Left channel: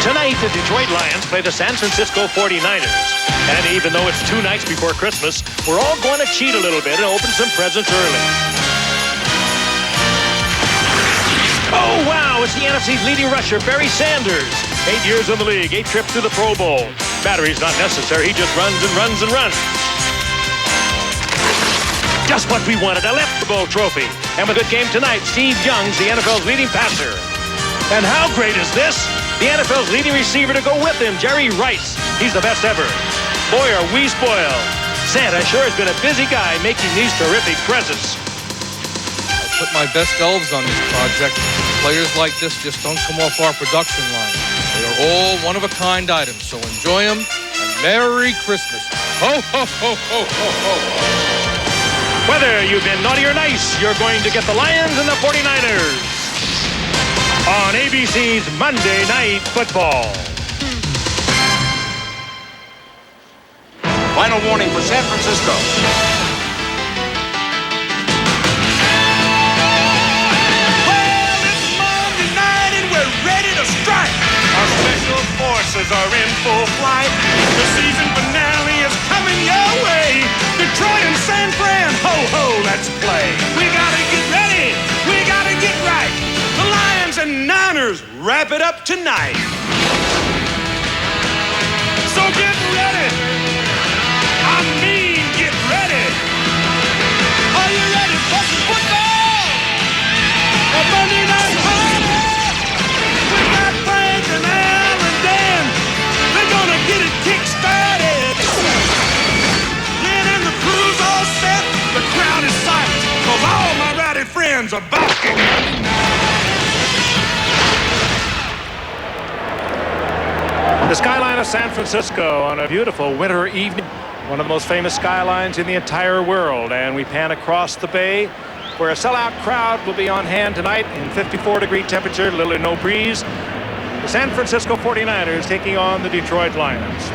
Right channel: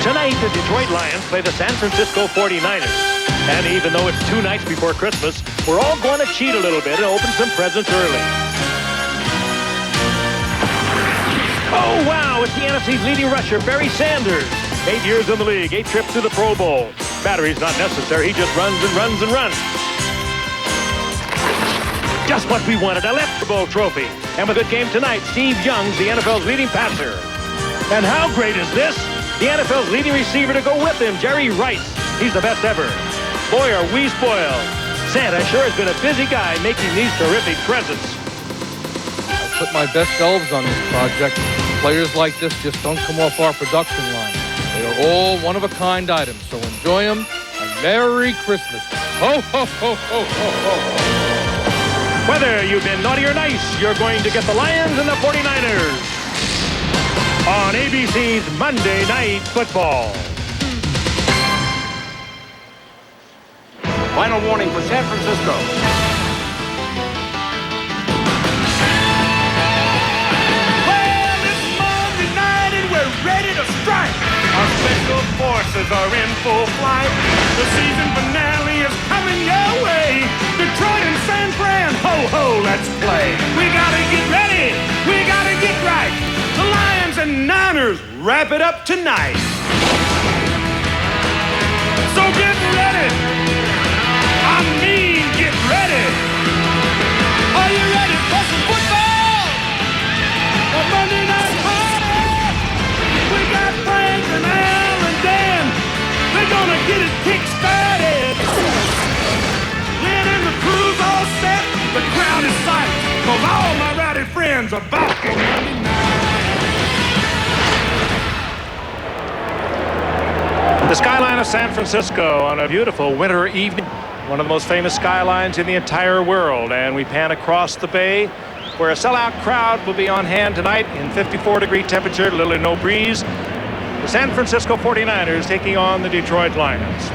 Tonight, the Detroit Lions play the San Francisco 49ers. And even though it's 2 nights before Christmas, we're all going to cheat a little bit and open some presents early. Oh, wow, it's the NFC's leading rusher, Barry Sanders. 8 years in the league, 8 trips to the Pro Bowl. Battery's not necessary, he just runs and runs and runs. Just what we wanted, a left Bowl trophy. And with a good game tonight, Steve Young's the NFL's leading passer. And how great is this? The NFL's leading receiver to go with him, Jerry Rice. He's the best ever. Boy, are we spoiled. Santa sure has been a busy guy making these terrific presents. I put my best elves on this project. Players like this just don't come off our production line. They are all one-of-a-kind items, so enjoy them, and Merry Christmas. Ho, ho, ho, ho, ho, ho, ho. Whether you've been naughty or nice, you're going to get the Lions and the 49ers on ABC's Monday Night Football. Final warning for San Francisco. Well, it's Monday night and we're ready to strike. Our special forces are in full flight. The season finale is coming your way. Detroit and San Fran, ho, ho, let's play. We gotta get ready. We gotta get right. The Lions and Niners wrap it up tonight. So get ready. I mean, get ready. Are you ready for some football? A Monday night party. We got Frank and Al and Dan. They're gonna get it kick-started. Lynn and the crew's all set. The crowd is psyched, 'cause all my rowdy friends are back on Monday night. The skyline of San Francisco on a beautiful winter evening. One of the most famous skylines in the entire world. And we pan across the bay where a sellout crowd will be on hand tonight in 54-degree temperature, little or no breeze. The San Francisco 49ers taking on the Detroit Lions.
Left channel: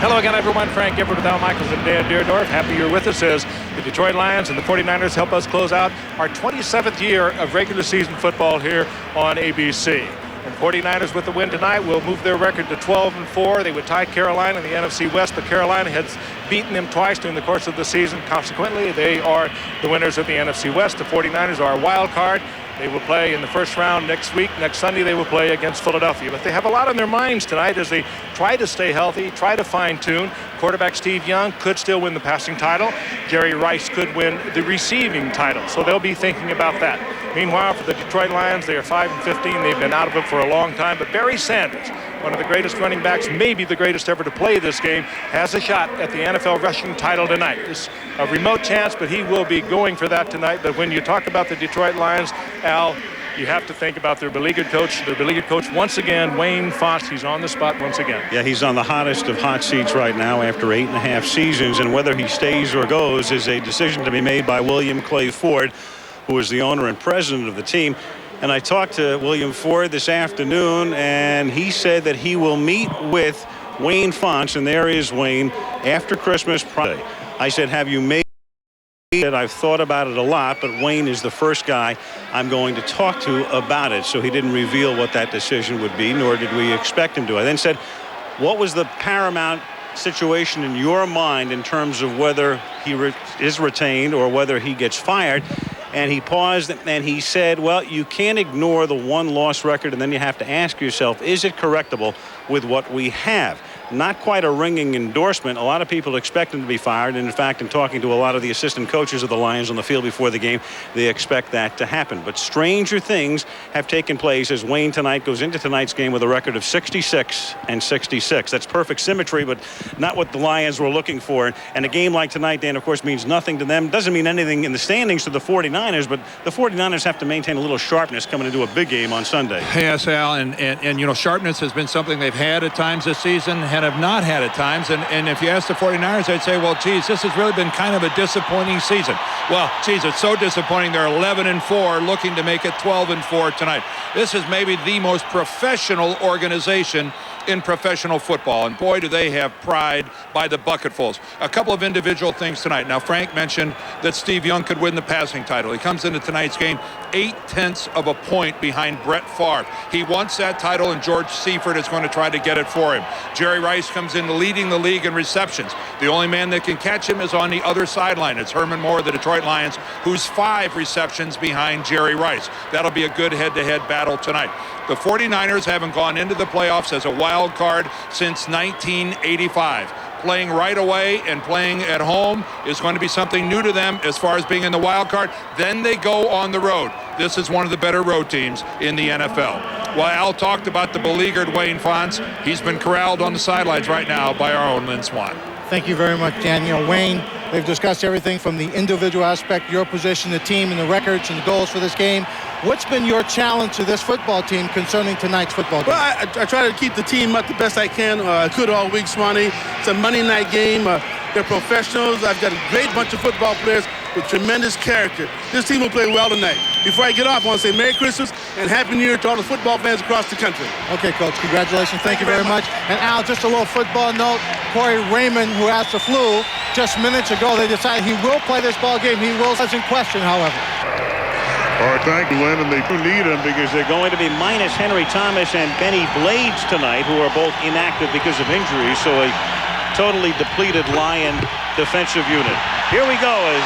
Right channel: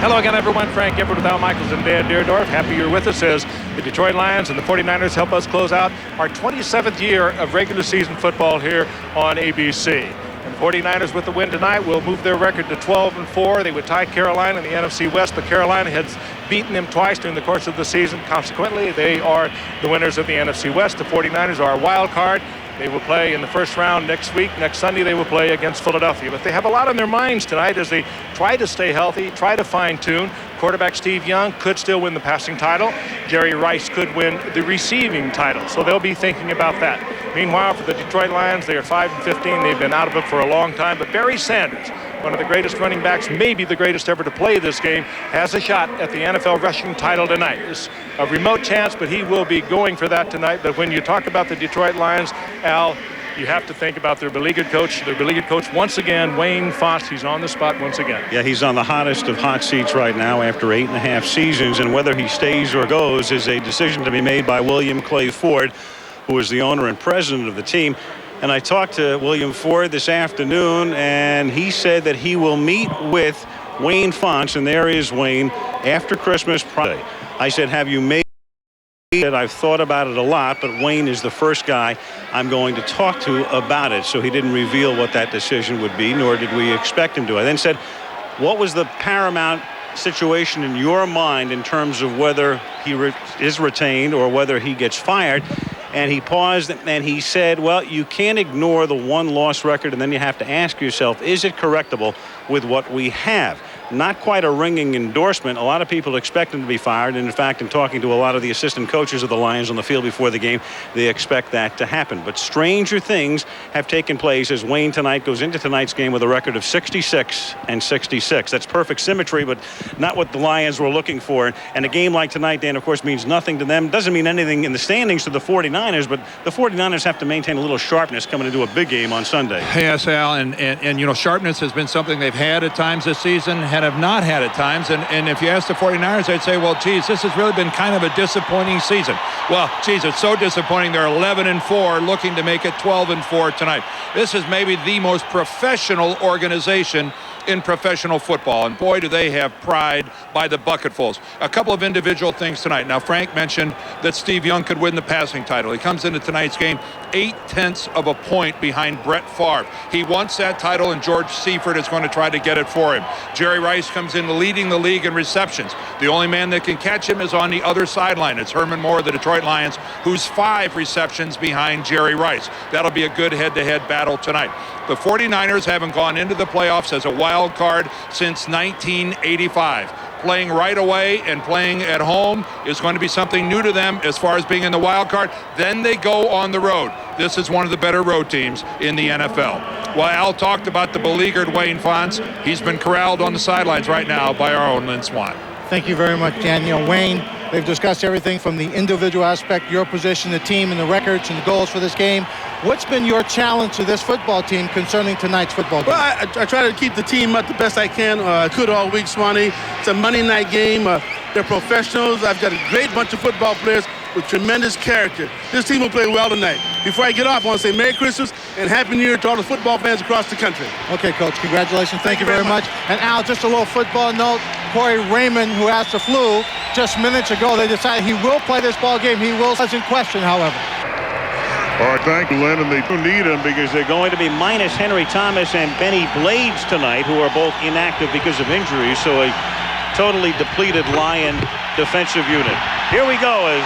Hello again, everyone. Frank Everett with Al Michaels and Dan Deerdorf. Happy you're with us as the Detroit Lions and the 49ers help us close out our 27th year of regular season football here on ABC. And 49ers with the win tonight will move their record to 12-4. They would tie Carolina in the NFC West, but Carolina has beaten them twice during the course of the season. Consequently, they are the winners of the NFC West. The 49ers are a wild card. They will play in the first round next week. Next Sunday, they will play against Philadelphia. But they have a lot on their minds tonight as they try to stay healthy, try to fine-tune. Quarterback Steve Young could still win the passing title. Jerry Rice could win the receiving title. So they'll be thinking about that. Meanwhile, for the Detroit Lions, they are 5-15. They've been out of it for a long time. But Barry Sanders, one of the greatest running backs, maybe the greatest ever to play this game, has a shot at the NFL rushing title tonight. It's a remote chance, but he will be going for that tonight. But when you talk about the Detroit Lions, Al, you have to think about their beleaguered coach. Their beleaguered coach once again, Wayne Fontes. He's on the spot once again. Yeah, he's on the hottest of hot seats right now after 8.5 seasons, and whether he stays or goes is a decision to be made by William Clay Ford, who is the owner and president of the team. And I talked to William Ford this afternoon, and he said that he will meet with Wayne Fontes, and there is Wayne, after Christmas Friday. I said, have you made it? I've thought about it a lot, but Wayne is the first guy I'm going to talk to about it. So he didn't reveal what that decision would be, nor did we expect him to. I then said, what was the paramount situation in your mind in terms of whether he is retained or whether he gets fired? And he paused and he said, well, you can't ignore the one-loss record, and then you have to ask yourself, is it correctable with what we have? Not quite a ringing endorsement. A lot of people expect him to be fired. And in fact, in talking to a lot of the assistant coaches of the Lions on the field before the game, they expect that to happen. But stranger things have taken place as Wayne tonight goes into tonight's game with a record of 66-66. That's perfect symmetry, but not what the Lions were looking for. And a game like tonight, Dan, of course, means nothing to them. Doesn't mean anything in the standings to the 49ers, but the 49ers have to maintain a little sharpness coming into a big game on Sunday. Yes, Al, and you know, sharpness has been something they've had at times this season. have not had at times. And if you ask the 49ers, they'd say, well, geez, this has really been kind of a disappointing season. Well, geez, it's so disappointing. They're 11-4, looking to make it 12-4 tonight. This is maybe the most professional organization in professional football, and boy, do they have pride by the bucketfuls. A couple of individual things tonight. Now, Frank mentioned that Steve Young could win the passing title. He comes into tonight's game 0.8 of a point behind Brett Favre. He wants that title, and George Seifert is going to try to get it for him. Jerry Rice comes in leading the league in receptions. The only man that can catch him is on the other sideline. It's Herman Moore of the Detroit Lions, who's 5 receptions behind Jerry Rice. That'll be a good head-to-head battle tonight. The 49ers haven't gone into the playoffs as a wild card since 1985. Playing right away and playing at home is going to be something new to them as far as being in the wild card. Then they go on the road. This is one of the better road teams in the NFL. Well, Al talked about the beleaguered Wayne Fontes. He's been corralled on the sidelines right now by our own Lynn Swann. Thank you very much, Daniel. Wayne, they've discussed everything from the individual aspect, your position, the team, and the records and the goals for this game. What's been your challenge to this football team concerning tonight's football game? Well, I try to keep the team up the best I can. I could all week, Swanee. It's a Monday night game. They're professionals. I've got a great bunch of football players with tremendous character. This team will play well tonight. Before I get off, I want to say Merry Christmas and Happy New Year to all the football fans across the country. Okay, Coach, congratulations. Thank you very much. And Al, just a little football note. Corey Raymond, who has the flu, just minutes ago, they decided he will play this ball game. He will, as in question, however. All right, thank you, Lynn, and they do need him because they're going to be minus Henry Thomas and Benny Blades tonight, who are both inactive because of injuries. So a totally depleted Lion defensive unit. Here we go as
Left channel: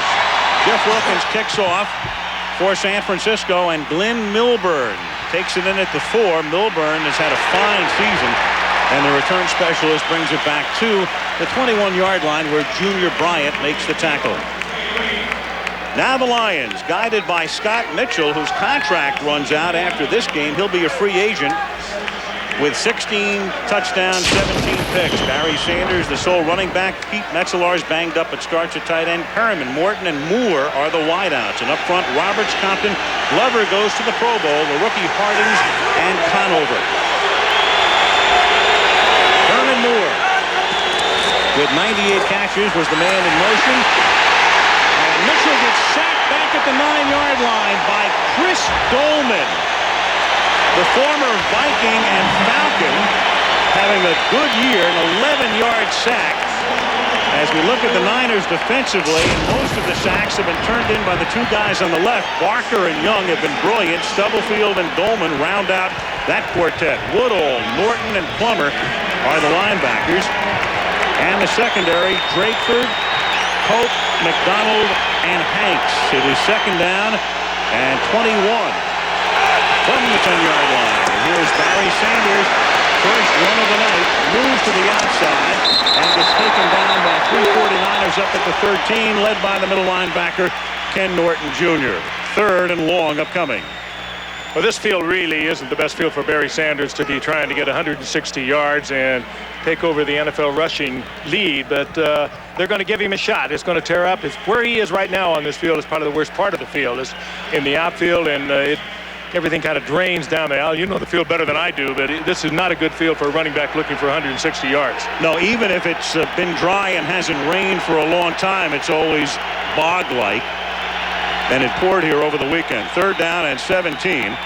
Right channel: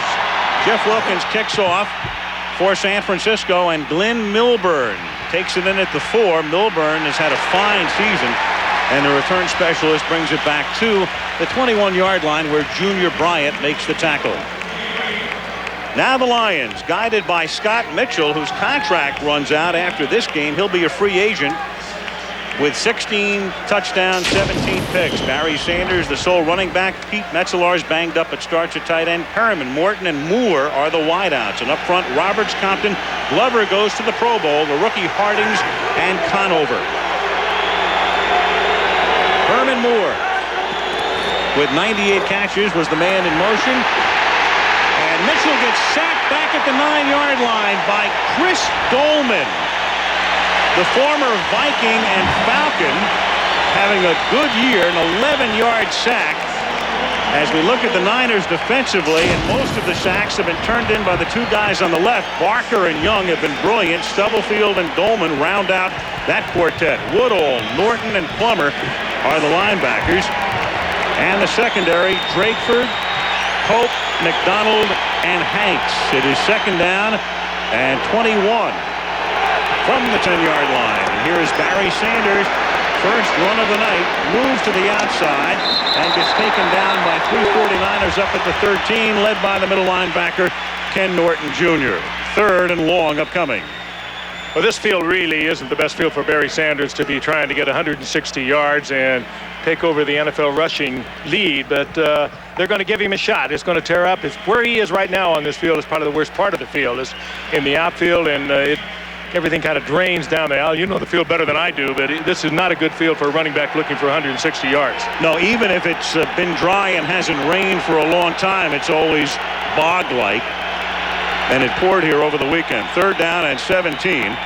Jeff Wilkins kicks off for San Francisco, and Glenn Milburn takes it in at the 4. Milburn has had a fine season, and the return specialist brings it back to the 21-yard line where Junior Bryant makes the tackle. Now the Lions, guided by Scott Mitchell, whose contract runs out after this game. He'll be a free agent with 16 touchdowns, 17 picks. Barry Sanders, the sole running back. Pete Metzelar's banged up at starts at tight end. Perriman, Morton, and Moore are the wideouts. And up front, Roberts, Compton. Glover goes to the Pro Bowl. The rookie Hardings and Conover. Herman Moore, with 98 catches, was the man in motion. And Mitchell gets sacked back at the 9-yard line by Chris Dolman, the former Viking and Falcon, having a good year, an 11-yard sack. As we look at the Niners defensively, and most of the sacks have been turned in by the two guys on the left. Barker and Young have been brilliant. Stubblefield and Dolman round out that quartet. Woodall, Norton, and Plummer are the linebackers. And the secondary, Drakeford, Pope, McDonald, and Hanks. It is second down and 21 from the 10-yard line. And here is Barry Sanders, first run of the night, moves to the outside and gets taken down by 3 49ers up at the 13, led by the middle linebacker, Ken Norton Jr. Third and long upcoming. Well, this field really isn't the best field for Barry Sanders to be trying to get 160 yards and take over the NFL rushing lead, but they're going to give him a shot. It's going to tear up. It's where he is right now on this field is probably the worst part of the field, is in the outfield, and everything kind of drains down there. Al, you know the field better than I do, but this is not a good field for a running back looking for 160 yards. No, even if it's been dry and hasn't rained for a long time, it's always bog-like. And it poured here over the weekend. Third down and 17.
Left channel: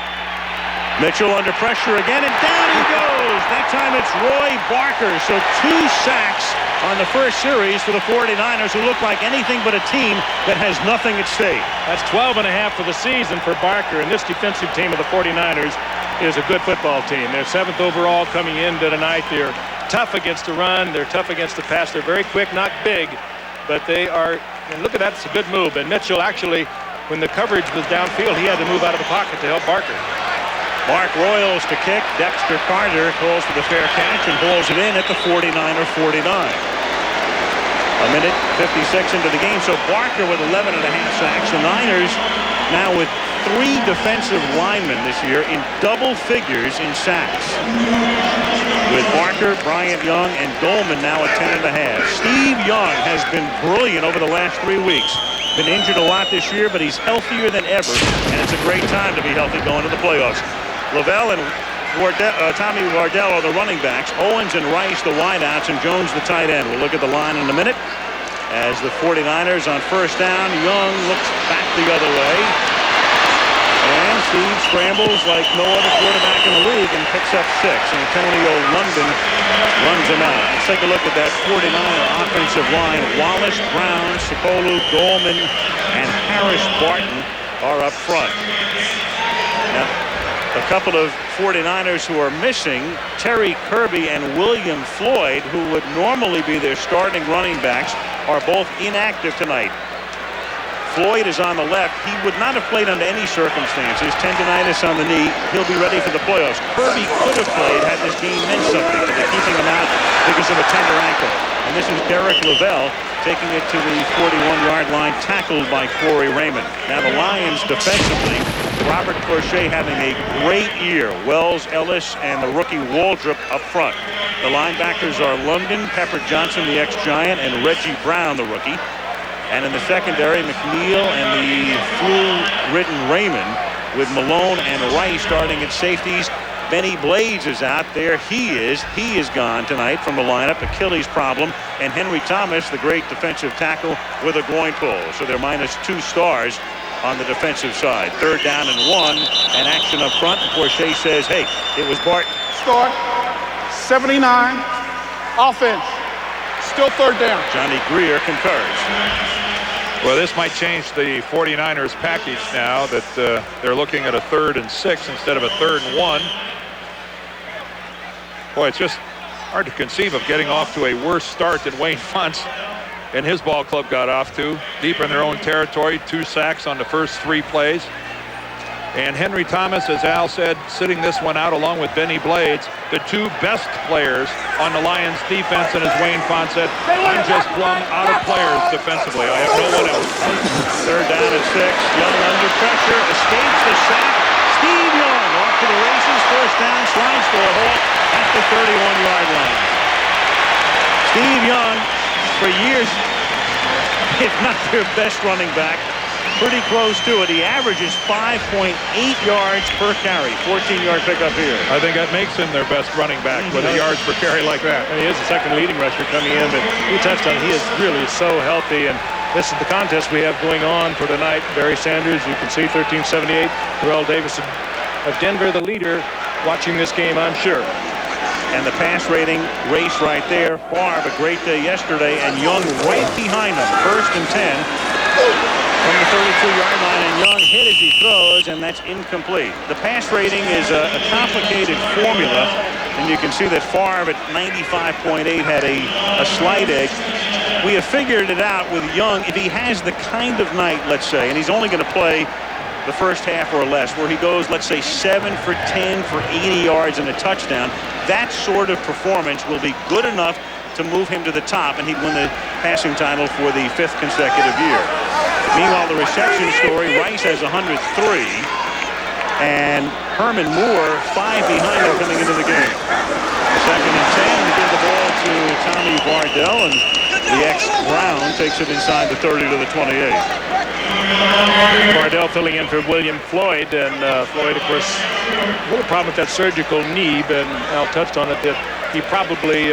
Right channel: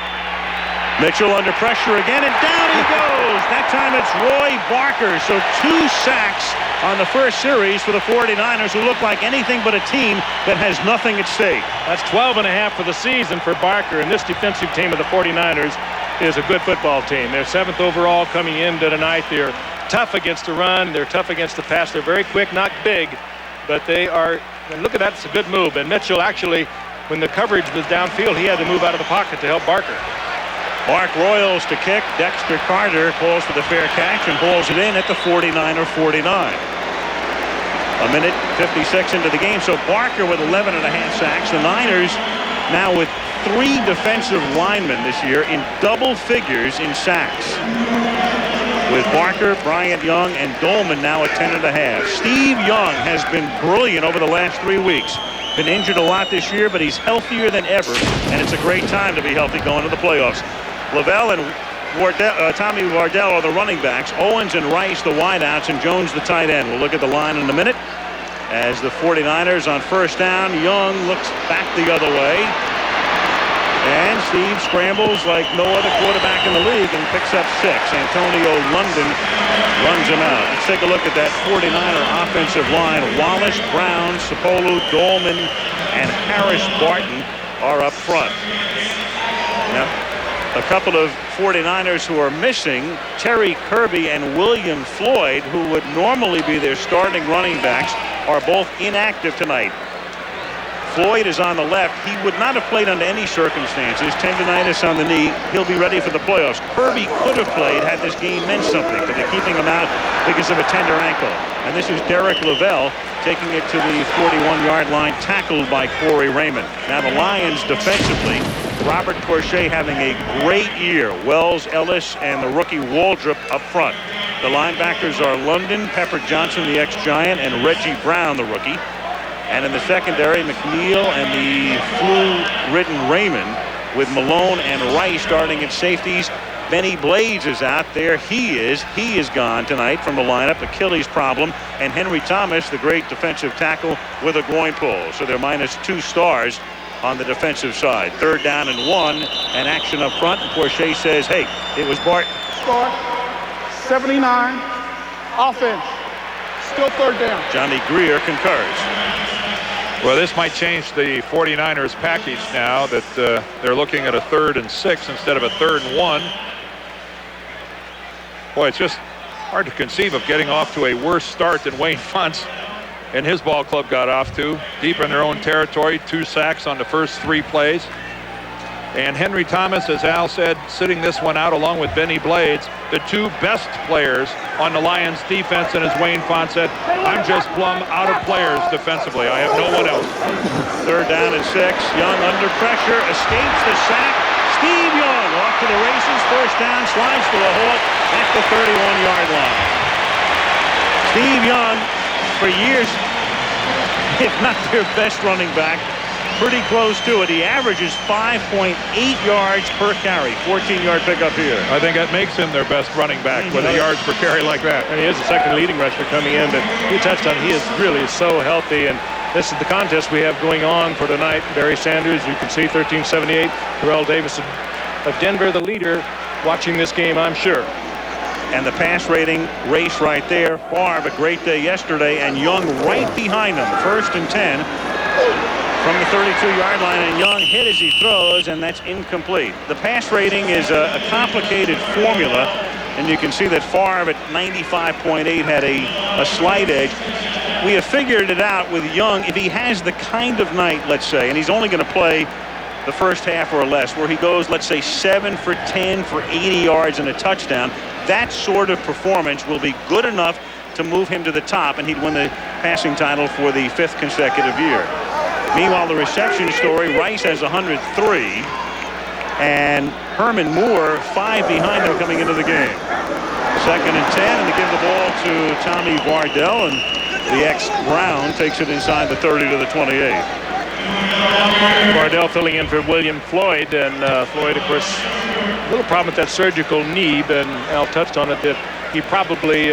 Mitchell under pressure again, and down he goes. That time it's Roy Barker. So 2 sacks on the first series for the 49ers, who look like anything but a team that has nothing at stake. That's 12.5 for the season for Barker, and this defensive team of the 49ers is a good football team. They're 7th overall coming into tonight. They're tough against the run. They're tough against the pass. They're very quick, not big, but they are, and look at that, it's a good move. And Mitchell actually, when the coverage was downfield, he had to move out of the pocket to help Barker. Mark Royals to kick. Dexter Carter calls for the fair catch and hauls it in at the 49. A minute 56 into the game. So Barker with 11.5 sacks. The Niners now with 3 defensive linemen this year in double figures in sacks, with Barker, Bryant Young, and Dolman now at 10.5. Steve Young has been brilliant over the last 3 weeks. Been injured a lot this year, but he's healthier than ever, and it's a great time to be healthy going to the playoffs. Lavelle and Tommy Wardell are the running backs. Owens and Rice the wideouts, and Jones the tight end. We'll look at the line in a minute. As the 49ers on first down, Young looks back the other way. And Steve scrambles like no other quarterback in the league and picks up 6. Antonio London runs him out. Let's take a look at that 49er offensive line. Wallace, Brown, Sapolu, Dolman, and Harris Barton are up front. Now, a couple of 49ers who are missing, Terry Kirby and William Floyd, who would normally be their starting running backs, are both inactive tonight. Floyd is on the left. He would not have played under any circumstances. Tendinitis on the knee. He'll be ready for the playoffs. Kirby could have played had this game meant something, but they're keeping him out because of a tender ankle. And this is Derek Lavelle taking it to the 41-yard line, tackled by Corey Raymond. Now the Lions defensively, Robert Porcher having a great year. Wells, Ellis, and the rookie Waldrop up front. The linebackers are London, Pepper Johnson, the ex-Giant, and Reggie Brown, the rookie. And in the secondary, McNeil and the flu-ridden Raymond, with Malone and Rice starting at safeties. Benny Blades is out there. He is gone tonight from the lineup. Achilles problem. And Henry Thomas, the great defensive tackle, with a groin pull. So they're -2 stars on the defensive side. 3rd down and 1, and action up front. And Porcher says, hey, it was Barton. Start. 79. Offense. Still 3rd down. Johnny Greer concurs. Well, this might change the 49ers package now that they're looking at a 3rd and 6 instead of a 3rd and 1. Boy, it's just hard to conceive of getting off to a worse start than Wayne Fontes and his ball club got off to. Deep in their own territory, 2 sacks on the first 3 plays. And Henry Thomas, as Al said, sitting this one out along with Benny Blades, the 2 best players on the Lions defense. And as Wayne Fontes said, I'm just plumb out of players defensively. I have no one else. 3rd down and 6. Young under pressure, escapes the sack. Steve Young off to the races. 1st down, slides to a halt at the 31-yard line. Steve Young, for years, if not their best running back, pretty close to it. He averages 5.8 yards per carry. 14-yard pickup here. I think that makes him their best running back with the yards per carry like that. And he is the second leading rusher coming in, but you touched on it. He is really so healthy, and this is the contest we have going on for tonight. Barry Sanders, you can see 1378. Terrell Davis of Denver, the leader, watching this game, I'm sure. And the pass rating race right there. Favre, a great day yesterday, and Young right behind him. 1st and 10. From the 32-yard line, and Young hit as he throws, and that's incomplete. The pass rating is a complicated formula, and you can see that Favre at 95.8 had a slight edge. We have figured it out with Young. If he has the kind of night, let's say, and he's only going to play the first half or less, where he goes, let's say, 7 for 10 for 80 yards and a touchdown, that sort of performance will be good enough to move him to the top, and he'd win the passing title for the 5th consecutive year. Meanwhile, the reception story, Rice has 103, and Herman Moore 5 behind him coming into the game. 2nd and 10, and they give the ball to Tommy Vardell, and the ex-Brown takes it inside the 30 to the 28. Vardell filling in for William Floyd, and Floyd, of course, a little problem with that surgical knee, and Al touched on it, that he probably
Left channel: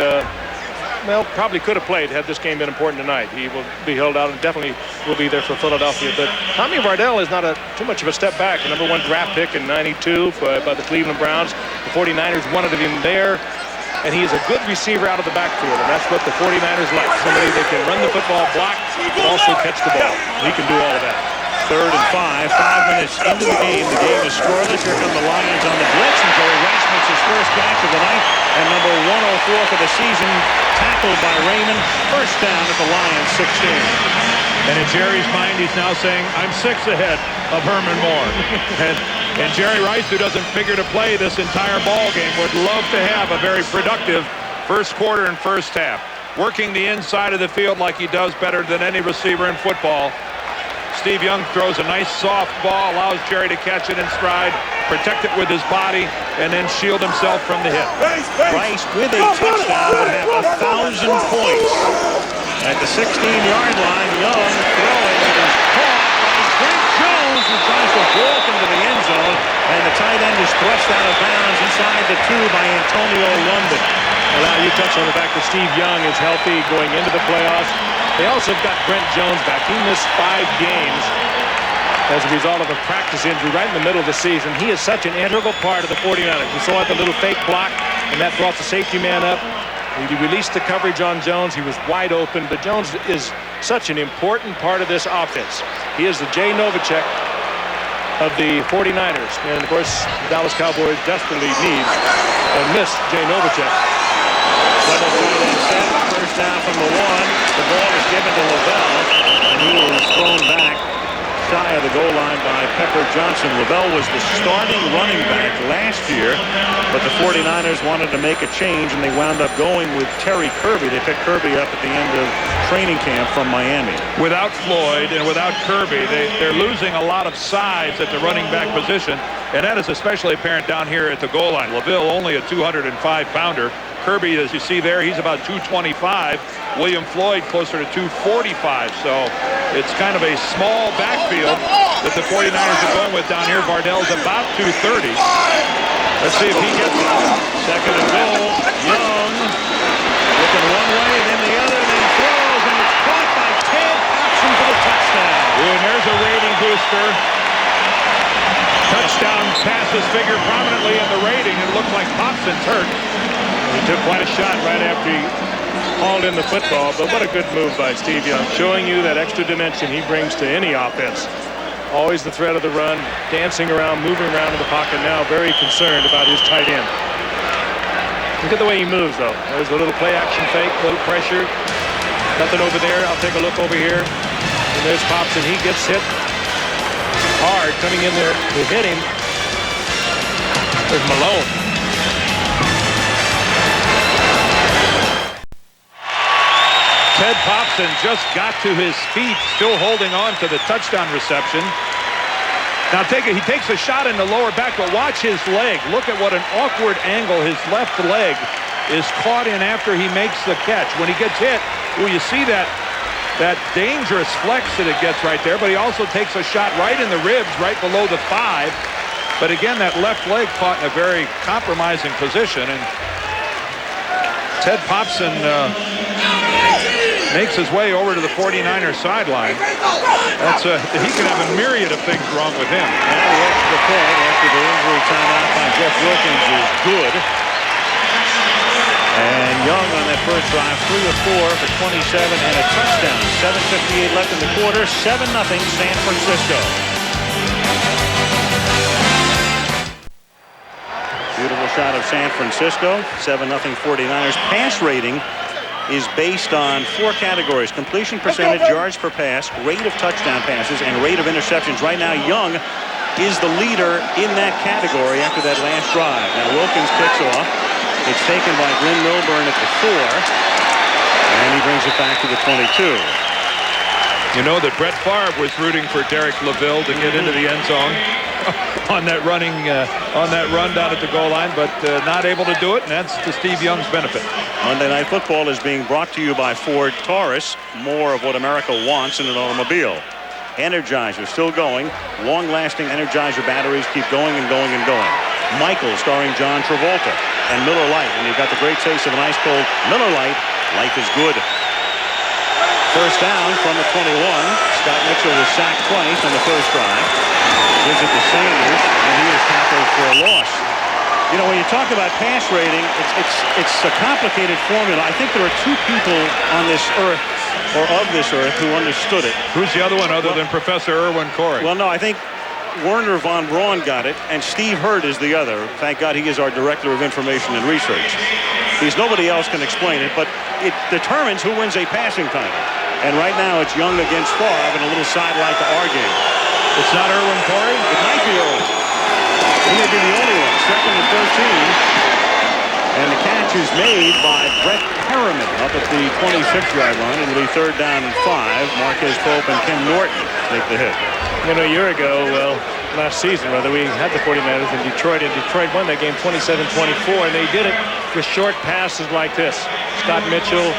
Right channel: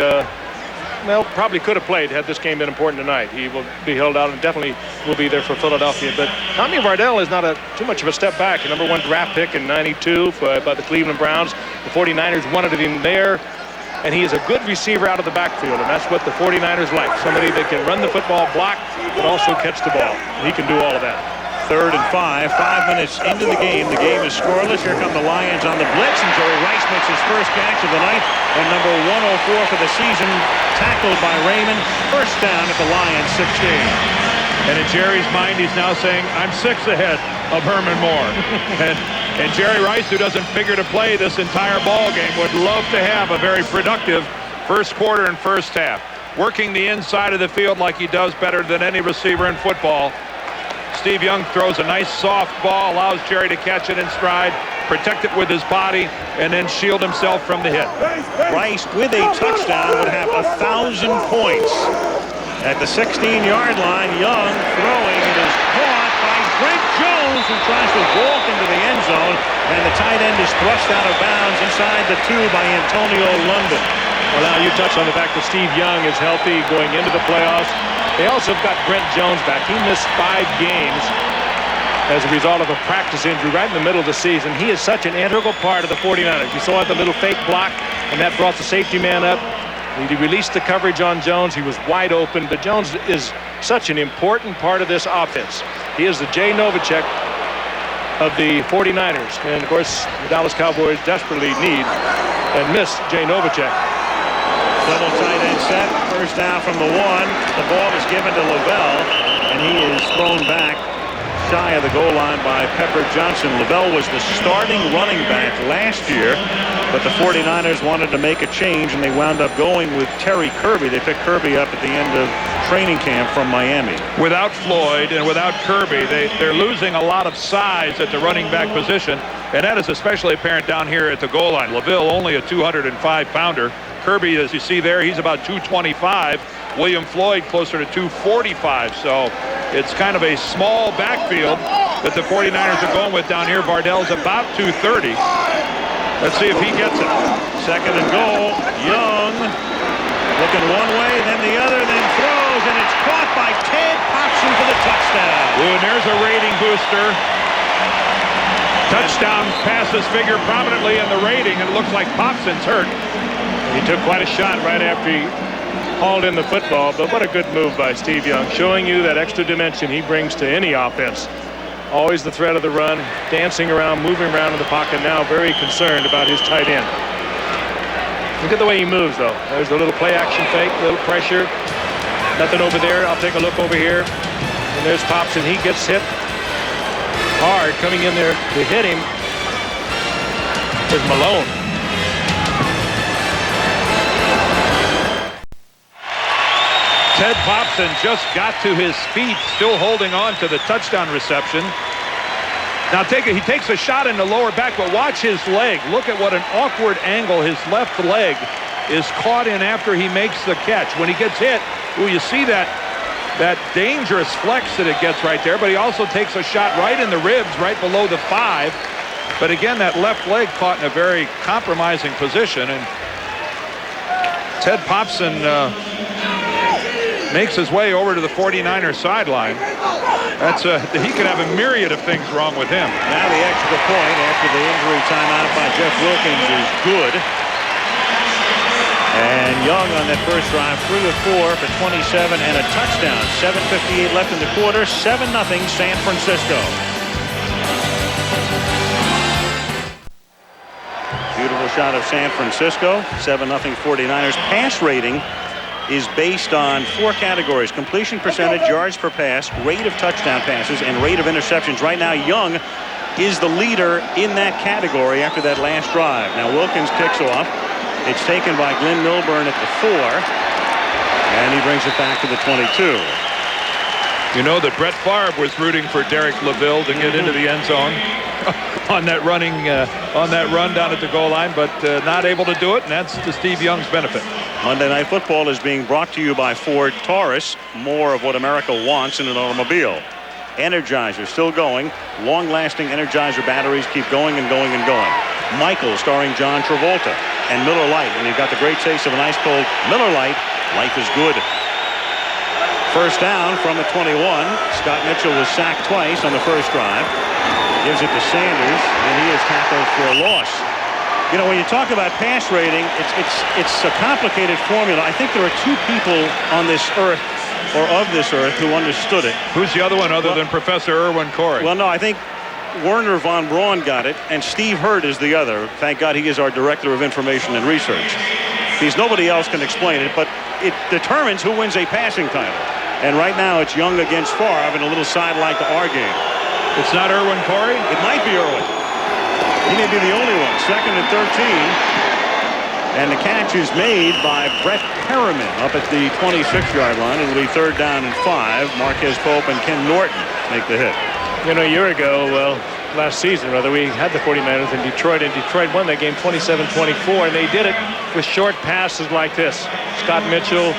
could have played had this game been important tonight. He will be held out and definitely will be there for Philadelphia. But Tommy Vardell is not too much of a step back. A #1 draft pick in '92 by the Cleveland Browns. The 49ers wanted him there, and he is a good receiver out of the backfield, and that's what the 49ers like. Somebody that can run the football, block, but also catch the ball. He can do all of that. 3rd and 5. 5 minutes into the game. The game is scoreless. Here come the Lions on the blitz, and Jerry Rice makes his first catch of the night. And number 104 for the season, tackled by Raymond. 1st down at the Lions 16. And in Jerry's mind, he's now saying, I'm 6 ahead of Herman Moore. and Jerry Rice, who doesn't figure to play this entire ball game, would love to have a very productive first quarter and first half. Working the inside of the field like he does better than any receiver in football. Steve Young throws a nice soft ball, allows Jerry to catch it in stride, protect it with his body, and then shield himself from the hit. Rice, with a touchdown, would have 1,000 points. At the 16-yard line, Young throwing. It is caught by Brent Jones, who tries to vault into the end zone, and the tight end is thrust out of bounds inside the 2 by Antonio London. Well, now you touched on the fact that Steve Young is healthy going into the playoffs. They also have got Brent Jones back. He missed 5 games as a result of a practice injury right in the middle of the season. He is such an integral part of the 49ers. You saw the little fake block, and that brought the safety man up. He released the coverage on Jones. He was wide open, but Jones is such an important part of this offense. He is the Jay Novacek of the 49ers. And, of course, the Dallas Cowboys desperately need and miss Jay Novacek. Double tight end set. First down from the 1. The ball is given to Lavelle, and he is thrown back shy of the goal line by Pepper Johnson. Lavelle was the starting running back last year, but the 49ers wanted to make a change, and they wound up going with Terry Kirby. They picked Kirby up at the end of training camp from Miami. Without Floyd and without Kirby, they're losing a lot of size at the running back position, and that is especially apparent down here at the goal line. Lavelle only a 205-pounder. Kirby, as you see there, he's about 225. William Floyd closer to 245. So it's kind of a small backfield that the 49ers are going with down here. Vardell's about 230. Let's see if he gets it. Second and goal. Young looking one way, then the other, then throws, and it's caught by Ted Popson for the touchdown. Ooh, and there's a rating booster. Touchdown passes figure prominently in the rating, and it looks like Popson's hurt. He took quite a shot right after he hauled in the football, but what a good move by Steve Young, showing you that extra dimension he brings to any offense. Always the threat of the run, dancing around, moving around in the pocket, now very concerned about his tight end. Look at the way he moves, though. There's a little play action fake, little pressure. Nothing over there. I'll take a look over here. And there's Popson. He gets hit hard coming in there to hit him. There's Malone. Ted Popson just got to his feet, still holding on to the touchdown reception. Now he takes a shot in the lower back, but watch his leg. Look at what an awkward angle his left leg is caught in after he makes the catch. When he gets hit, ooh, you see that dangerous flex that it gets right there, but he also takes a shot right in the ribs, right below the 5. But again, that left leg caught in a very compromising position, and Ted Popson makes his way over to the 49er sideline. He could have a myriad of things wrong with him. Now the extra point after the injury timeout by Jeff Wilkins is good. And Young on that first drive, 3 of 4 for 27 and a touchdown. 7:58 left in the quarter. 7-0 San Francisco. Beautiful shot of San Francisco. 7-0 49ers. Pass rating is based on 4 categories: completion percentage, yards per pass, rate of touchdown passes, and rate of interceptions. Right now, Young is the leader in that category after that last drive. Now Wilkins kicks off. It's taken by Glenn Milburn at the 4, and he brings it back to the 22. You know that Brett Favre was rooting for Derek Lavelle to get into the end zone on that run down at the goal line, but not able to do it, and that's to Steve Young's benefit. Monday Night Football is being brought to you by Ford Taurus. More of what America wants in an automobile. Energizer still going. Long-lasting Energizer batteries keep going and going and going. Michael, starring John Travolta, and Miller Lite. When you've got the great taste of an ice-cold Miller Lite, life is good. First down from the 21. Scott Mitchell was sacked twice on the first drive. Gives it to Sanders, and he is tackled for a loss. You know, when you talk about pass rating, it's a complicated formula. I think there are 2 people on this earth, or of this earth, who understood it. Who's the other one other than Professor Irwin Corey? Well, no, I think Werner von Braun got it, and Steve Hurd is the other. Thank God he is our Director of Information and Research. Because nobody else can explain it, but it determines who wins a passing title. And right now it's Young against Favre in a little sidelight to our game. It's not Irwin Corey? It might be Irwin. He may be the only one. 2nd and 13. And the catch is made by Brett Perriman up at the 26-yard line. It'll be 3rd down and 5. Marquez Pope and Ken Norton make the hit. You know, a year ago, well, last season, rather, we had the 49ers in Detroit, and Detroit won that game 27-24, and they did it with short passes like this. Scott Mitchell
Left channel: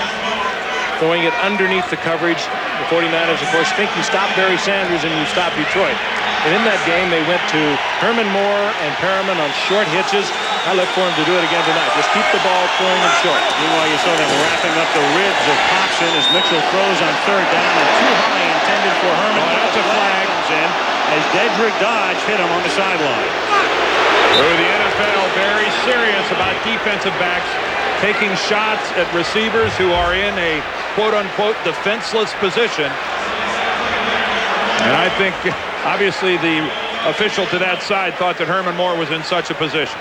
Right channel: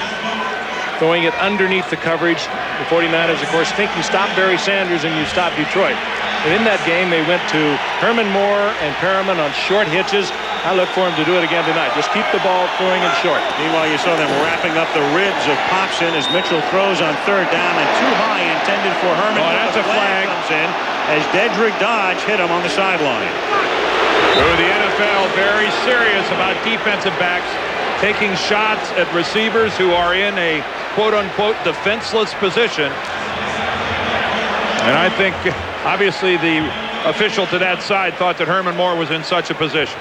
throwing it underneath the coverage. The 49ers, of course, think you stop Barry Sanders and you stop Detroit. And in that game, they went to Herman Moore and Perriman on short hitches. I look for him to do it again tonight. Just keep the ball throwing it short. Meanwhile, you saw them wrapping up the ribs of Popson as Mitchell throws on third down and too high intended for Herman. Oh, that's a flag. Comes in as Dedrick Dodge hit him on the sideline. Oh, the NFL very serious about defensive backs taking shots at receivers who are in a quote-unquote defenseless position. And I think obviously the official to that side thought that Herman Moore was in such a position.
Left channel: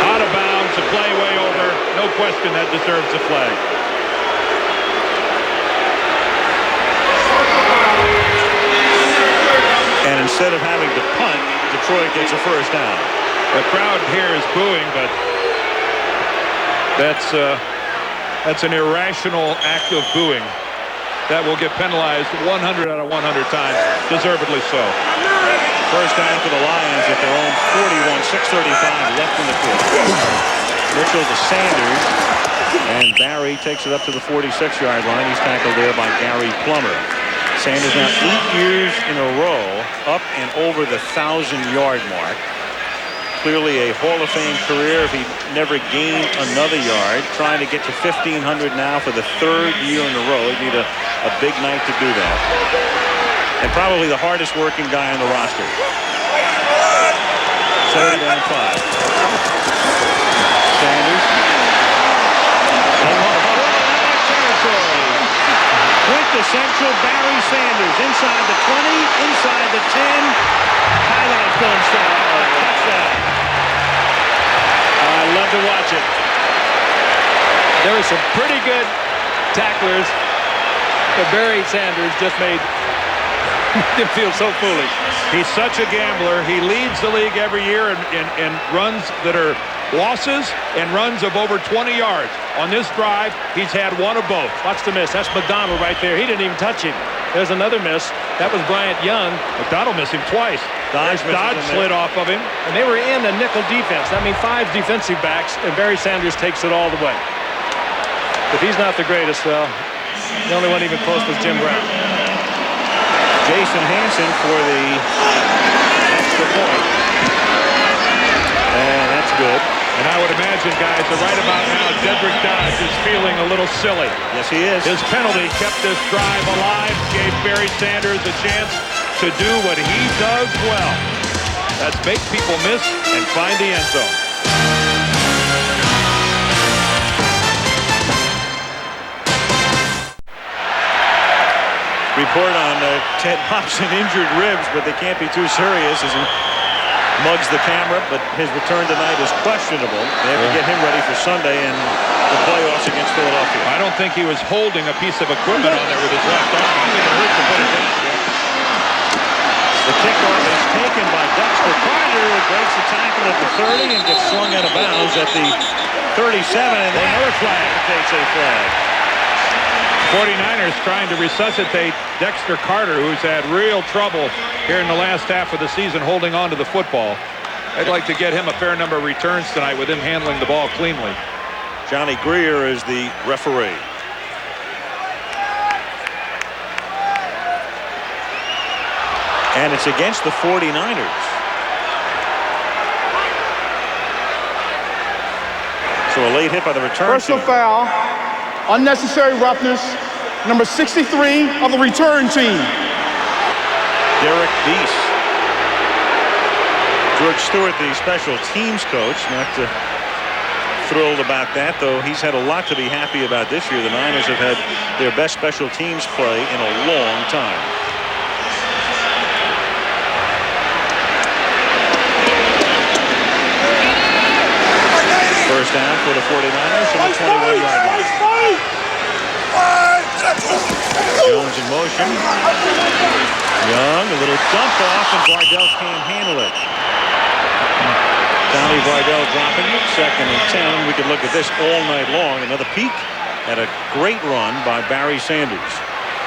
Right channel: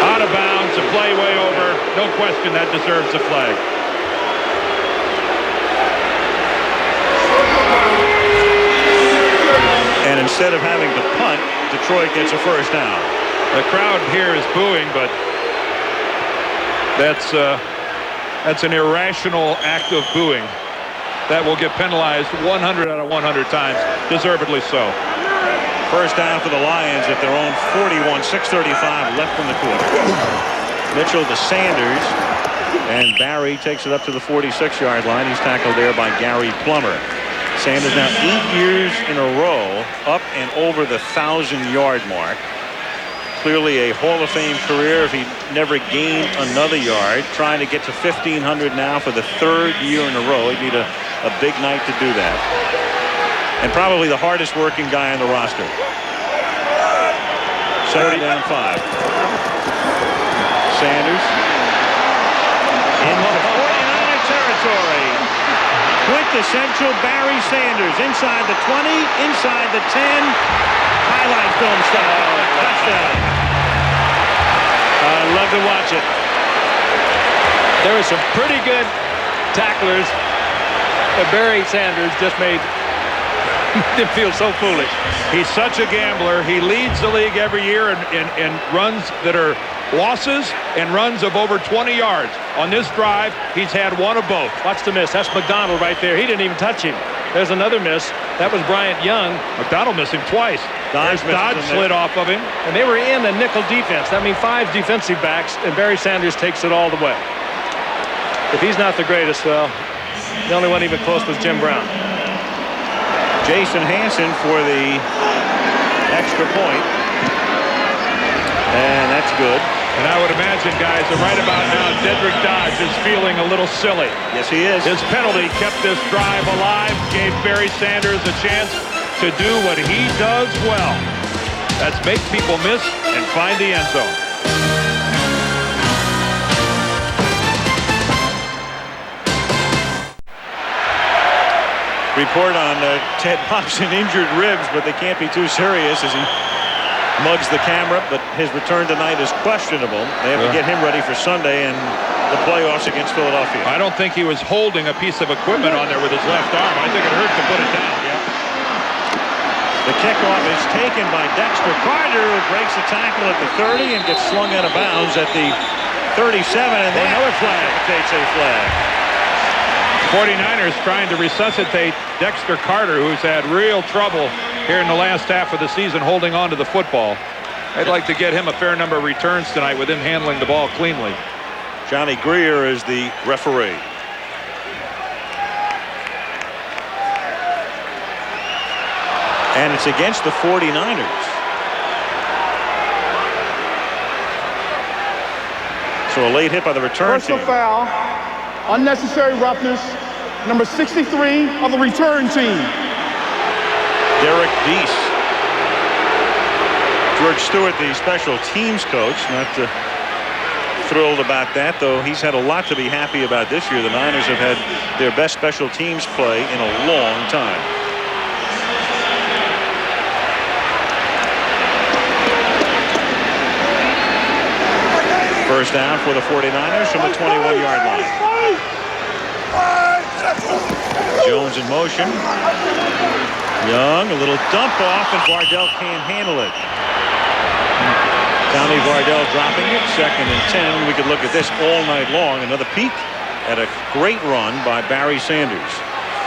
Out of bounds, a play way over. No question that deserves a flag. And instead of having to punt, Detroit gets a first down. The crowd here is booing, but that's an irrational act of booing that will get penalized 100 out of 100 times, deservedly so. First down for the Lions at their own 41, 6:35 left in the quarter. Mitchell to Sanders, and Barry takes it up to the 46-yard line. He's tackled there by Gary Plummer. Sanders now 8 years in a row up and over the 1,000-yard mark. Clearly a Hall of Fame career if he never gained another yard. Trying to get to 1,500 now for the third year in a row. He'd need a big night to do that. And probably the hardest working guy on the roster. Second down 5. Sanders into 49er territory. Quintessential Barry Sanders inside the 20, inside the 10. Highlight film stuff. Touchdown. I love to watch it. There were some pretty good tacklers, but Barry Sanders just made him feel so foolish. He's such a gambler. He leads the league every year in runs that are losses and runs of over 20 yards. On this drive, he's had one of both. Watch the miss. That's McDonald right there. He didn't even touch him. There's another miss. That was Bryant Young. McDonald missed him twice. Dodge slid off of him. And they were in a nickel defense. That means 5 defensive backs, and Barry Sanders takes it all the way. If he's not the greatest, well, the only one even close was Jim Brown. Jason Hansen for the extra point. And that's good. And I would imagine, guys, that right about now, Dedrick Dodge is feeling a little silly. Yes, he is. His penalty kept this drive alive, gave Barry Sanders a chance to do what he does well. That's make people miss and find the end zone. Report on Ted Popson injured ribs, but they can't be too serious as he mugs the camera, but his return tonight is questionable. They have to get him ready for Sunday and the playoffs against Philadelphia. I don't think he was holding a piece of equipment on there with his left arm. I think it hurt to put it down. Yep. The kickoff is taken by Dexter Carter, who breaks the tackle at the 30 and gets slung out of bounds at the 37, and then another flag. Precipitates a flag. 49ers trying to resuscitate Dexter Carter, who's had real trouble here in the last half of the season holding on to the football. I'd like to get him a fair number of returns tonight with him handling the ball cleanly. Johnny Greer is the referee. And it's against the 49ers. So a late hit by the return team. Personal foul, unnecessary roughness, number 63 of the return team. Derek Deese. George Stewart, the special teams coach, not thrilled about that, though he's had a lot to be happy about this year. The Niners have had their best special teams play in a long time. First down for the 49ers from the 21-yard line. Jones in motion. Young, a little dump off, and Vardell can't handle it. Tommy Vardell dropping it, 2nd and 10, and we could look at this all night long. Another peek at a great run by Barry Sanders.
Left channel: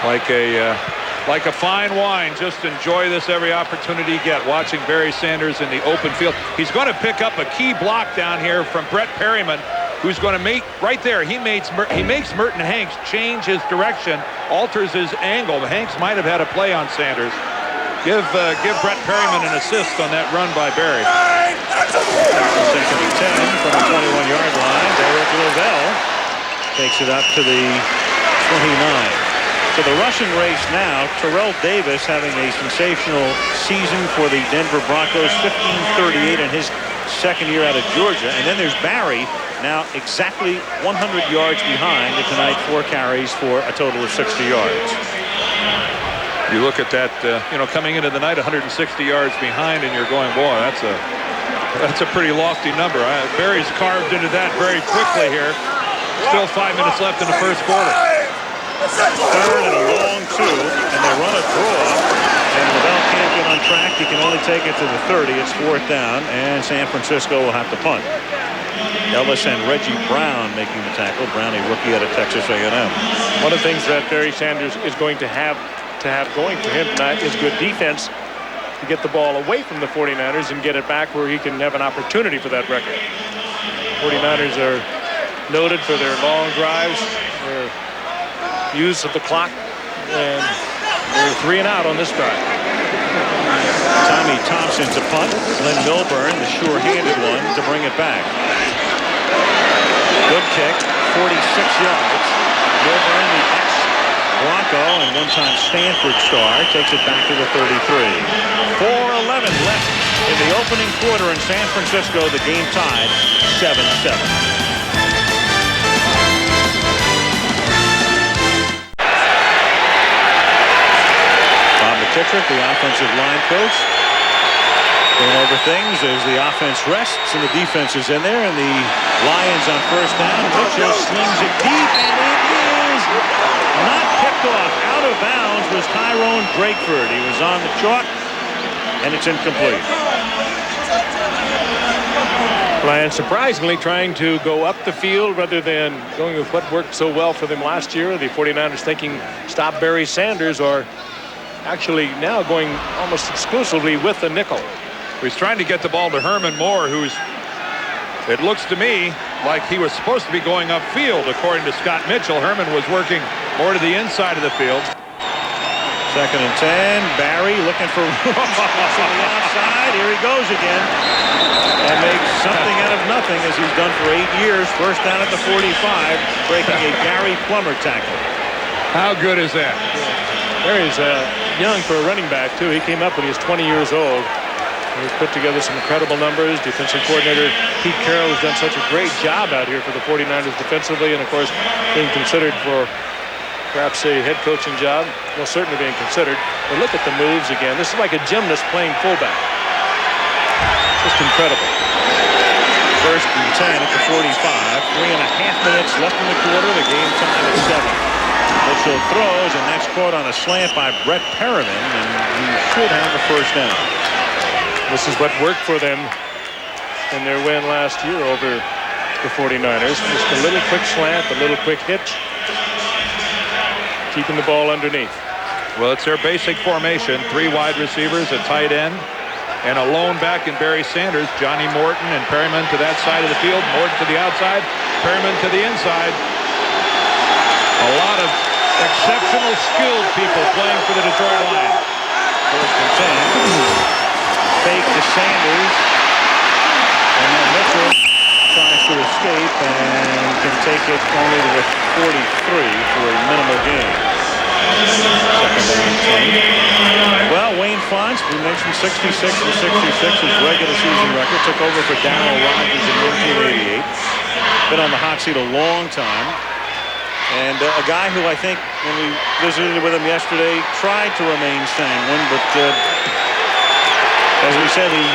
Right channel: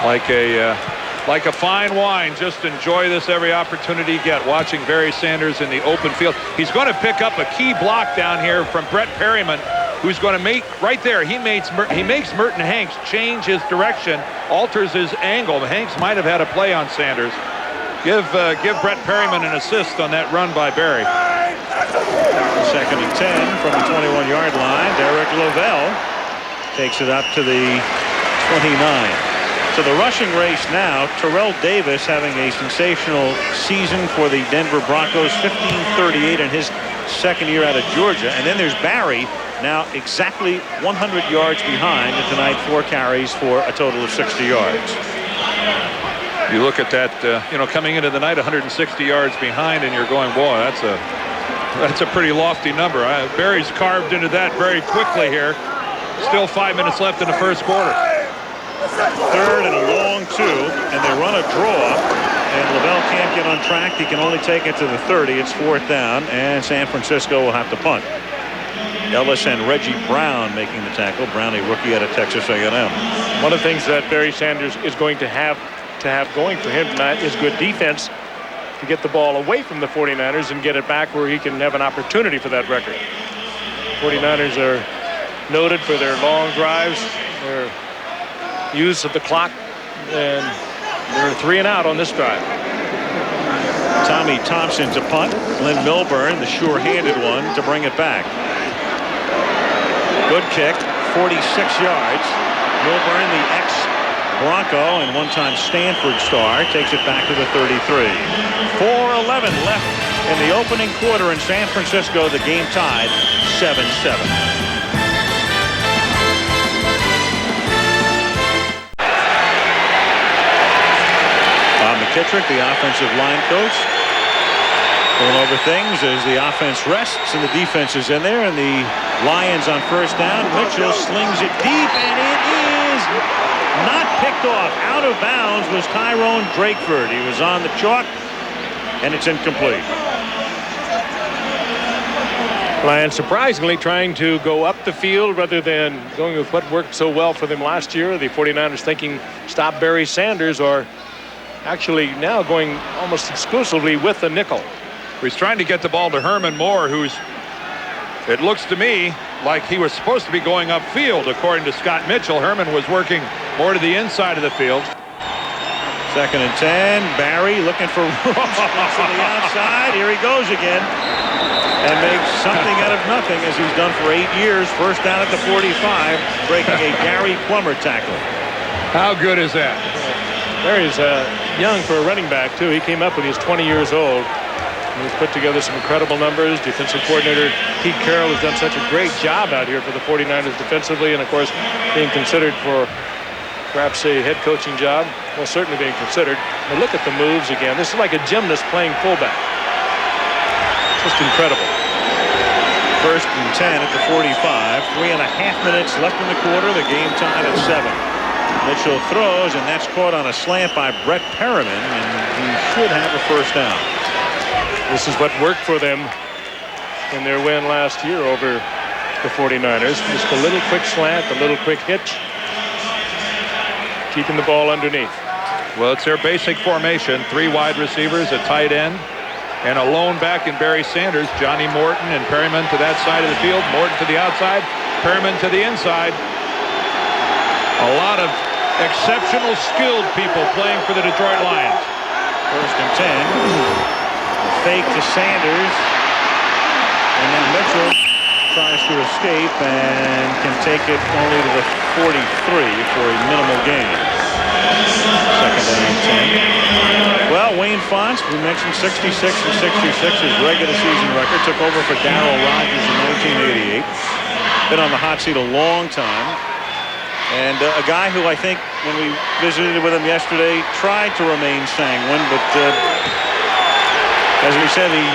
Like a fine wine, just enjoy this every opportunity you get. Watching Barry Sanders in the open field. He's going to pick up a key block down here from Brett Perryman who's going to make right there. He makes Merton Hanks change his direction, alters his angle. Hanks might have had a play on Sanders. Give Brett Perryman an assist on that run by Barry. 2nd and 10 from the 21-yard line. Derek Lavelle takes it up to the 29. So the rushing race now, Terrell Davis having a sensational season for the Denver Broncos, 1538 in his second year out of Georgia. And then there's Barry, now exactly 100 yards behind, and tonight 4 carries for a total of 60 yards. You look at that, coming into the night 160 yards behind, and you're going, boy, that's a pretty lofty number. Barry's carved into that very quickly here. Still 5 minutes left in the first quarter. 3rd and a long 2, and they run a draw, and Lavelle can't get on track. He can only take it to the 30. It's 4th down, and San Francisco will have to punt. Ellis and Reggie Brown making the tackle. Brown, a rookie out of Texas A&M. One of the things that Barry Sanders is going to have going for him tonight is good defense to get the ball away from the 49ers and get it back where he can have an opportunity for that record. 49ers are noted for their long drives, their use of the clock, and they're 3 and out on this drive. Tommy Thompson to punt. Glenn Milburn, the sure-handed one, to bring it back. Good kick, 46 yards. Milburn, the ex-Bronco and one-time Stanford star, takes it back to the 33. 4:11 left in the opening quarter in San Francisco. The game tied 7-7. Bob McKittrick, the offensive line coach, going over things as the offense rests and the defense is in there, and the Lions on first down. Mitchell slings it deep, and it is not picked off. Out of bounds was Tyrone Drakeford. He was on the chalk, and it's incomplete. Lions surprisingly trying to go up the field rather than going with what worked so well for them last year. The 49ers thinking stop Barry Sanders, or actually now going almost exclusively with the nickel. He's trying to get the ball to Herman Moore, who's, it looks to me like he was supposed to be going upfield. According to Scott Mitchell, Herman was working more to the inside of the field. 2nd and 10. Barry looking for room to the outside. Here he goes again, and makes something out of nothing, as he's done for 8 years. First down at the 45, breaking a Gary Plummer tackle. How good is that? Barry's young for a running back, too. He came up when he was 20 years old. He's put together some incredible numbers. Defensive coordinator Pete Carroll has done such a great job out here for the 49ers defensively, and of course being considered for perhaps a head coaching job. Well, certainly being considered. But look at the moves again. This is like a gymnast playing fullback. Just incredible. 1st and 10 at the 45. 3.5 minutes left in the quarter. The game tied at 7. Mitchell throws, and that's caught on a slant by Brett Perriman, and he should have a first down. This is what worked for them in their win last year over the 49ers. Just a little quick slant, a little quick hitch, keeping the ball underneath. Well, it's their basic formation. 3 wide receivers, a tight end, and a lone back in Barry Sanders. Johnny Morton and Perryman to that side of the field. Morton to the outside, Perryman to the inside. A lot of exceptional skilled people playing for the Detroit Lions. 1st and 10. Fake to Sanders, and now Mitchell tries to escape and can take it only to the 43 for a minimal gain. 2nd down and 10. Well, Wayne Fonts, we mentioned 66 and 66, his regular season record. Took over for Darryl Rogers in 1988. Been on the hot seat a long time. And a guy who I think when we visited with him yesterday tried to remain sanguine, but as we said, the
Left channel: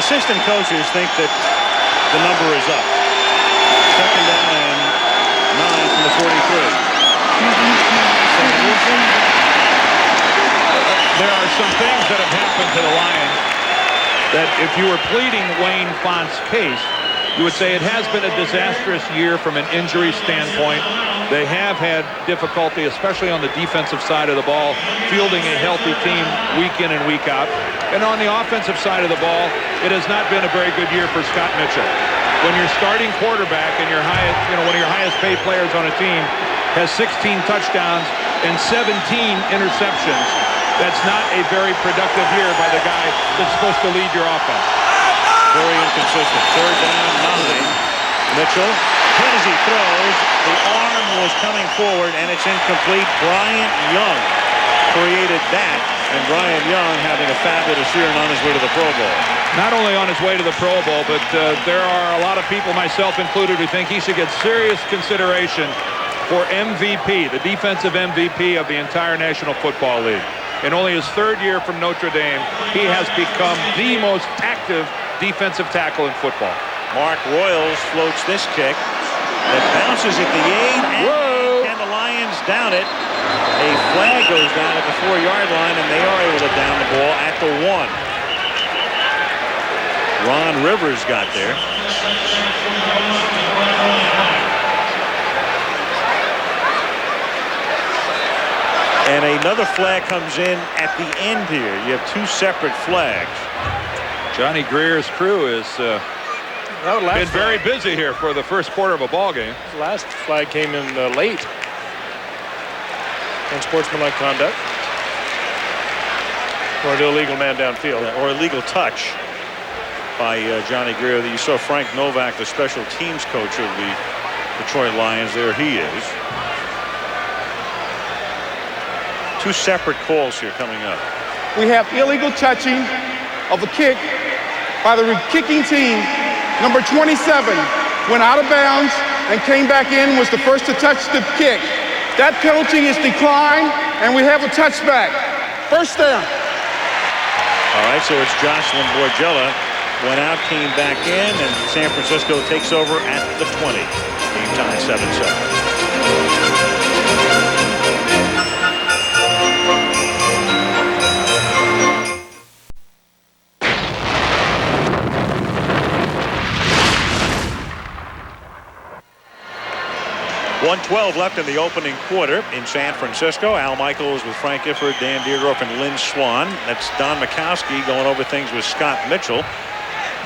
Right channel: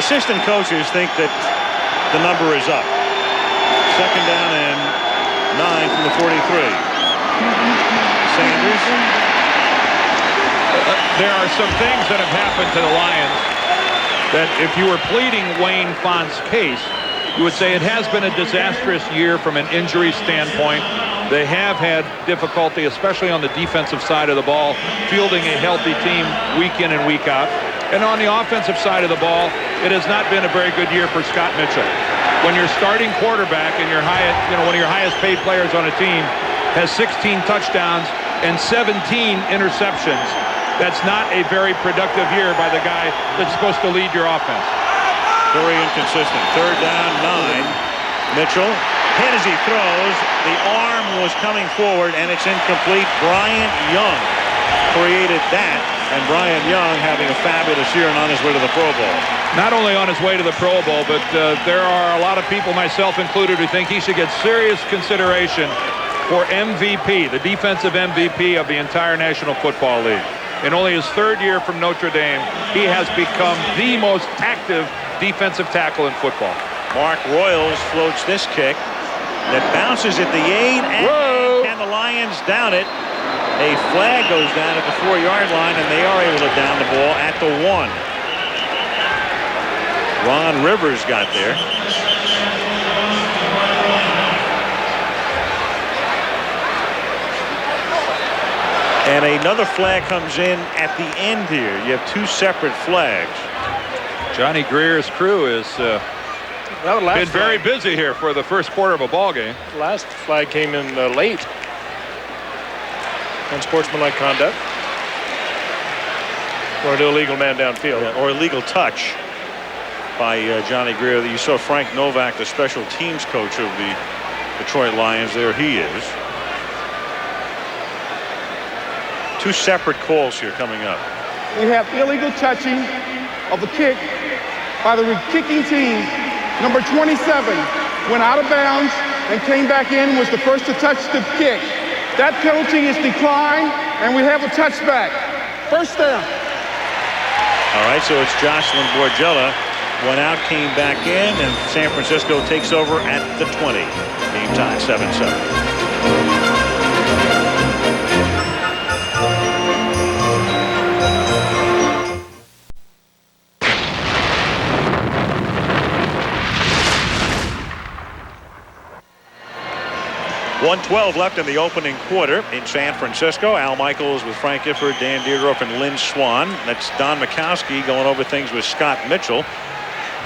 assistant coaches think that the number is up. 2nd down and 9 from the 43. Sanders. There are some things that have happened to the Lions that if you were pleading Wayne Font's case, you would say it has been a disastrous year from an injury standpoint. They have had difficulty, especially on the defensive side of the ball, fielding a healthy team week in and week out. And on the offensive side of the ball, it has not been a very good year for Scott Mitchell. when your starting quarterback and your one of your highest paid players on a team has 16 touchdowns and 17 interceptions. That's not a very productive year by the guy that's supposed to lead your offense. Very inconsistent. 3rd down, 9. Mitchell hit as he throws. The arm was coming forward, and it's incomplete. Bryant Young created that, and Bryant Young having a fabulous year and on his way to the Pro Bowl. Not only on his way to the Pro Bowl, but there are a lot of people, myself included, who think he should get serious consideration for MVP, the defensive MVP of the entire National Football League. In only his 3rd year from Notre Dame, he has become the most active defensive tackle in football. Mark Royals floats this kick that bounces at the 8, and can the Lions down it? A flag goes down at the 4-yard line, and they are able to down the ball at the 1. Ron Rivers got there. And another flag comes in at the end here. You have 2 separate flags. Johnny Greer's crew is been very busy here for the first quarter of a ball game. That last flag came in late. Unsportsmanlike conduct. Or an illegal man downfield. Yeah, or illegal touch by Johnny Greer. You saw Frank Novak, the special teams coach of the Detroit Lions. There he is. 2 separate calls here coming up. We have illegal touching of a kick by the kicking team. Number 27 went out of bounds and came back in, was the first to touch the kick. That penalty is declined, and we have a touchback. 1st down. All right, so it's Jocelyn Borgella. Went out, came back in, and San Francisco takes over at the 20. Game tied 7-7. 1:12 left in the opening quarter in San Francisco. Al Michaels with Frank Gifford, Dan Dierdorf, and Lynn Swan. That's Don Mikowski going over things with Scott Mitchell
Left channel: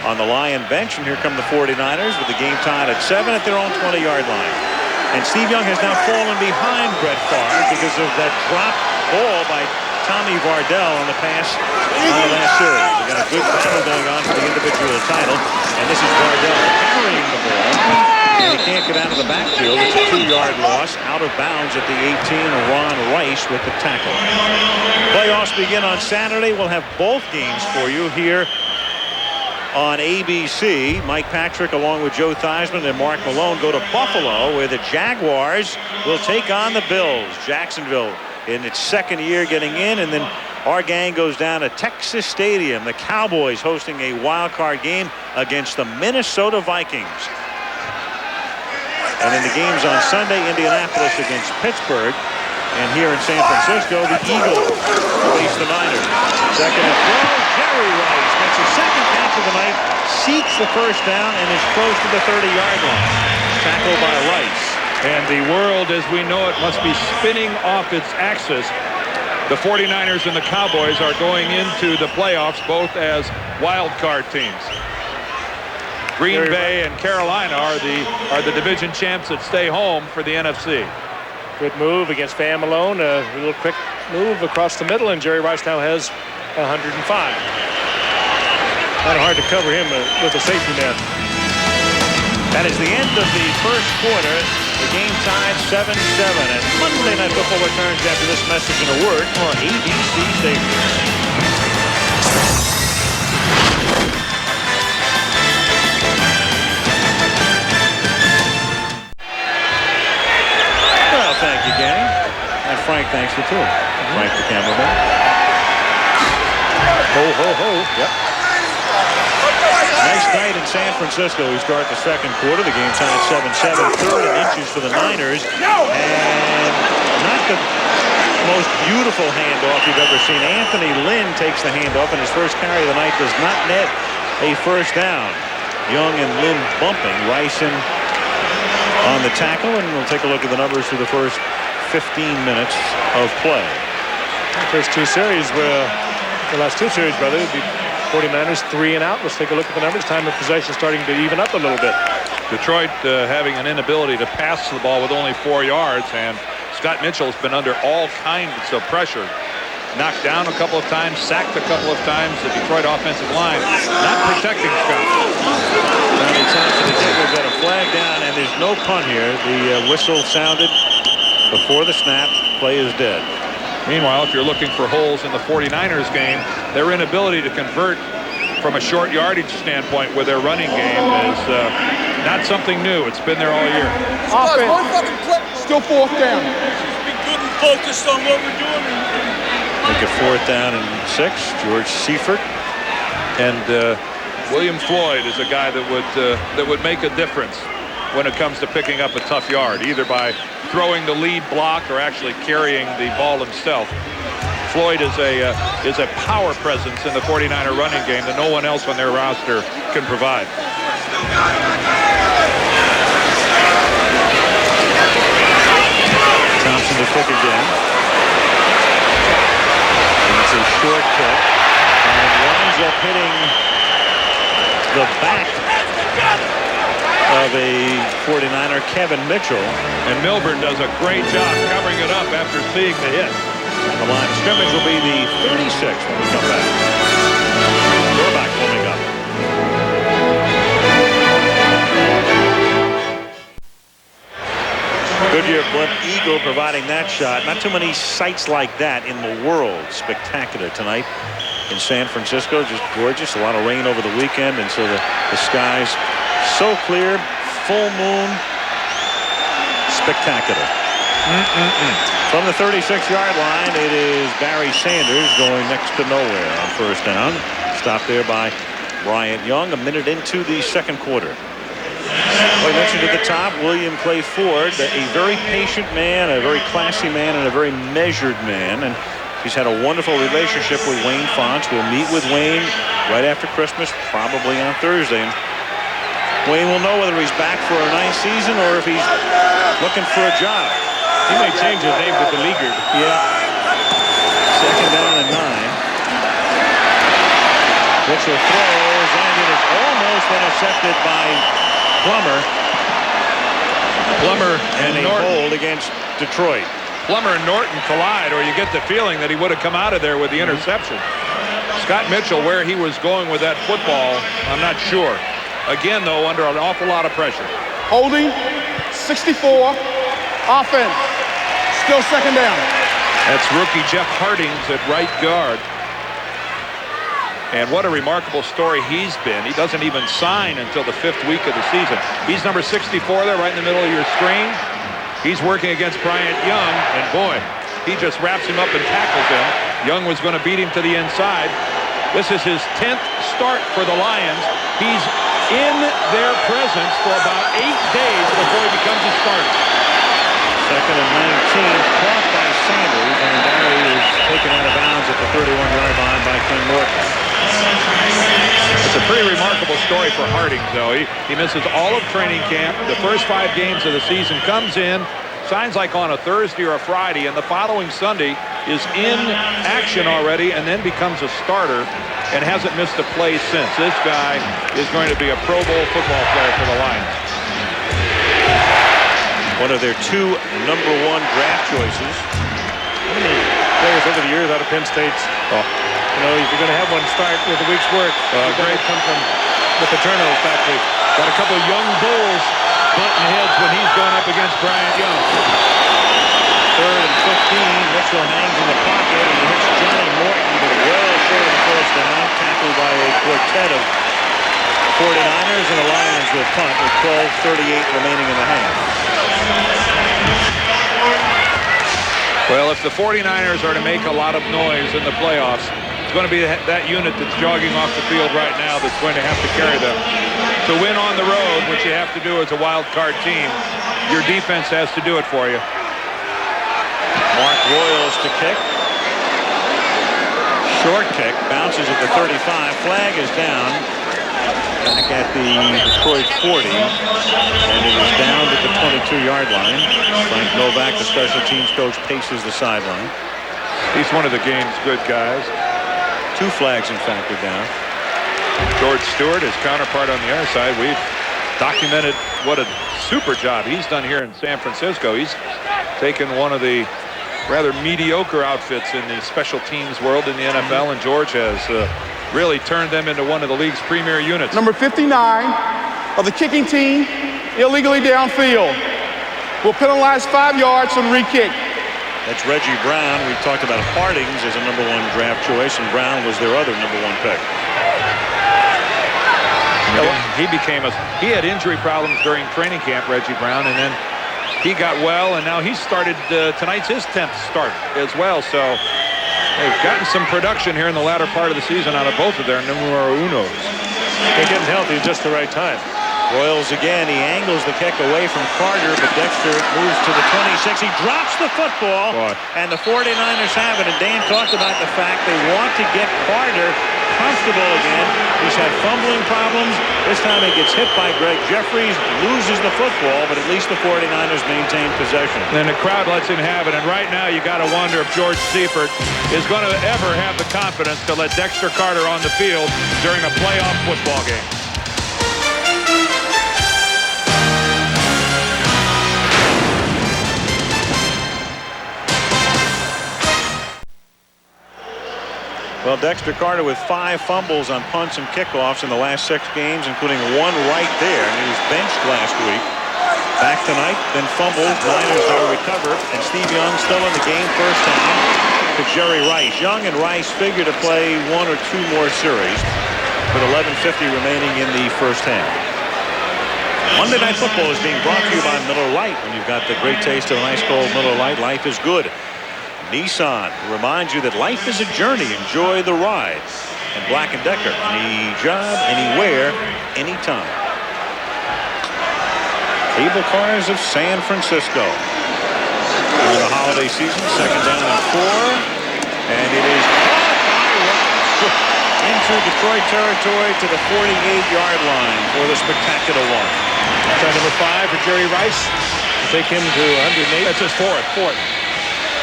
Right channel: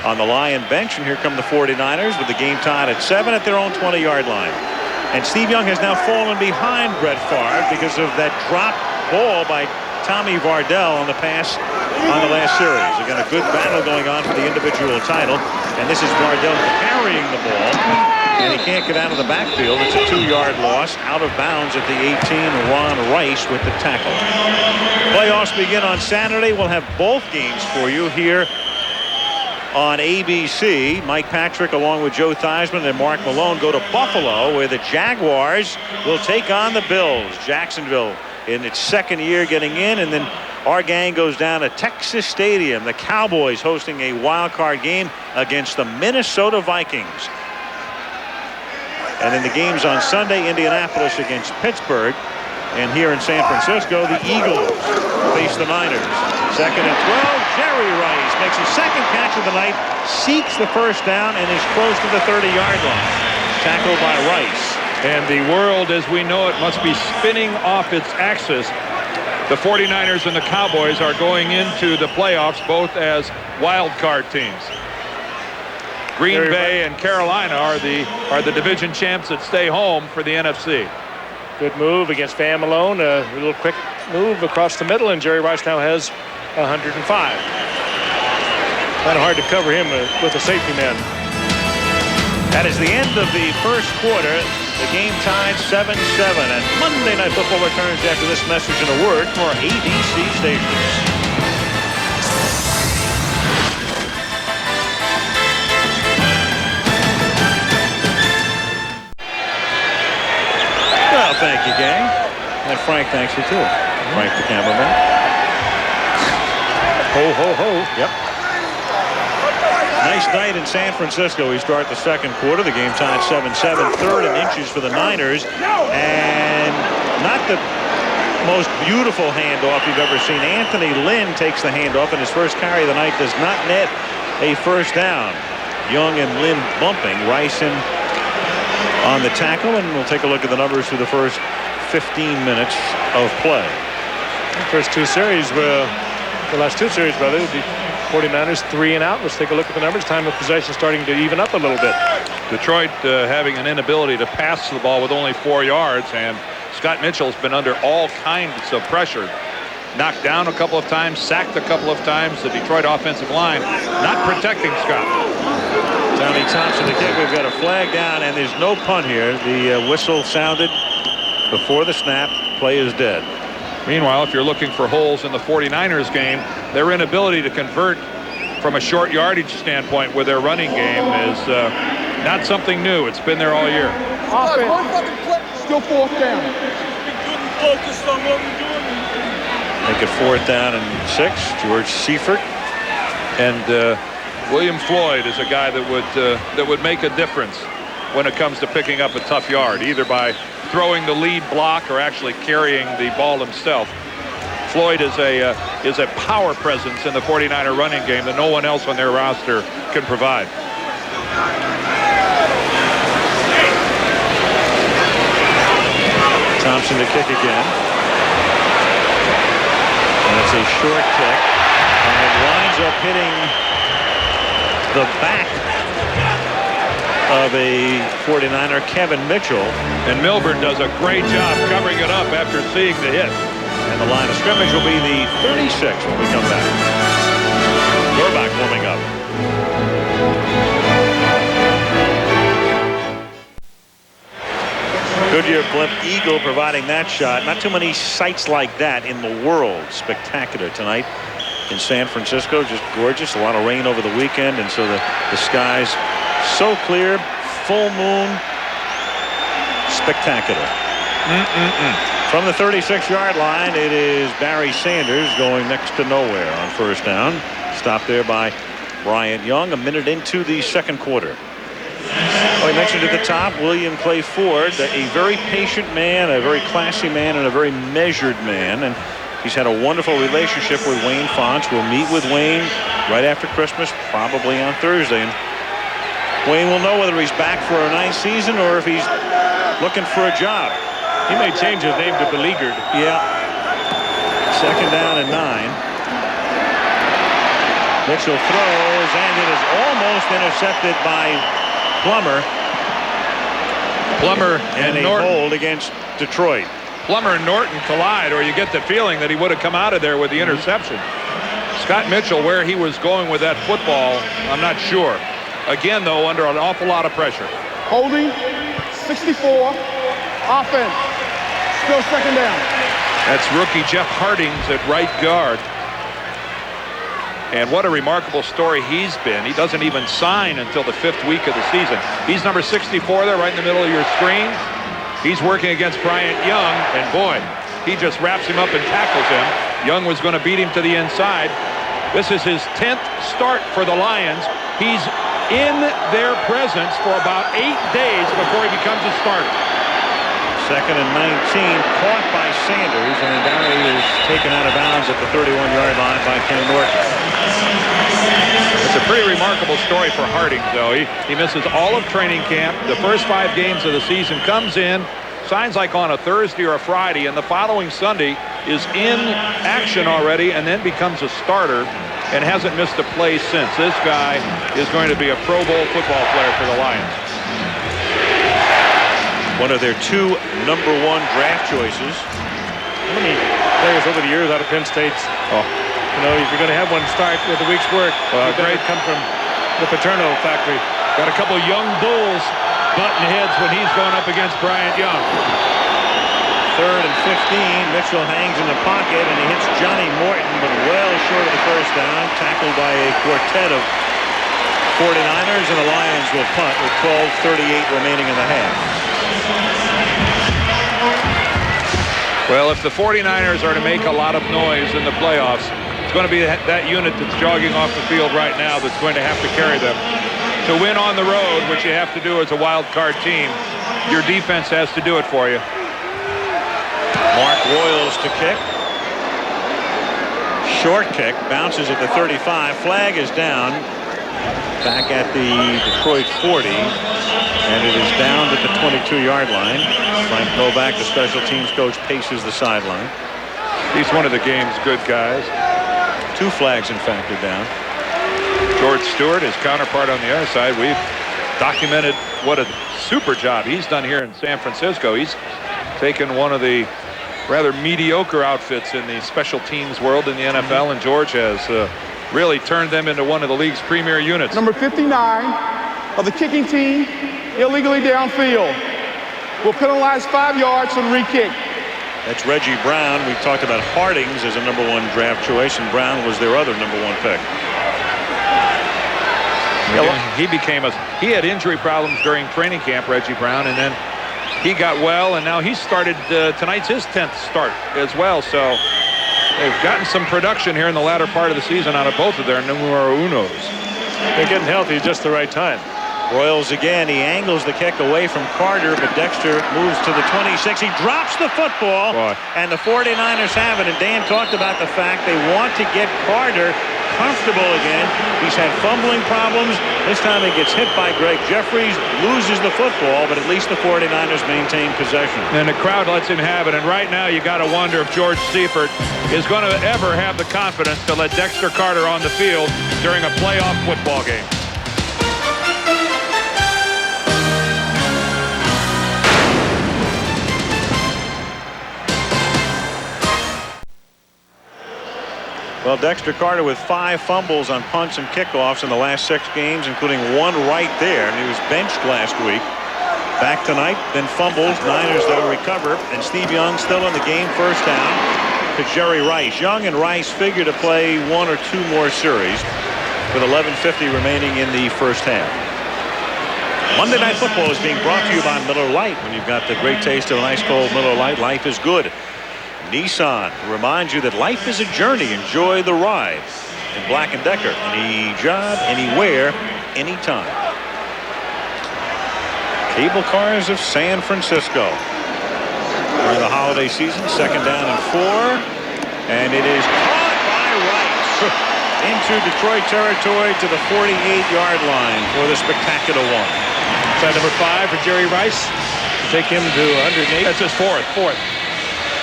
on the Lion bench. And here come the 49ers with the game tied at 7 at their own 20-yard line. And Steve Young has now fallen behind Brett Favre because of that drop ball by Tommy Vardell on the pass on the last series. Again, a good battle going on for the individual title. And this is Vardell carrying the ball. And he can't get out of the backfield. It's a 2-yard loss. Out of bounds at the 18. Ron Rice with the tackle. Playoffs begin on Saturday. We'll have both games for you here on ABC. Mike Patrick along with Joe Theismann and Mark Malone go to Buffalo, where the Jaguars will take on the Bills. Jacksonville in its 2nd year getting in, and then our gang goes down to Texas Stadium. The Cowboys hosting a wild card game against the Minnesota Vikings. And in the games on Sunday, Indianapolis against Pittsburgh. And here in San Francisco, the Eagles face the Niners. 2nd and 12. Jerry Rice makes his 2nd catch of the night, seeks the 1st down, and is close to the 30-yard line. Tackled by Rice. And the world as we know it must be spinning off its axis. The 49ers and the Cowboys are going into the playoffs both as wild card teams. Green Bay and Carolina are the division champs that stay home for the NFC. Good move against Van Malone. A little quick move across the middle, and Jerry Rice now has 105. Kind of hard to cover him with a safety man. That is the end of the first quarter. The game tied 7-7. And Monday Night Football returns after this message and a word from our ABC stations. Well, thank you, gang. And Frank thanks you, too. Frank, the cameraman. Ho, ho, ho. Yep. Nice night in San Francisco. We start the 2nd quarter. The game tied 7-7. 3rd and inches for the Niners. And not the most beautiful handoff you've ever seen. Anthony Lynn takes the handoff, and his first carry of the night does not net a 1st down. Young and Lynn bumping. Rice in on the tackle, and we'll take a look at the numbers through the first 15 minutes of play. The first 2 series were the last 2 series, brother, would be 49ers 3 and out. Let's take a look at the numbers. Time of possession starting to even up a little bit. Detroit having an inability to pass the ball with only 4 yards, and Scott Mitchell has been under all kinds of pressure. Knocked down a couple of times, sacked a couple of times. The Detroit offensive line not protecting Scott. Tommy Thompson, the kick. We've got a flag down, and there's no punt here. The whistle sounded before the snap. Play is dead. Meanwhile, if you're looking for holes in the 49ers game, their inability to convert from a short yardage standpoint with their running game is not something new. It's been there all year. Offense. Still 4th down. Be good and focused on what we're doing. Make it 4th down and 6. George Seifert. And William Floyd is a guy that would make a difference when it comes to picking up a tough yard, either by throwing the lead block or actually carrying the ball himself. Floyd is a power presence in the 49er running game that no one else on their roster can provide. Thompson to kick again. And it's a short kick. And it winds up hitting the back of a 49er, Kevin Mitchell. And Milburn does a great job covering it up after seeing the hit. And the line of scrimmage will be the 36 when we come back. Gorbach warming up. Goodyear blimp Eagle providing that shot. Not too many sights like that in the world. Spectacular tonight in San Francisco. Just gorgeous. A lot of rain over the weekend, and so the skies so clear. Full moon. Spectacular. From the 36-yard line, it is Barry Sanders going next to nowhere on 1st down. Stopped there by Bryant Young a minute into the 2nd quarter. Well, we mentioned at the top William Clay Ford, a very patient man, a very classy man, and a very measured man. And he's had a wonderful relationship with Wayne Fontes. We'll meet with Wayne right after Christmas, probably on Thursday. And Wayne will know whether he's back for a 9th season or if he's looking for a job. He may change his name to Beleaguered. Yeah. 2nd down and 9. Mitchell throws, and it is almost intercepted by Plummer and a Norton. hold against Detroit. Plummer and Norton collide, or you get the feeling that he would have come out of there with the interception. Scott Mitchell, where he was going with that football, I'm not sure. Again, though, under an awful lot of pressure. Holding, 64, offense, still 2nd down. That's rookie Jeff Hardings at right guard. And what a remarkable story he's been. He doesn't even sign until the 5th week of the season. He's number 64 there right in the middle of your screen. He's working against Bryant Young, and boy, he just wraps him up and tackles him. Young was going to beat him to the inside. This is his 10th start for the Lions. He's in their presence for about 8 days before he becomes a starter. 2nd and 19, caught by Sanders, and then Barry is taken out of bounds at the 31-yard line by Ken Norton. That's a pretty remarkable story for Hardings, though. He misses all of training camp. The first 5 games of the season, comes in, signs like on a Thursday or a Friday, and the following Sunday is in action already and then becomes a starter and hasn't missed a play since. This guy is going to be a Pro Bowl football player for the Lions. One of their 2 number 1 draft choices. How many players over the years out of Penn State's? You know, if you're going to have one start with a week's work, great come from the Paterno factory. Got a couple young bulls butting heads when he's going up against Bryant Young. 3rd and 15. Mitchell hangs in the pocket, and he hits Johnny Morton, but well short of the 1st down. Tackled by a quartet of 49ers, and the Lions will punt with 12:38 remaining in the half. Well, if the 49ers are to make a lot of noise in the playoffs, it's going to be that unit that's jogging off the field right now that's going to have to carry them. To win on the road, which you have to do as a wild card team, your defense has to do it for you. Mark Royals to kick. Short kick, bounces at the 35. Flag is down back at the Detroit 40, and it is down at the 22-yard line. Frank Novak, the special teams coach, paces the sideline. He's one of the game's good guys. 2 flags, in fact, are down. George Stewart, his counterpart on the other side. We've documented what a super job he's done here in San Francisco. He's taken one of the rather mediocre outfits in the special teams world in the NFL, and George has really turned them into one of the league's premier units. Number 59 of the kicking team, illegally downfield. Will penalize 5 yards from the re-kick. That's Reggie Brown. We talked about Hardings as a #1 draft choice, and Brown was their other #1 pick. And again, he had injury problems during training camp, Reggie Brown, and then he got well, and now he started tonight's his 10th start as well. So they've gotten some production here in the latter part of the season out of both of their numero unos. They're getting healthy at just the right time. Royals again. He angles the kick away from Carter, but Dexter moves to the 26. He drops the football, and the 49ers have it. And Dan talked about the fact they want to get Carter comfortable again. He's had fumbling problems. This time he gets hit by Greg Jeffries, loses the football, but at least the 49ers maintain possession. And the crowd lets him have it. And right now you got to wonder if George Seifert is going to ever have the confidence to let Dexter Carter on the field during a playoff football game. Well, Dexter Carter with 5 fumbles on punts and kickoffs in the last 6 games, including 1 right there. And he was benched last week. Back tonight, then fumbles. Niners, though, recover. And Steve Young still in the game. First down to Jerry Rice. Young and Rice figure to play 1 or 2 more series with 11:50 remaining in the first half. Monday Night Football is being brought to you by Miller Lite. When you've got the great taste of an ice cold Miller Lite, life is good. Nissan reminds you that life is a journey. Enjoy the ride. And Black & Decker. Any job, anywhere, anytime. Cable Cars of San Francisco. During the holiday season, 2nd down and 4. And it is caught by Rice. Into Detroit territory to the 48-yard line for the spectacular one. Inside number 5 for Jerry Rice to take him to 108. That's his fourth.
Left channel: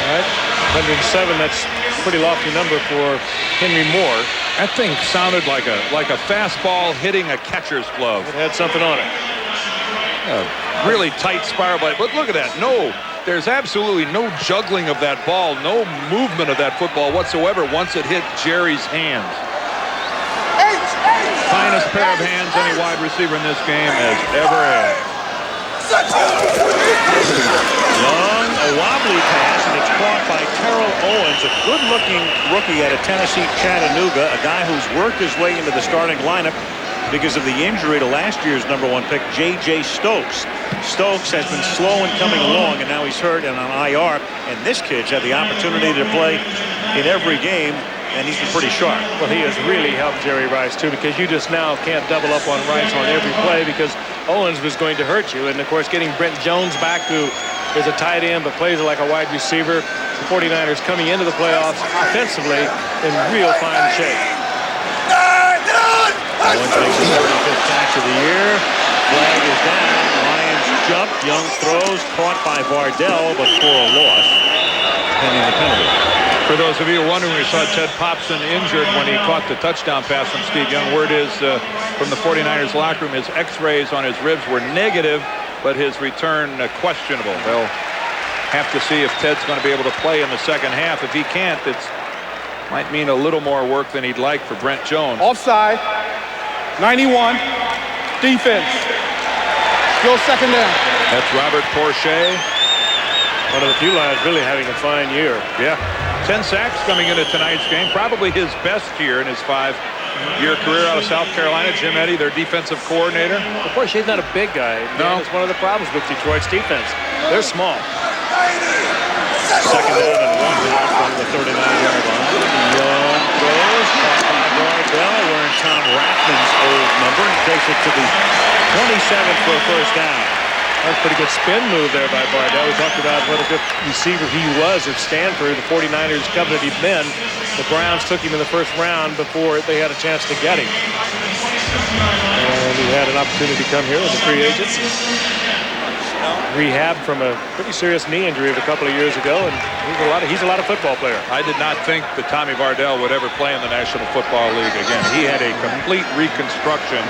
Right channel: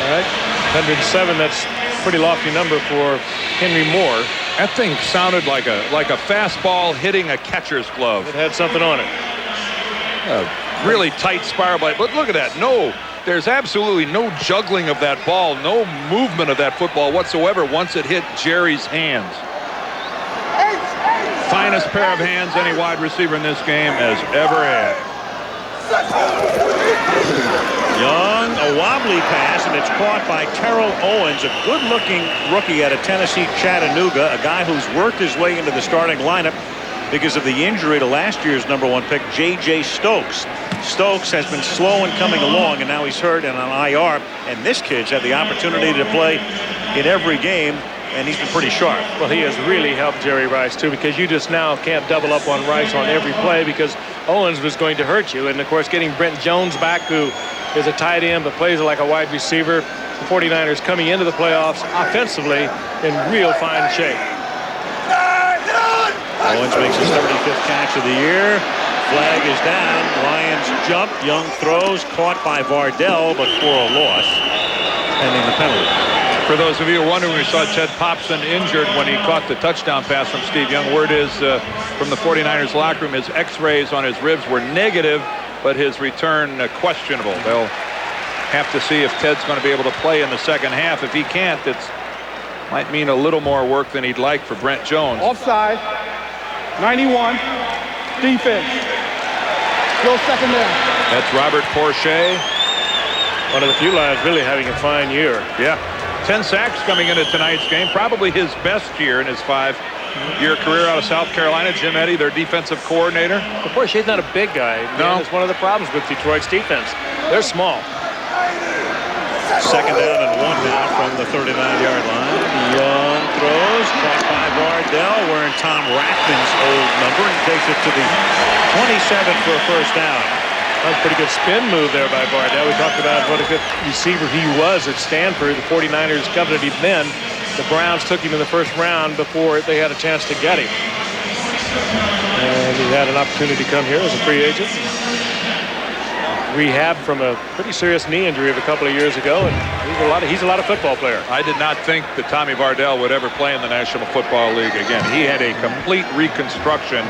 All right, 107. That's a pretty lofty number for Henry Moore. That thing sounded like a fastball hitting a catcher's glove. It had something on it. Really tight spiral blade. But look at that. No, there's absolutely no juggling of that ball, no movement of that football whatsoever once it hit Jerry's hands. Finest pair of hands any wide receiver in this game has ever had. Young, a wobbly pass, and it's caught by Terrell Owens, a good-looking rookie out of Tennessee, Chattanooga, a guy who's worked his way into the starting lineup because of the injury to last year's #1 pick, J.J. Stokes. Stokes has been slow in coming along, and now he's hurt and on IR, and this kid's had the opportunity to play in every game, and he's been pretty sharp. Well, he has really helped Jerry Rice, too, because you just now can't double up on Rice on every play because Owens was going to hurt you. And, of course, getting Brent Jones back, who is a tight end but plays like a wide receiver. The 49ers coming into the playoffs offensively in real fine shape. Owens makes his 35th catch of the year. Flag is down. Lions jump. Young throws. Caught by Vardell, but for a loss, pending the penalty. For those of you who are wondering, we saw Ted Popson injured when he caught the touchdown pass from Steve Young. Word is from the 49ers locker room, his x-rays on his ribs were negative, but his return questionable. They'll have to see if Ted's going to be able to play in the second half. If he can't, it might mean a little more work than he'd like for Brent Jones. Offside, 91, defense. Go 2nd down. That's Robert Porcher. One of the few lions really having a fine year. Yeah. 10 sacks coming into tonight's game. Probably his best year in his 5-year career out of South Carolina. Jim Eddy, their defensive coordinator. Of course, he's not a big guy. No. That's one of the problems with Detroit's defense. They're small. 2nd down and 1 now from the 39-yard line. Young throws, caught by Vardell, wearing Tom Rathman's old number, and he takes it to the 27 for a first down. That's a pretty good spin move there by Vardell. We talked about what a good receiver he was at Stanford. The 49ers coveted him then. The Browns took him in the first round before they had a chance to get him. And he had an opportunity to come here as a free agent. rehab from a pretty serious knee injury of a couple of years ago, and he's a lot of football player. I did not think that Tommy Vardell would ever play in the National Football League again. He had a complete reconstruction,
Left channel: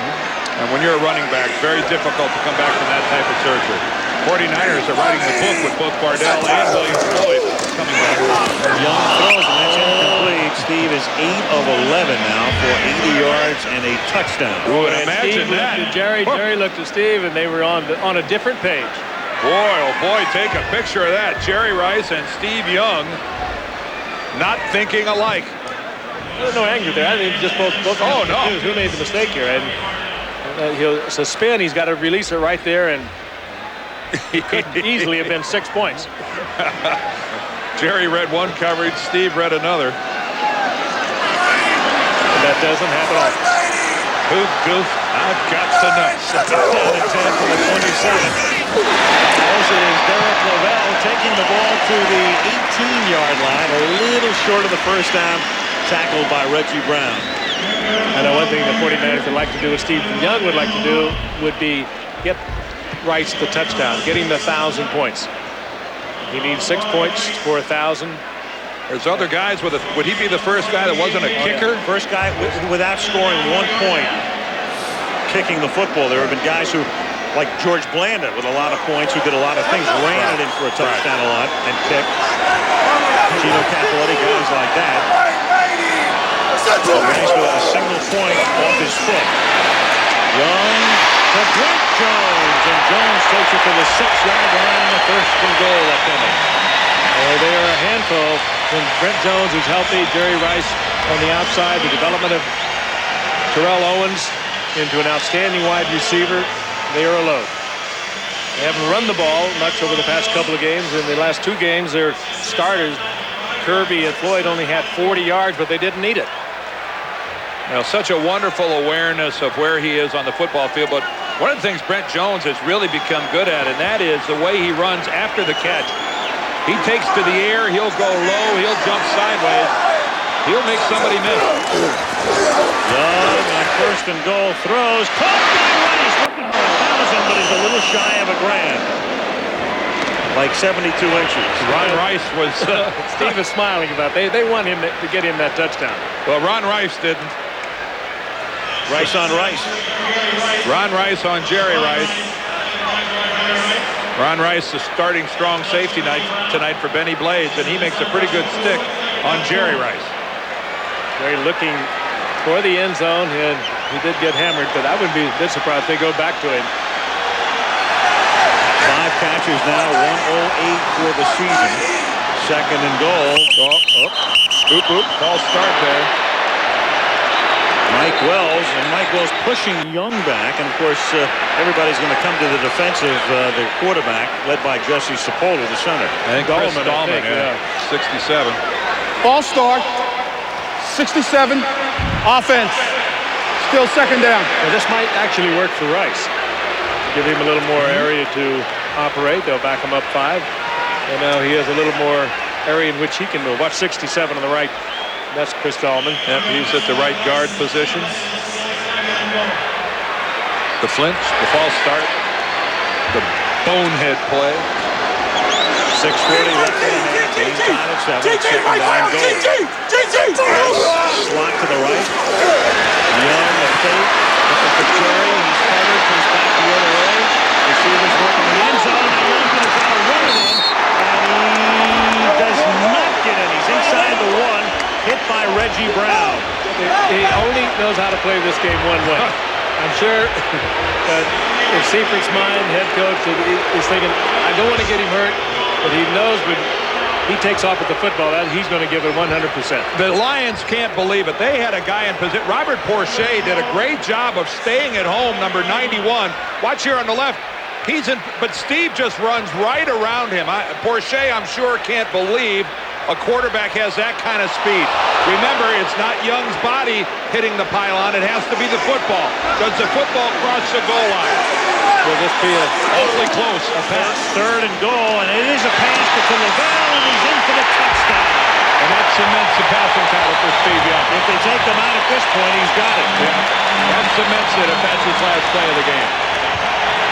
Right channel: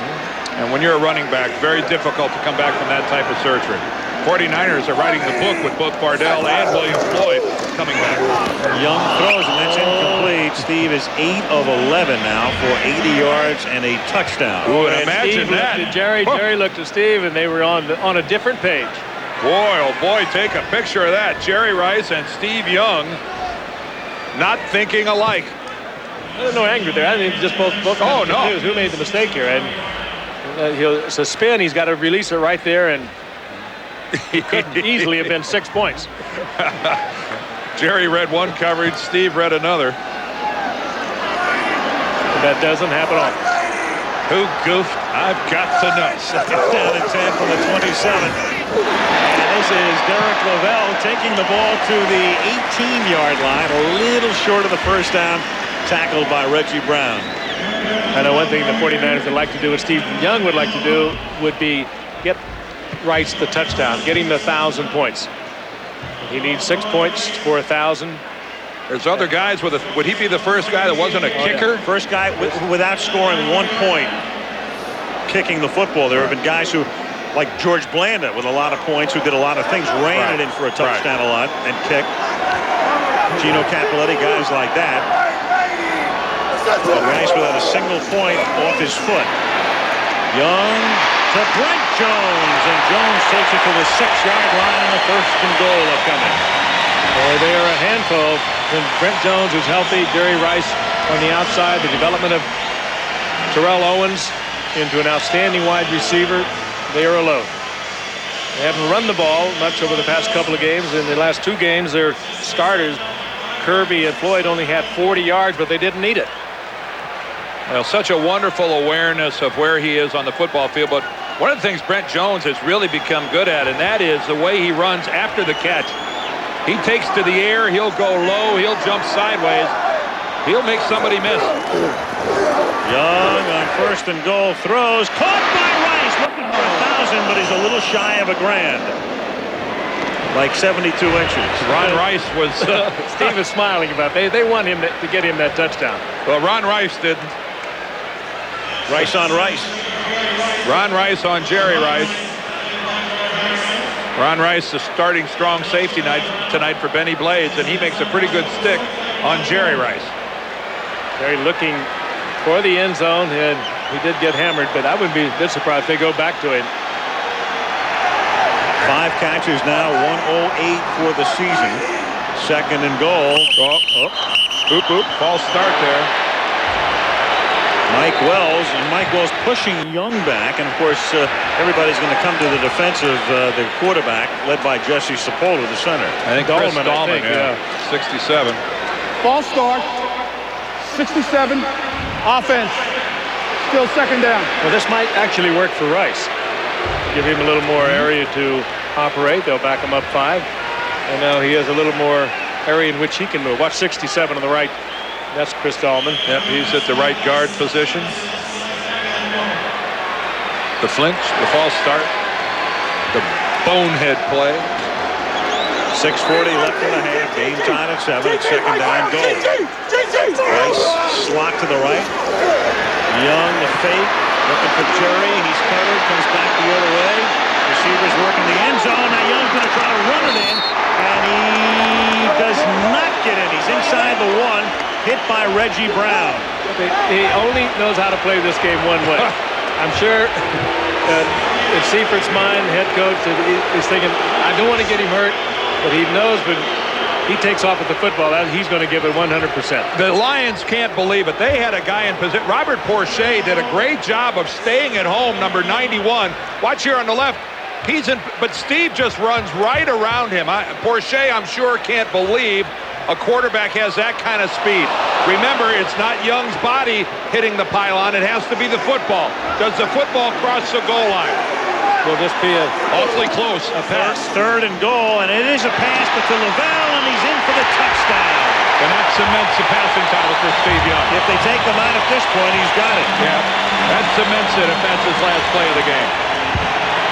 and when you're a running back, very difficult to come back from that type of surgery. 49ers are writing the book with both Vardell and William Floyd coming back. Young throws, and that's incomplete. Steve is 8 of 11 now for 80 yards and a touchdown. Who would And imagine Steve that? looked at Jerry. Jerry looked at Steve, and they were on a different page. Boy, oh boy, take a picture of that. Jerry Rice and Steve Young not thinking alike. There's no anger there. I mean, just both Oh, no. confused. Who made the mistake here? And it's a spin. He's got to release it right there, and he couldn't easily have been 6 points. Jerry read one coverage, Steve read another. And that doesn't happen often. Who goofed? I've got to know. Second down and 10 from the 27. And this is Derek Lavelle taking the ball to the 18-yard line, a little short of the first down, tackled by Reggie Brown. I know one thing the 49ers would like to do, what Steve Young would like to do, would be get Rice the touchdown, get him to 1,000 points. He needs 6 points for 1,000. There's other guys with would he be the first guy that wasn't a kicker? Yeah. First guy without scoring 1 point kicking the football. There have been guys who, like George Blanda, with a lot of points, who did a lot of things, ran it in for a touchdown a lot and kicked. Gino Cappelletti, guys like that. But Rice without a single point off his foot. Young to Brent Jones, and Jones takes it to the 6-yard line, and a 1st and goal upcoming. Boy, they are a handful. When Brent Jones is healthy, Jerry Rice on the outside, the development of Terrell Owens into an outstanding wide receiver, they are a load. They haven't run the ball much over the past couple of games. In the last 2 games, their starters, Kirby and Floyd, only had 40 yards, but they didn't need it. Well, such a wonderful awareness of where he is on the football field. But one of the things Brent Jones has really become good at, and that is the way he runs after the catch. He takes to the air, he'll go low, he'll jump sideways. He'll make somebody miss. Young on 1st and goal throws, caught by Rice, looking for 1,000, but he's a little shy of a grand. Like 72 inches. Ron Rice was... Steve is smiling about it. They want him to get him that touchdown. Well, Ron Rice didn't. Rice on Rice. Ron Rice on Jerry Rice. Ron Rice, the starting strong safety tonight for Benny Blades, and he makes a pretty good stick on Jerry Rice. Jerry looking for the end zone, and he did get hammered, but I wouldn't be a bit surprised if they go back to him. 5 catches now, 108 for the season. 2nd and goal. Oop, false start there. Mike Wells pushing Young back, and of course everybody's going to come to the defense of their quarterback, led by Jesse Sepulveda, the center. I think Chris Dahlman, yeah. 67. False start, 67, offense, still 2nd down. Well, this might actually work for Rice. Give him a little more area to operate. They'll back him up 5. And now he has a little more area in which he can move. Watch 67 on the right. That's Chris Dahlman. Yep, he's at the right guard position. The flinch, the false start, the bonehead play. 6:40 left in the half. Game tied at 7. It's 2nd down goal. Rice slot to the right. Young the fake. Looking for Jerry. He's covered. Comes back the other way. Receivers working the end zone. Now Young's going to try to run it in. And he does not get in. He's inside the 1. Hit by Reggie Brown. He only knows how to play this game one way. I'm sure in Seifert's mind, head coach, is thinking, I don't want to get him hurt. But he knows when he takes off with the football, he's going to give it 100%. The Lions can't believe it. They had a guy in position. Robert Porcher did a great job of staying at home, number 91. Watch here on the left. He's in, but Steve just runs right around him. Porcher, I'm sure, can't believe a quarterback has that kind of speed. Remember, it's not Young's body hitting the pylon. It has to be the football. Does the football cross the goal line? Will this be awfully close? A pass. 3rd and goal, and it is a pass to Lavelle, and he's in for the touchdown. And that cements the passing title for Steve Young. If they take him out at this point, he's got it. Yeah, that cements it if that's his last play of the game.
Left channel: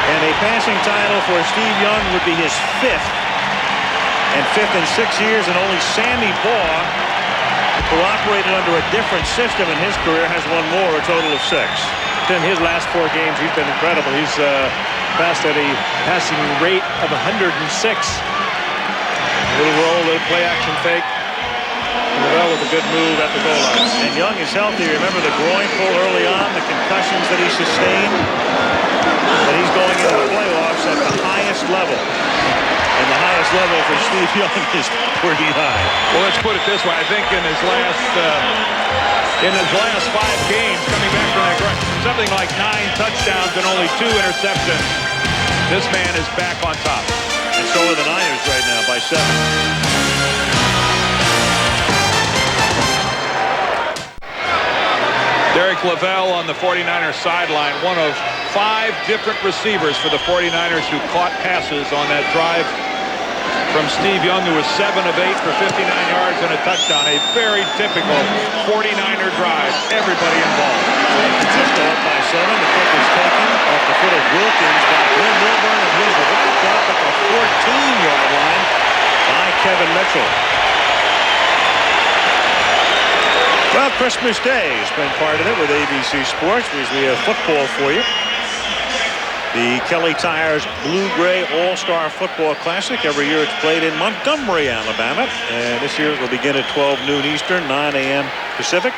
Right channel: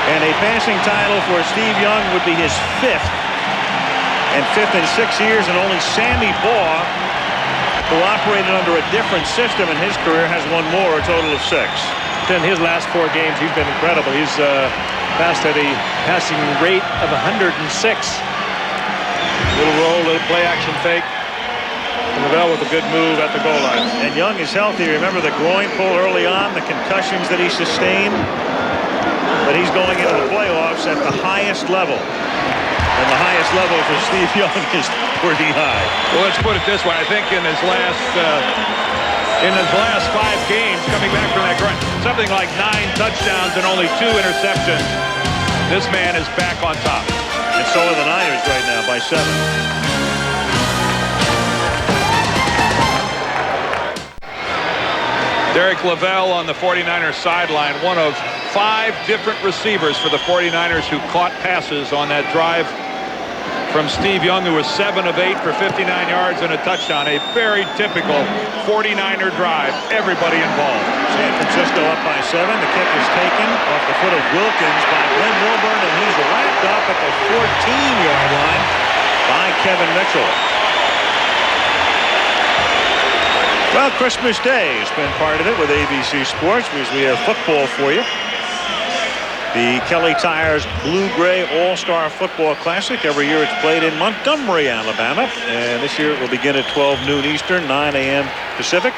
And a passing title for Steve Young would be his 5th. And 5th in 6 years, and only Sammy Baugh, who operated under a different system in his career, has one more, a total of 6. In his last 4 games, he's been incredible. He's passed at a passing rate of 106. Little roll, little play action fake. And Lavelle with a good move at the goal line. And Young is healthy. Remember the groin pull early on, the concussions that he sustained. But he's going into the playoffs at the highest level. And the highest level for Steve Young is pretty high. Well, let's put it this way. I think in his last 5 games, coming back from that groin, something like 9 touchdowns and only 2 interceptions. This man is back on top. And so are the Niners right now by 7. Derek Lavelle on the 49ers sideline, one of 5 different receivers for the 49ers who caught passes on that drive from Steve Young, who was 7 of 8 for 59 yards and a touchdown. A very typical 49er drive. Everybody involved. San Francisco up by 7. The kick is taken off the foot of Wilkins by Glenn Milburn, and he's wrapped up at the 14-yard line by Kevin Mitchell. Well, Christmas Day has been part of it with ABC Sports because we have football for you. The Kelly Tires Blue-Gray All-Star Football Classic. Every year it's played in Montgomery, Alabama. And this year it will begin at 12 noon Eastern, 9 a.m. Pacific.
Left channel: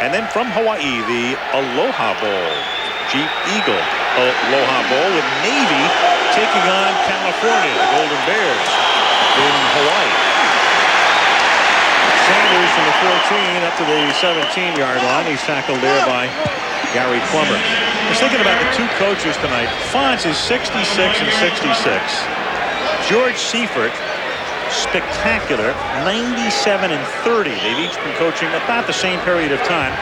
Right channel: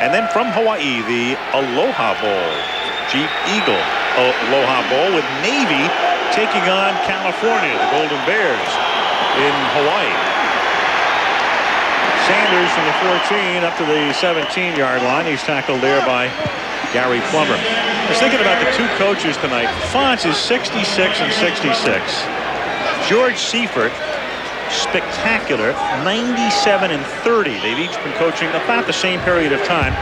And then from Hawaii, the Aloha Bowl. Jeep Eagle Aloha Bowl with Navy taking on California, the Golden Bears in Hawaii. Sanders from the 14 up to the 17-yard line. He's tackled there by Gary Plummer. I was thinking about the 2 coaches tonight. Fonz is 66 and 66. George Seifert, spectacular, 97 and 30. They've each been coaching about the same period of time.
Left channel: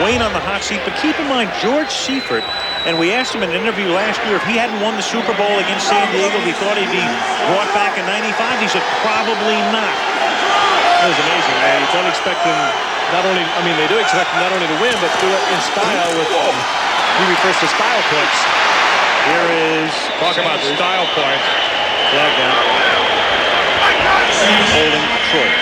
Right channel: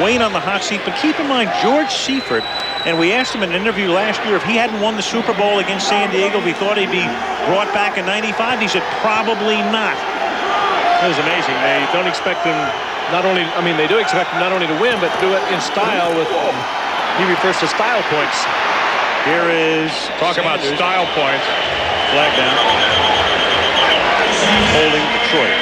Wayne on the hot seat, but keep in mind George Seifert, and we asked him in an interview last year if he hadn't won the Super Bowl against San Diego, we thought he'd be brought back in 95. He said probably not. It was amazing. They don't expect him they do expect him not only to win, but to do it in style with, he refers to style points. Here is Talk about style points. Flag down. Holding Detroit.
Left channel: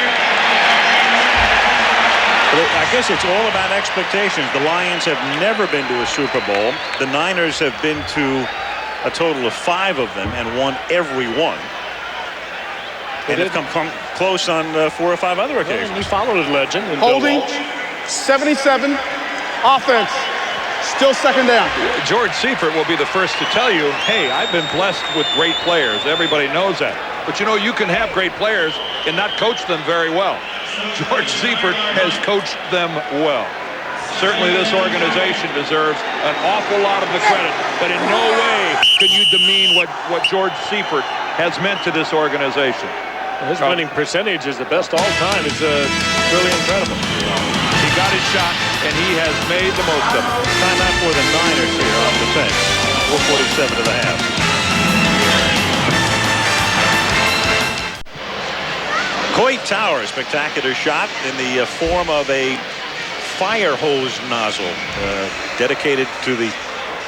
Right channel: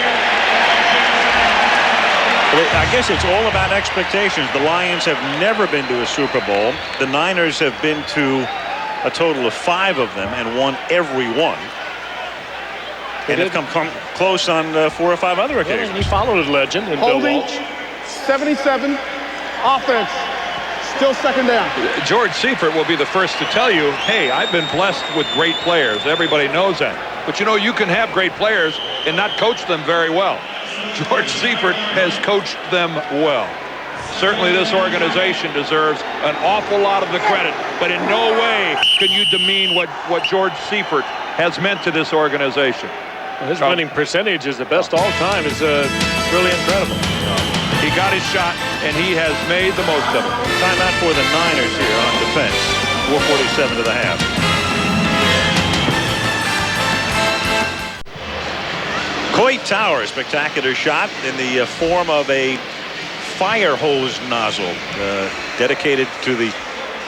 But I guess it's all about expectations. The Lions have never been to a Super Bowl. The Niners have been to a total of 5 of them and won every one. And have come close on 4 or 5 other occasions. And he followed his legend in Bill Walsh. 77, offense, still second down. George Seifert will be the first to tell you, hey, I've been blessed with great players. Everybody knows that. But you know, you can have great players and not coach them very well. George Seifert has coached them well. Certainly this organization deserves an awful lot of the credit, but in no way can you demean what George Seifert has meant to this organization. Well, his winning percentage is the best all time. It's really incredible. He got his shot, and he has made the most of it. Timeout for the Niners here on defense. 4:47 to the half. Coit Tower, spectacular shot in the form of a fire hose nozzle dedicated to the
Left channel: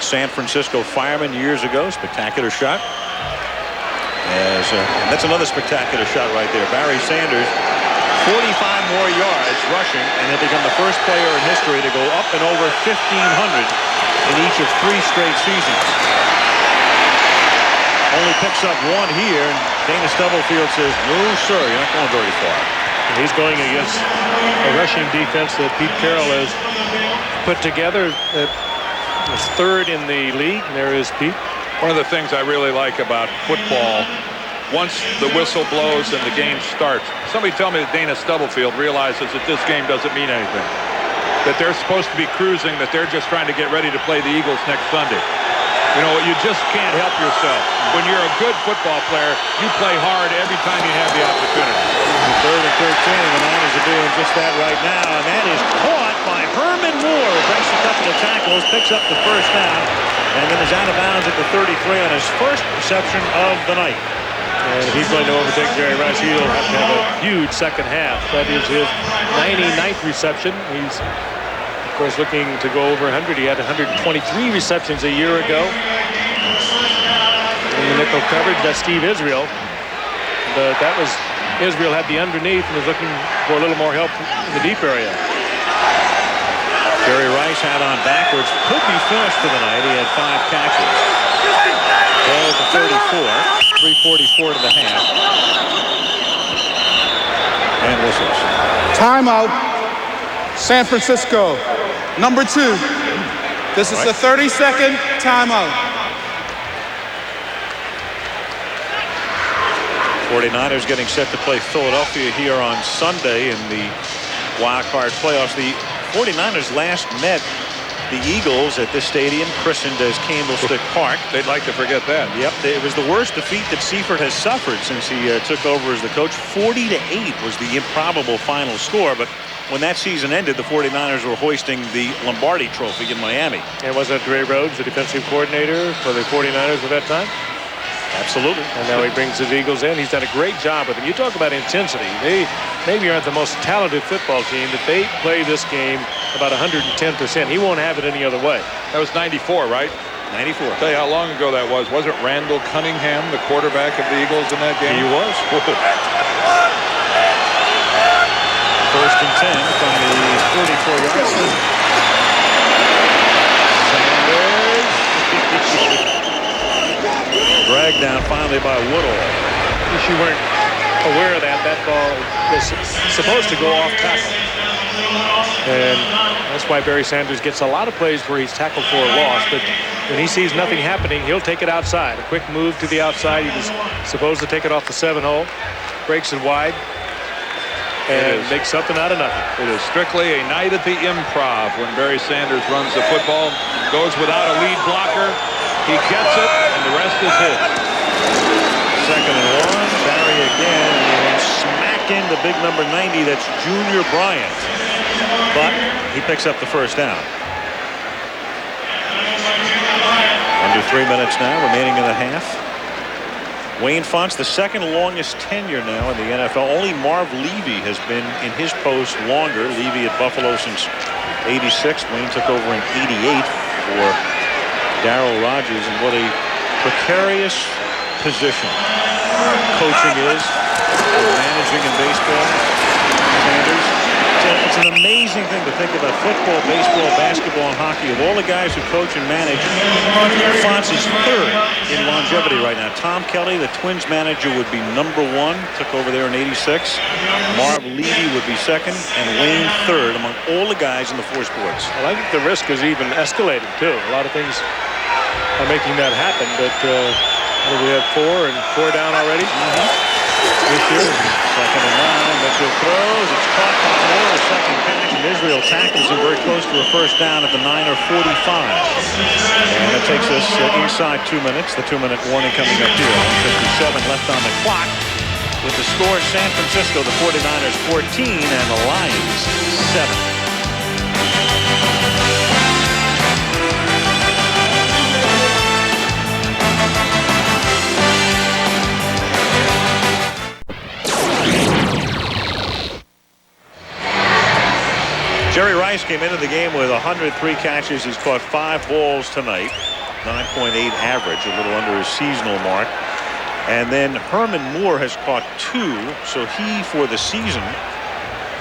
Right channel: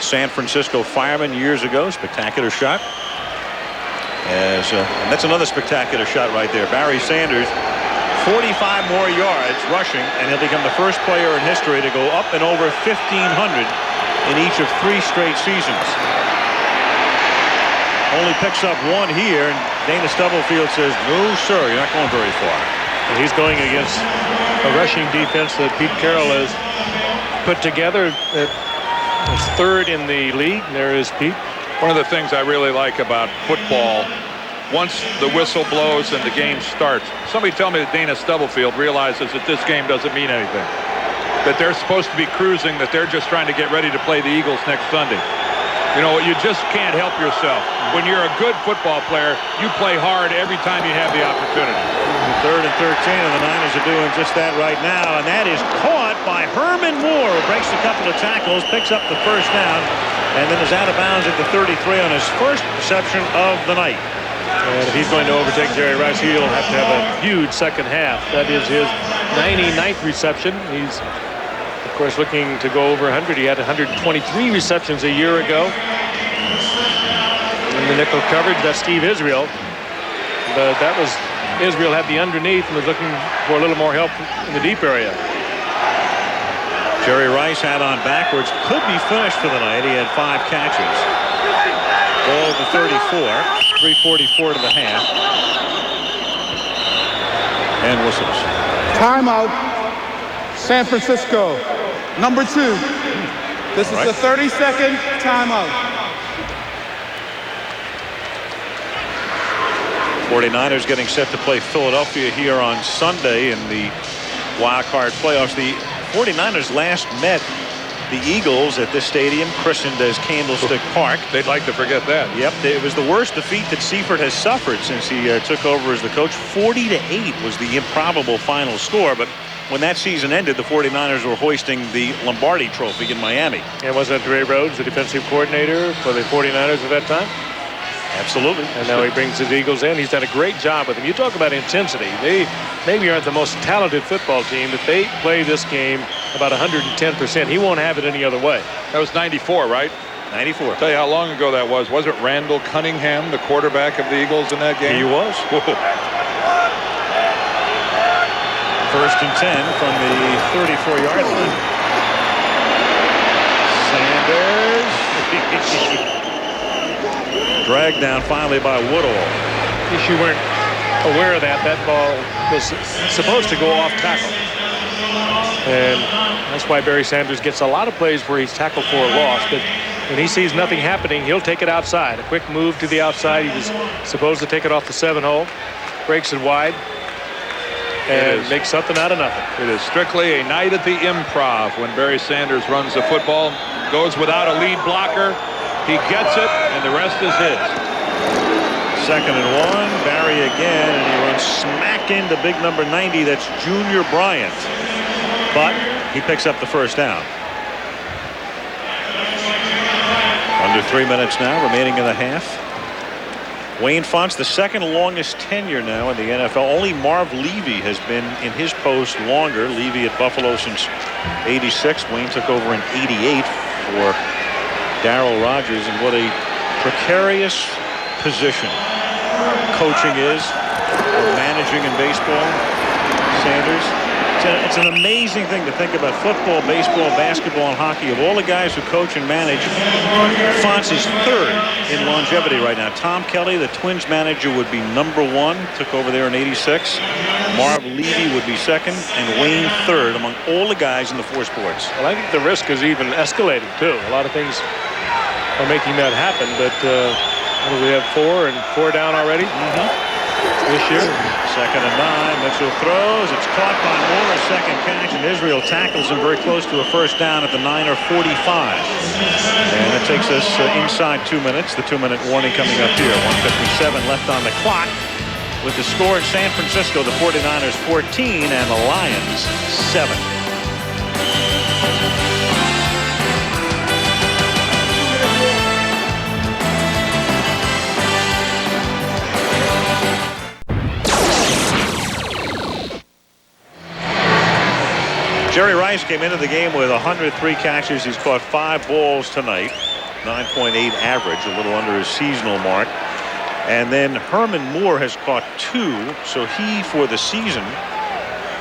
San Francisco firemen years ago. Spectacular shot. And that's another spectacular shot right there. Barry Sanders, 45 more yards rushing, and he'll become the first player in history to go up and over 1,500 in each of 3 straight seasons. Only picks up 1 here, and Dana Stubblefield says, no, sir, you're not going very far. And he's going against a rushing defense that Pete Carroll has put together. It's 3rd in the league. And there is Pete. One of the things I really like about football, once the whistle blows and the game starts, somebody tell me that Dana Stubblefield realizes that this game doesn't mean anything. That they're supposed to be cruising, that they're just trying to get ready to play the Eagles next Sunday. You know, you just can't help yourself. When you're a good football player, you play hard every time you have the opportunity. 3rd and 13, and the Niners are doing just that right now, and that is caught by Herman Moore, who breaks a couple of tackles, picks up the first down, and then is out of bounds at the 33 on his first reception of the night. And if he's going to overtake Jerry Rice, he'll have to have a huge second half. That is his 99th reception. He's, of course, looking to go over 100. He had 123 receptions a year ago. In the nickel coverage, that's Steve Israel. But that was Israel had the underneath and was looking for a little more help in the deep area. Jerry Rice had on backwards. Could be finished for the night. He had 5 catches. Ball at the 34. 3:44 to the half. And whistles. Timeout. San Francisco. Number 2. This is the 30-second timeout. 49ers getting set to play Philadelphia here on Sunday in the wild card playoffs. The 49ers last met the Eagles at this stadium, christened as Candlestick Park. They'd like to forget that. Yep, it was the worst defeat that Seifert has suffered since he took over as the coach. 40-8 was the improbable final score, but when that season ended, the 49ers were hoisting the Lombardi Trophy in Miami. And wasn't Ray Rhodes the defensive coordinator for the 49ers at that time? Absolutely. And now he brings his Eagles in. He's done a great job with them. You talk about intensity. They maybe aren't the most talented football team, but they play this game about 110%. He won't have it any other way. That was 94, right? 94. I'll tell you how long ago that was. Wasn't Randall Cunningham the quarterback of the Eagles in that game? He was. First and 10 from the 34-yard line. Sanders. Dragged down finally by Woodall. In case you weren't aware of that, that ball was supposed to go off tackle. And that's why Barry Sanders gets a lot of plays where he's tackled for a loss. But when he sees nothing happening, he'll take it outside. A quick move to the outside. He was supposed to take it off the 7-hole. Breaks it wide. And makes something out of nothing. It is strictly a night at the Improv when Barry Sanders runs the football. Goes without a lead blocker. He gets it, and the rest is his. 2nd and 1. Barry again, and he runs smack into big number 90. That's Junior Bryant. But he picks up the first down. Under 3 minutes now, remaining in the half. Wayne Fontes, the second longest tenure now in the NFL. Only Marv Levy has been in his post longer. Levy at Buffalo since '86. Wayne took over in '88 for Darryl Rogers, and what a precarious position coaching is, or managing in baseball. Sanders, it's an amazing thing to think about. Football, baseball, basketball, and hockey. Of all the guys who coach and manage, Fontes is 3rd in longevity right now. Tom Kelly, the Twins manager, would be number 1. Took over there in '86. Marv Levy would be 2nd, and Wayne 3rd among all the guys in the 4 sports. Well, I think the risk is even escalating, too. A lot of things are making that happen, but what do we have, 4 down already this year? 2nd and 9. Mitchell throws. It's caught by Moore, a second catch, and Israel tackles him very close to a first down at the 9:45. And that takes us inside 2 minutes. The 2-minute warning coming up here. 1:57 left on the clock. With the score in San Francisco, the 49ers 14 and the Lions 7. Jerry Rice came into the game with 103 catches. He's caught 5 balls tonight. 9.8 average, a little under his seasonal mark. And then Herman Moore has caught 2. So he, for the season,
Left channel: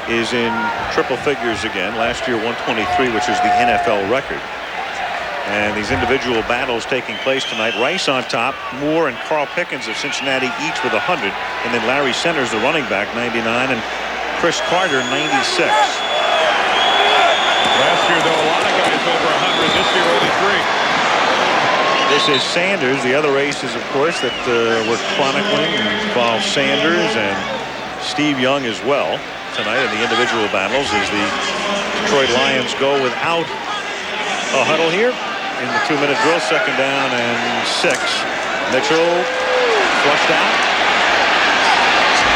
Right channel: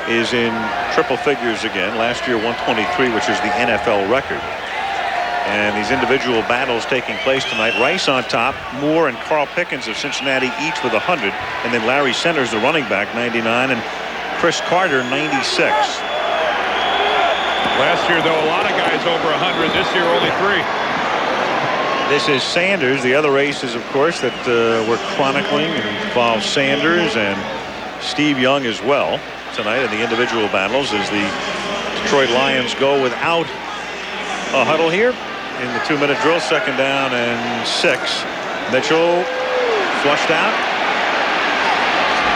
is in triple figures again. Last year, 123, which is the NFL record. And these individual battles taking place tonight. Rice on top. Moore and Carl Pickens of Cincinnati each with 100. And then Larry Centers, the running back, 99. And Chris Carter, 96. Last year, though, a lot of guys over 100. This year, only 3. This is Sanders. The other races, of course, that we're chronicling involve Sanders and Steve Young as well tonight in the individual battles as the Detroit Lions go without a huddle here in the 2-minute drill. 2nd down and 6. Mitchell flushed out.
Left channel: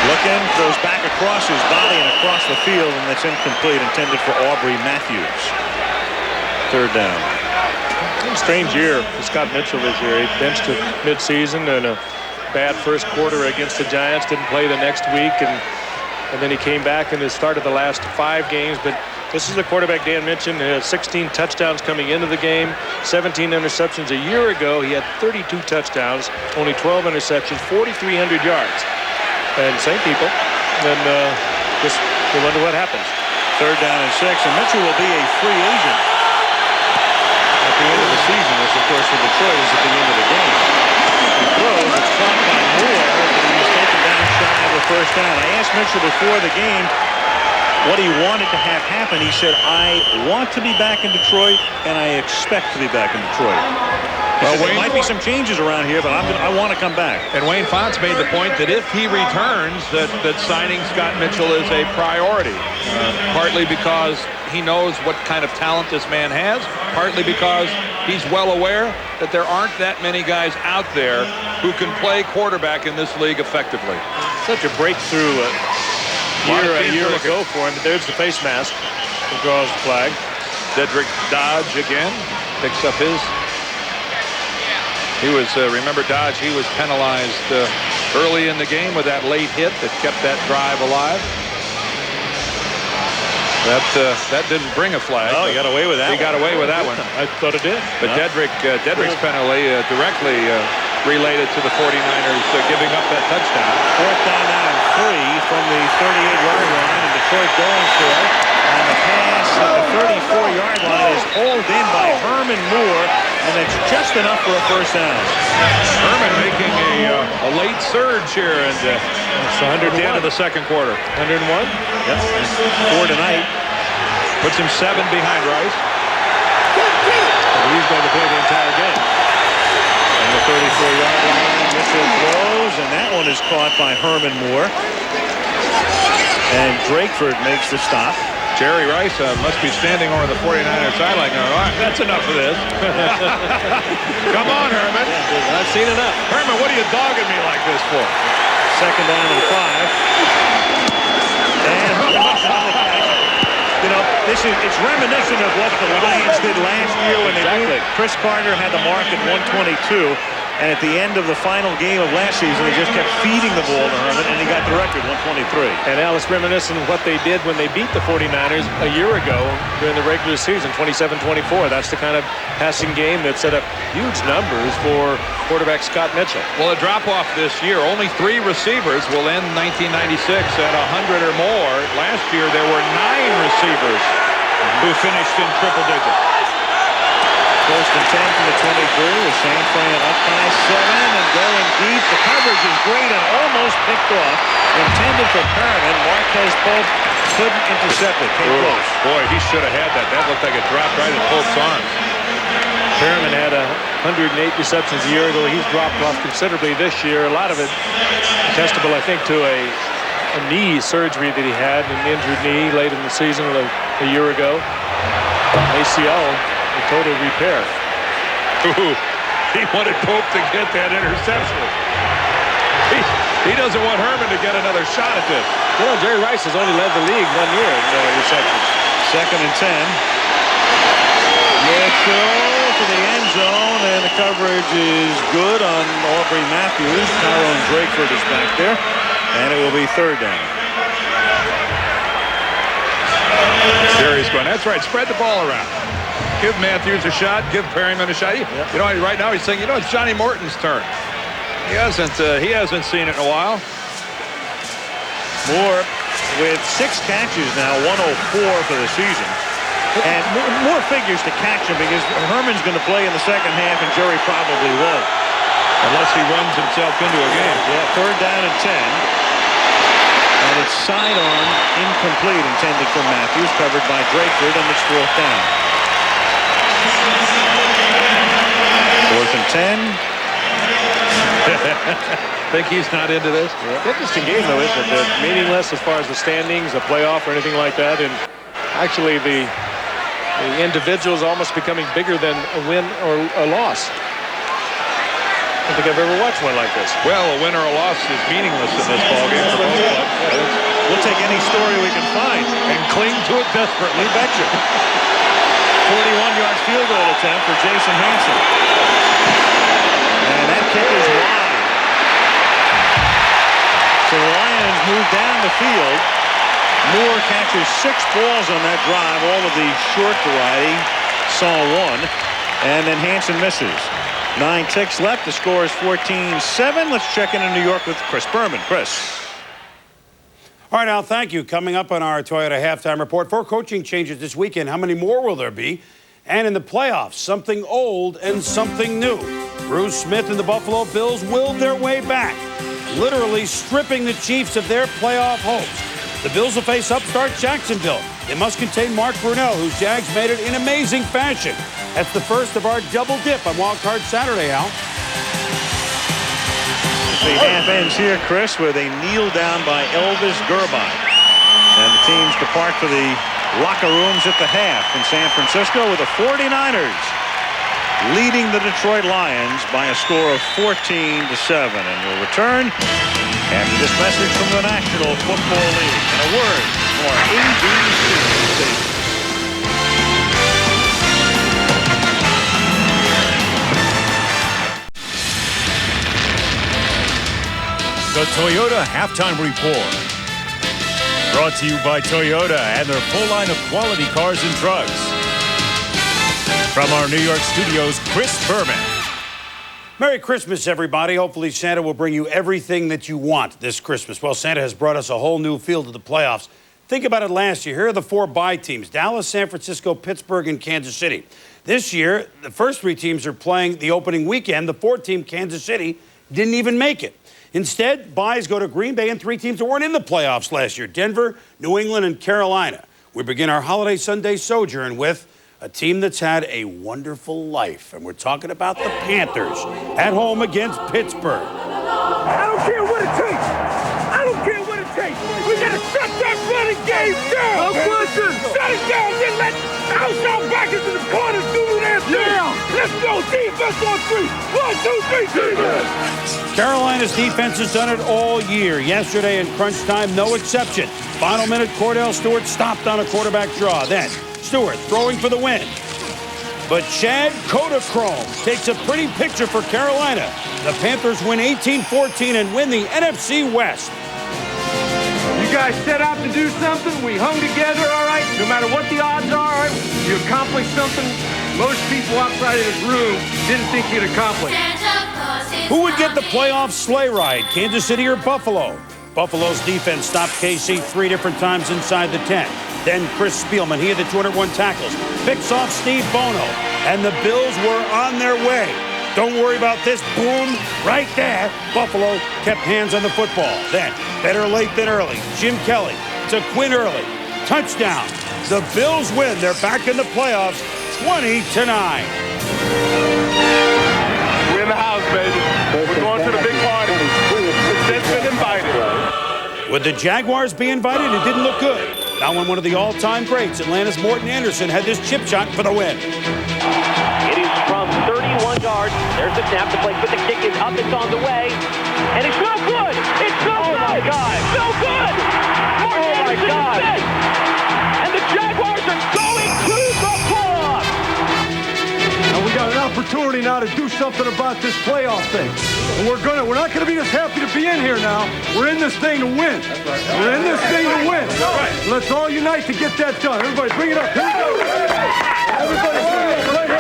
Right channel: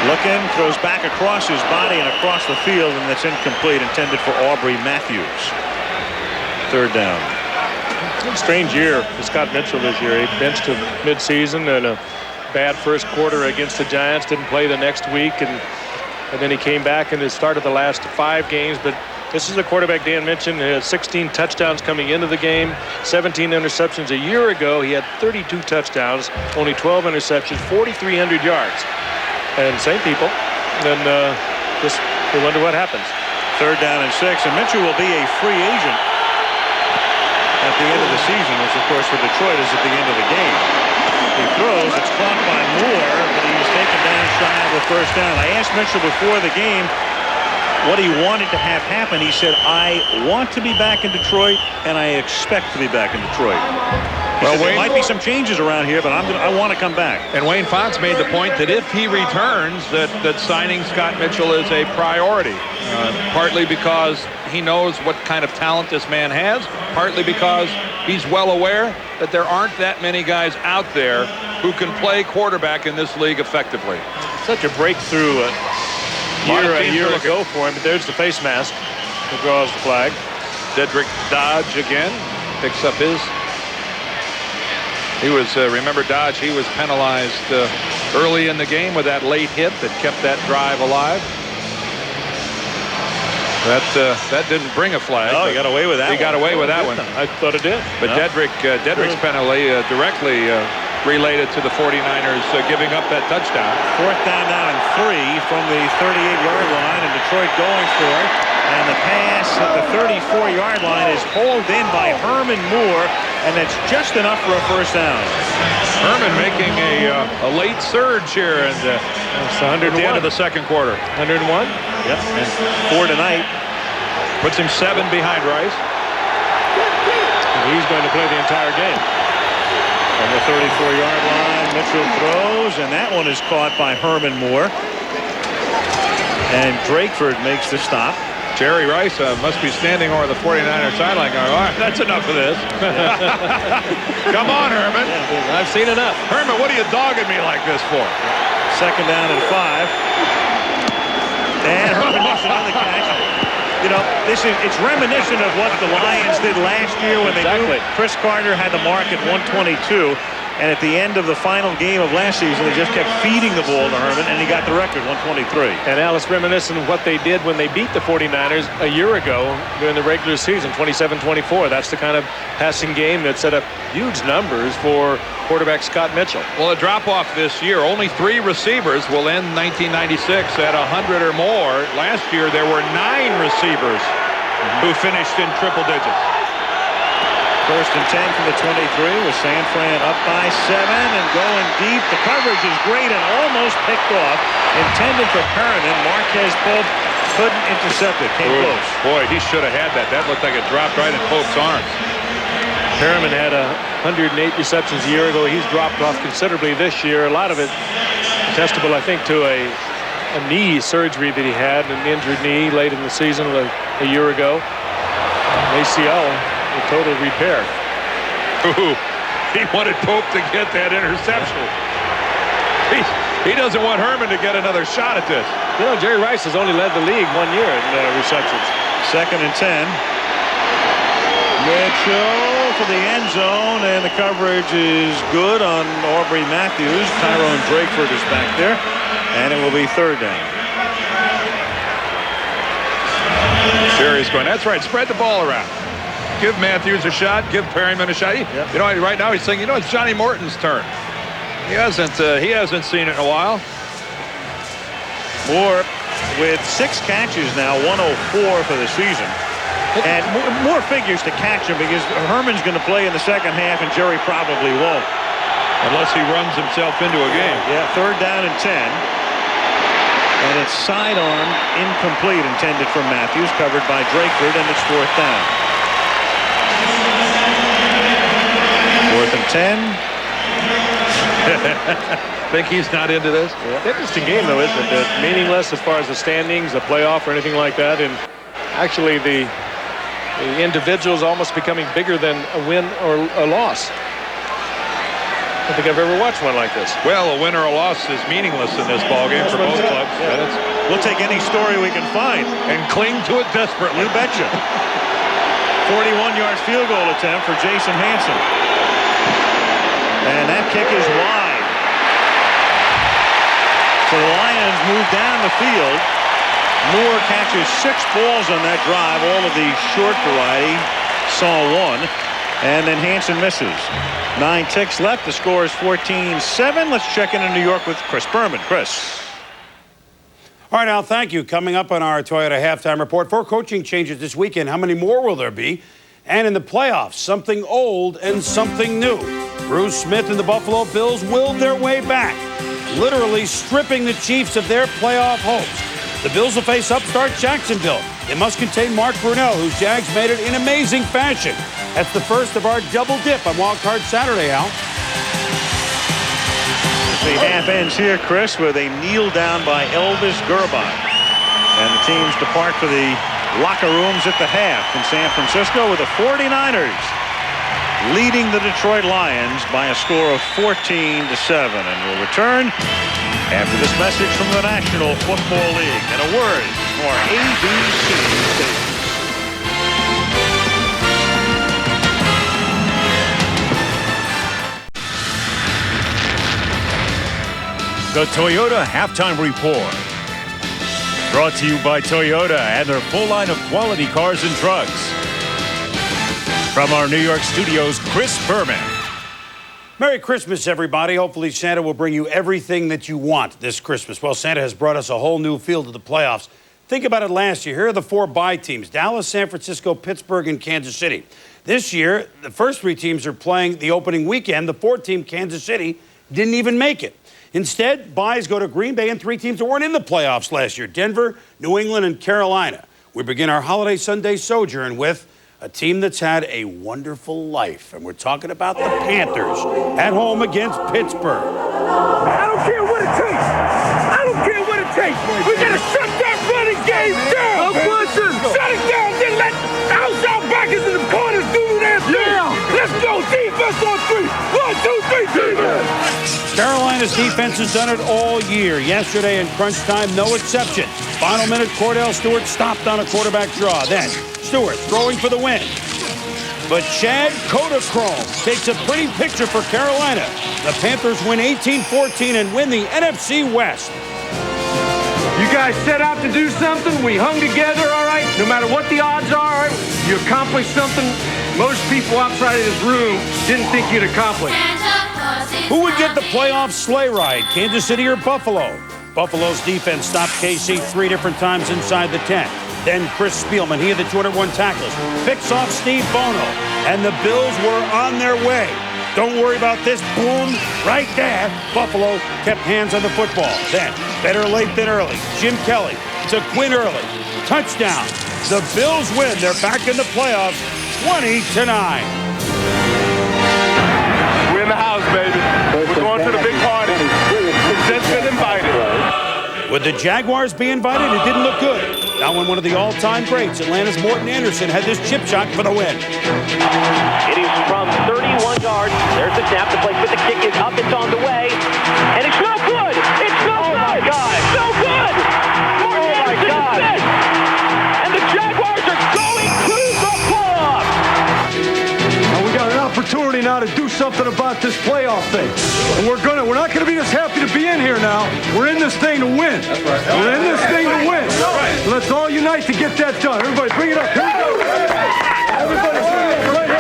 Looking, throws back across his body and across the field, and that's incomplete, intended for Aubrey Matthews. 3rd down. Strange year for Scott Mitchell this year. He benched him midseason and a bad first quarter against the Giants. Didn't play the next week, and then he came back and has started the last 5 games. But This is the quarterback Dan mentioned. Has 16 touchdowns coming into the game, 17 interceptions. A year ago, he had 32 touchdowns, only 12 interceptions, 4,300 yards. And same people. And just you wonder what happens. 3rd down and 6. And Mitchell will be a free agent at the end of the season, which, of course, for Detroit is at the end of the game. He throws. It's caught by Moore, but he's taken down shy of the 1st down. I asked Mitchell before the game what he wanted to have happen. He said, I want to be back in Detroit, and I expect to be back in Detroit. He said, there might be some changes around here, but I want to come back. And Wayne Fontes made the point that if he returns, that signing Scott Mitchell is a priority. Partly because he knows what kind of talent this man has, partly because he's well aware that there aren't that many guys out there who can play quarterback in this league effectively. Such a breakthrough a year ago for him, but there's the face mask that draws the flag. Dedrick Dodge again picks up his. He was, remember Dodge, he was penalized early in the game with that late hit that kept that drive alive. That didn't bring a flag. Oh, he got away with that. He got away with that one. I thought it did. But no. Dedrick's penalty directly related to the 49ers giving up that touchdown. 4th down now and 3 from the 38-yard line, and Detroit going for it. And the pass at the 34-yard line is hauled in by Herman Moore, and that's just enough for a 1st down. Herman making a late surge here, and that's 101 at the end of the 2nd quarter. 101. Yep, and 4 tonight. Puts him 7 behind Rice. And he's going to play the entire game. From the 34-yard line, Mitchell throws, and that one is caught by Herman Moore. And Drakeford makes the stop. Jerry Rice must be standing over the 49er sideline going, all right, that's enough of this. Come on, Herman. Yeah, I've seen enough. Herman, what are you dogging me like this for? 2nd down and 5. And Herman makes another catch. You know, it's reminiscent of what the Lions did last year when they knew Chris Carter had the mark at 122. And at the end of the final game of last season, they just kept feeding the ball to Herman, and he got the record, 123. And Alice, reminiscent of what they did when they beat the 49ers a year ago during the regular season, 27-24. That's the kind of passing game that set up huge numbers for quarterback Scott Mitchell. Well, a drop-off this year. Only 3 receivers will end 1996 at 100 or more. Last year, there were 9 receivers who finished in triple digits. 1st and 10 from the 23 with San Fran up by 7 and going deep. The coverage is great and almost picked off. Intended for Perriman. Marquez Pope couldn't intercept it. Came close. Boy, he should have had that. That looked like it dropped right in Pope's arms. Perriman had 108 receptions a year ago. He's dropped off considerably this year. A lot of it attestable, I think, to a knee surgery that he had, an injured knee late in the season a year ago. An ACL. A total repair. Ooh, he wanted Pope to get that interception. He doesn't want Herman to get another shot at this. You know, Jerry Rice has only led the league 1 year in receptions. 2nd and 10. Mitchell for the end zone, and the coverage is good on Aubrey Matthews. Tyrone Drakeford is back there, and it will be 3rd down. Jerry's going, that's right, spread the ball around. Give Matthews a shot. Give Perriman a shot. Yep. You know, right now he's saying, you know, it's Johnny Morton's turn. He hasn't seen it in a while. Moore with 6 catches now, 104 for the season. And more figures to catch him because Herman's going to play in the 2nd half and Jerry probably won't. Unless he runs himself into a game. Yeah, 3rd down and 10. And it's sidearm incomplete, intended for Matthews, covered by Drakeford, and it's 4th down. 4th and 10. Think he's not into this? Yeah. Interesting game, though, isn't it? That meaningless as far as the standings, a playoff, or anything like that. And actually, the individual's almost becoming bigger than a win or a loss. I don't think I've ever watched one like this. Well, a win or a loss is meaningless in this ballgame for both clubs. Yeah. We'll take any story we can find. And cling to it desperately. You betcha. 41-yard field goal attempt for Jason Hansen. And that kick is wide. So the Lions move down the field. Moore catches 6 balls on that drive, all of the short variety. Saw 1, and then Hansen misses. 9 ticks left. The score is 14-7. Let's check into New York with Chris Berman. Chris. All right, Al, thank you. Coming up on our Toyota halftime report, 4 coaching changes this weekend. How many more will there be? And in the playoffs, something old and something new. Bruce Smith and the Buffalo Bills willed their way back, literally stripping the Chiefs of their playoff hopes. The Bills will face upstart Jacksonville. They must contain Mark Brunell, whose Jags made it in amazing fashion. That's the first of our double dip on Wild Card Saturday, Al. The half ends here, Chris, with a kneel down by Elvis Gerbach. And the teams depart for the locker rooms at the half in San Francisco, with the 49ers leading the Detroit Lions by a score of 14-7. And we'll return after this message from the National Football League and a word from our ABC stations. The Toyota Halftime Report. Brought to you by Toyota and their full line of quality cars and trucks. From our New York studios, Chris Berman. Merry Christmas, everybody. Hopefully Santa will bring you everything that you want this Christmas. Well, Santa has brought us a whole new feel to the playoffs. Think about it last year. Here are the 4 bye teams: Dallas, San Francisco, Pittsburgh, and Kansas City. This year, the first 3 teams are playing the opening weekend. The 4th team, Kansas City, didn't even make it. Instead, byes go to Green Bay and 3 teams that weren't in the playoffs last year: Denver, New England, and Carolina. We begin our holiday Sunday sojourn with a team that's had a wonderful life, and we're talking about the Panthers at home against Pittsburgh. I don't care what it takes. I don't care what it takes. We gotta shut that running game down. No question. Shut it down. Then let outside backers in the corners do their thing. Yeah. Let's go. Defense on 3. 1, 2, 3. Defense. Carolina's defense has done it all year. Yesterday in crunch time, no exception. Final minute, Cordell Stewart stopped on a quarterback draw. Then Stewart throwing for the win. But Chad Kodachrome takes a pretty picture for Carolina. The Panthers win 18-14 and win the NFC West. You guys set out to do something. We hung together, all right? No matter what the odds are, all right? You accomplished something most people outside of this room didn't think you'd accomplish. Who would get the playoff sleigh ride, Kansas City or Buffalo? Buffalo's defense stopped KC 3 different times inside the 10. Then Chris Spielman, he had the 201 tackles, picks off Steve Bono, and the Bills were on their way. Don't worry about this. Boom, right there. Buffalo kept hands on the football. Then, better late than early, Jim Kelly to Quinn Early. Touchdown. The Bills win. They're back in the playoffs, 20-9. We're in the house, baby. We're going to the big party. It's just been invited. Would the Jaguars be invited? It didn't look good. Now when one of the all-time greats, Atlanta's Morton Anderson, had this chip shot for the win. It is from 31 yards. There's the snap. The placement. The kick is up. It's on the way. And it's no good. It's no good. My God. It's no good. Morton Anderson is dead. And the Jaguars are going to the playoffs. Now we got an opportunity now to do something about this playoff thing. And we're not gonna be just happy to be in here now. We're in this thing to win. That's right. We're in this thing to win. That's right. Let's all unite to get that done. Everybody bring it up. Here we go. Everybody bring it up right here.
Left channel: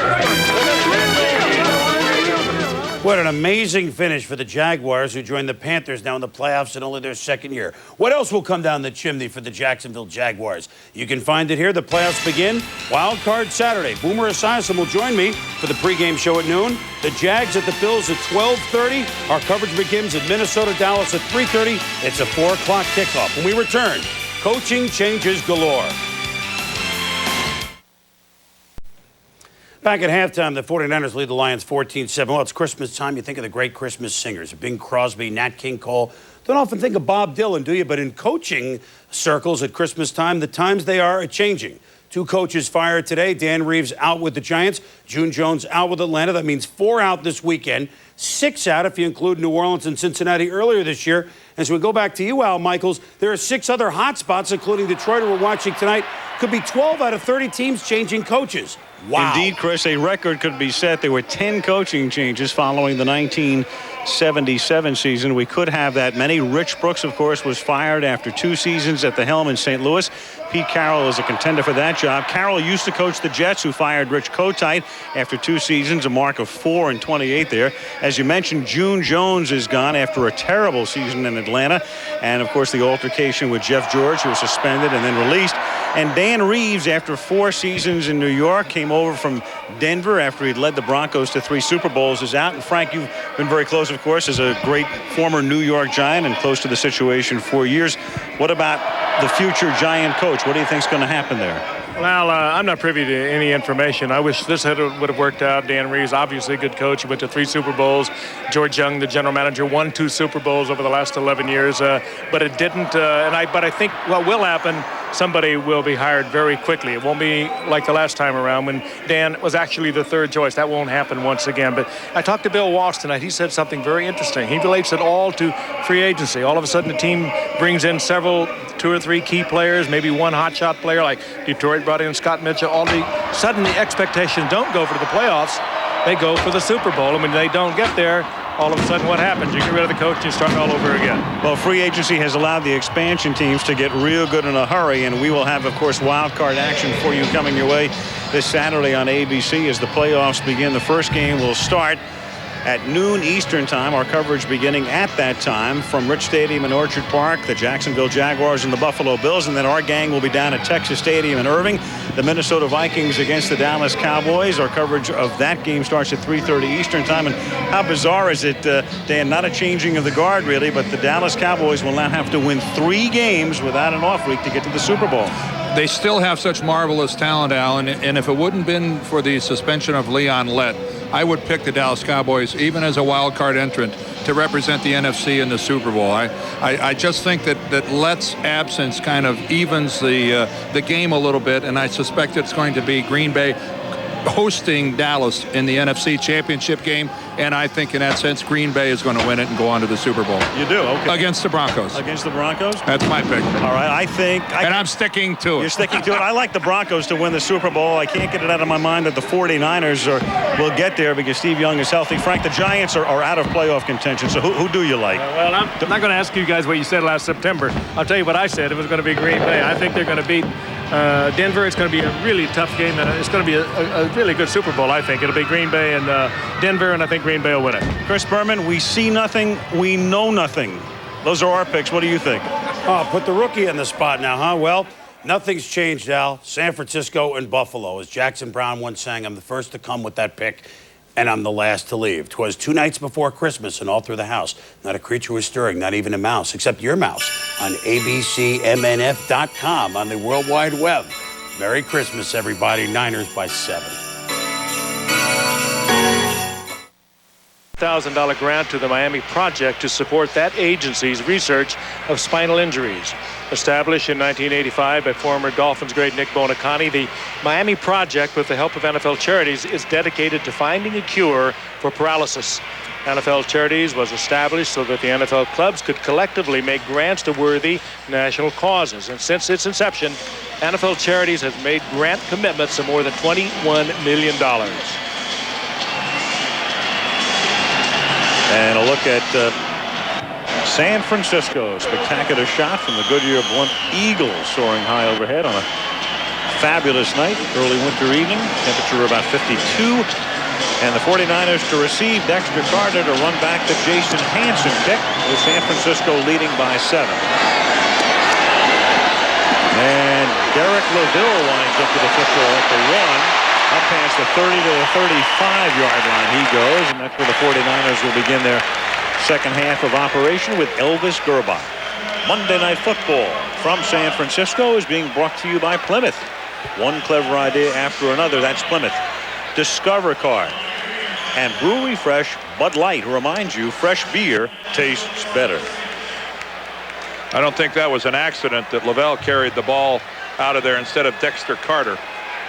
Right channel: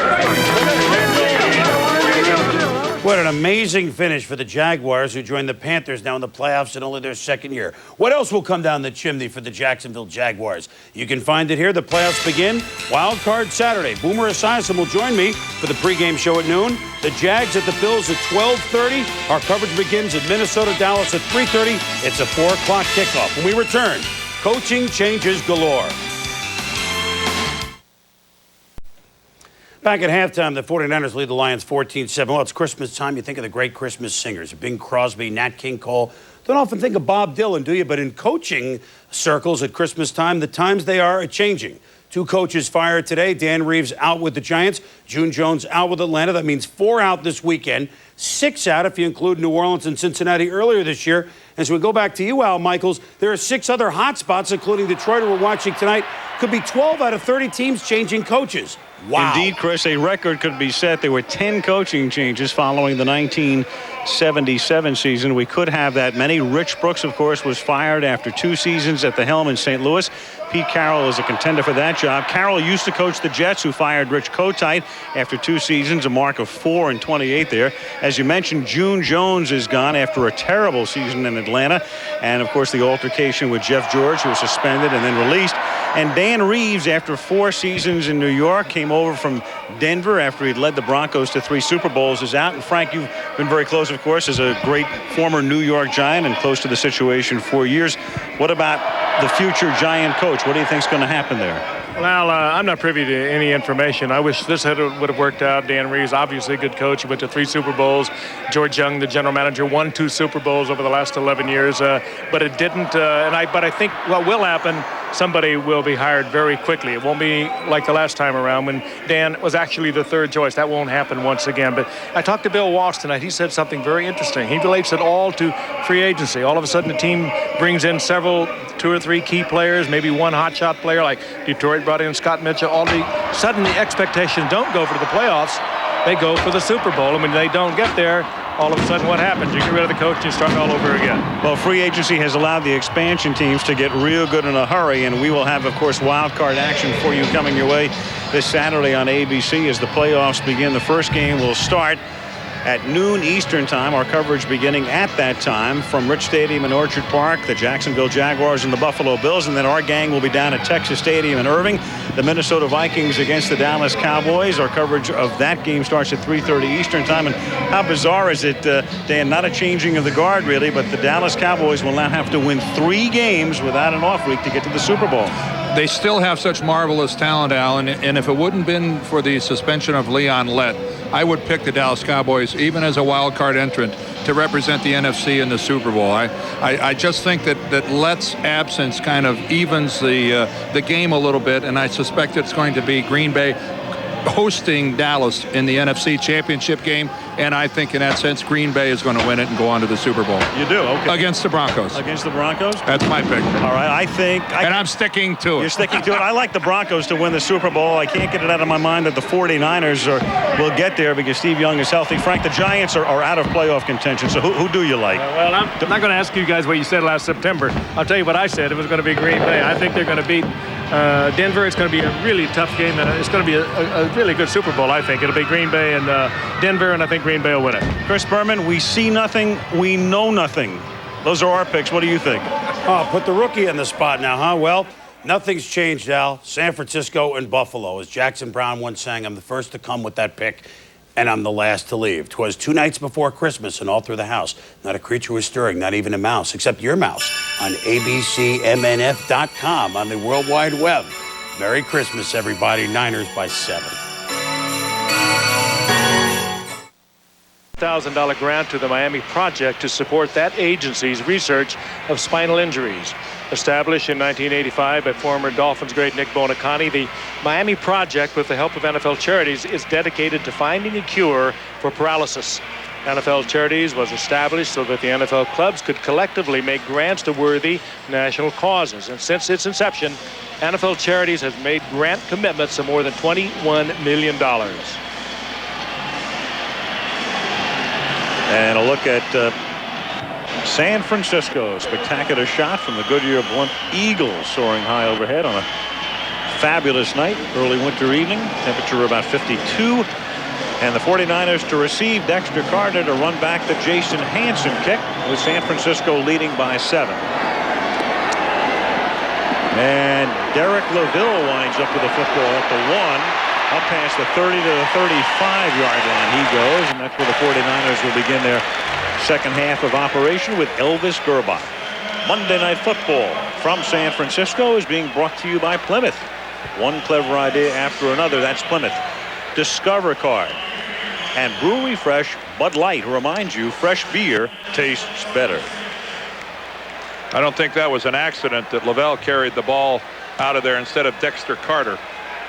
What an amazing finish for the Jaguars, who joined the Panthers now in the playoffs in only their 2nd year. What else will come down the chimney for the Jacksonville Jaguars? You can find it here. The playoffs begin Wild Card Saturday. Boomer Esiason will join me for the pregame show at noon. The Jags at the Bills at 12:30. Our coverage begins at Minnesota, Dallas at 3:30. It's a 4 o'clock kickoff. When we return, coaching changes galore. Back at halftime, the 49ers lead the Lions 14-7. Well, it's Christmas time. You think of the great Christmas singers, Bing Crosby, Nat King Cole. Don't often think of Bob Dylan, do you? But in coaching circles at Christmas time, the times they are changing. 2 coaches fired today. Dan Reeves out with the Giants. June Jones out with Atlanta. That means 4 out this weekend. 6 out if you include New Orleans and Cincinnati earlier this year. As we go back to you, Al Michaels, there are 6 other hot spots, including Detroit, who we're watching tonight. Could be 12 out of 30 teams changing coaches. Wow. Indeed, Chris, a record could be set. There were 10 coaching changes following the 77 season. We could have that many. Rich Brooks, of course, was fired after 2 seasons at the helm in St. Louis. Pete Carroll is a contender for that job. Carroll used to coach the Jets, who fired Rich Kotite after 2 seasons, a mark of 4-28 there. As you mentioned, June Jones is gone after a terrible season in Atlanta. And, of course, the altercation with Jeff George, who was suspended and then released. And Dan Reeves, after 4 seasons in New York, came over from Denver after he'd led the Broncos to 3 Super Bowls, is out. And, Frank, you've been very close, of course, as a great former New York Giant and close to the situation for years. What about the future Giant coach? What do you think is going to happen there? Well, I'm not privy to any information. I wish this would have worked out. Dan Reeves, obviously a good coach. He went to 3 Super Bowls. George Young, the general manager, won 2 Super Bowls over the last 11 years. But it didn't. But I think what will happen, somebody will be hired very quickly. It won't be like the last time around when Dan was actually the 3rd choice. That won't happen once again. But I talked to Bill Walsh tonight. He said something very interesting. He relates it all to free agency. All of a sudden, the team brings in 2 or 3 key players, maybe one hotshot player like Detroit brought in Scott Mitchell. All of a sudden, the expectations don't go for the playoffs. They go for the Super Bowl. And when they don't get there, all of a sudden what happens? You get rid of the coach and you start all over again. Well, free agency has allowed the expansion teams to get real good in a hurry, and we will have, of course, wild card action for you coming your way this Saturday on ABC as the playoffs begin. The first game will start at noon Eastern time. Our coverage beginning at that time from Rich Stadium in Orchard Park, the Jacksonville Jaguars and the Buffalo Bills. And then our gang will be down at Texas Stadium in Irving, the Minnesota Vikings against the Dallas Cowboys. Our coverage of that game starts at 3:30 Eastern time. And how bizarre is it, Dan? Not a changing of the guard, really, but the Dallas Cowboys will now have to win 3 games without an off week to get to the Super Bowl. They still have such marvelous talent, Alan, and if it wouldn't been for the suspension of Leon Lett, I would pick the Dallas Cowboys, even as a wild card entrant, to represent the NFC in the Super Bowl. I just think that Lett's absence kind of evens the game a little bit, and I suspect it's going to be Green Bay hosting Dallas in the NFC Championship game, and I think in that sense Green Bay is going to win it and go on to the Super Bowl. You do? Okay. Against the Broncos. Against the Broncos? That's my pick. All right, I think... And I'm sticking to it. You're sticking to it. I like the Broncos to win the Super Bowl. I can't get it out of my mind that the 49ers will get there because Steve Young is healthy. Frank, the Giants are out of playoff contention, so who do you like? Well, I'm not going to ask you guys what you said last September. I'll tell you what I said. It was going to be Green Bay. I think they're going to beat Denver. It's going to be a really tough game, and it's going to be a really good Super Bowl, I think. It'll be Green Bay and Denver, and I think Green Bay will win it. Chris Berman, we see nothing, we know nothing. Those are our picks. What do you think? Oh, put the rookie in the spot now, huh? Well, nothing's changed, Al. San Francisco and Buffalo. As Jackson Brown once sang, I'm the first to come with that pick, and I'm the last to leave. 'Twas 2 nights before Christmas, and all through the house, not a creature was stirring, not even a mouse, except your mouse, on abcmnf.com, on the World Wide Web. Merry Christmas, everybody. Niners by 7. $1,000 grant to the Miami Project to support that agency's research of spinal injuries. Established in 1985 by former Dolphins great Nick Bonacani, the Miami Project, with the help of NFL Charities, is dedicated to finding a cure for paralysis. NFL Charities was established so that the NFL clubs could collectively make grants to worthy national causes. And since its inception, NFL Charities has made grant commitments of more than $21 million. And a look at San Francisco. Spectacular shot from the Goodyear Blunt Eagles, soaring high overhead on a fabulous night, early winter evening. Temperature about 52. And the 49ers to receive Dexter Carter to run back the Jason Hanson kick, with San Francisco leading by 7. And Derek LaVille winds up with the football at the 1. Up past the 30 to the 35-yard line he goes, and that's where the 49ers will begin their second half of operation with Elvis Gerbach. Monday Night Football from San Francisco is being brought to you by Plymouth. One clever idea after another. That's Plymouth. Discover Card and Brewery Fresh Bud Light reminds you fresh beer tastes better. I don't think that was an accident that Lavelle carried the ball out of there instead of Dexter Carter.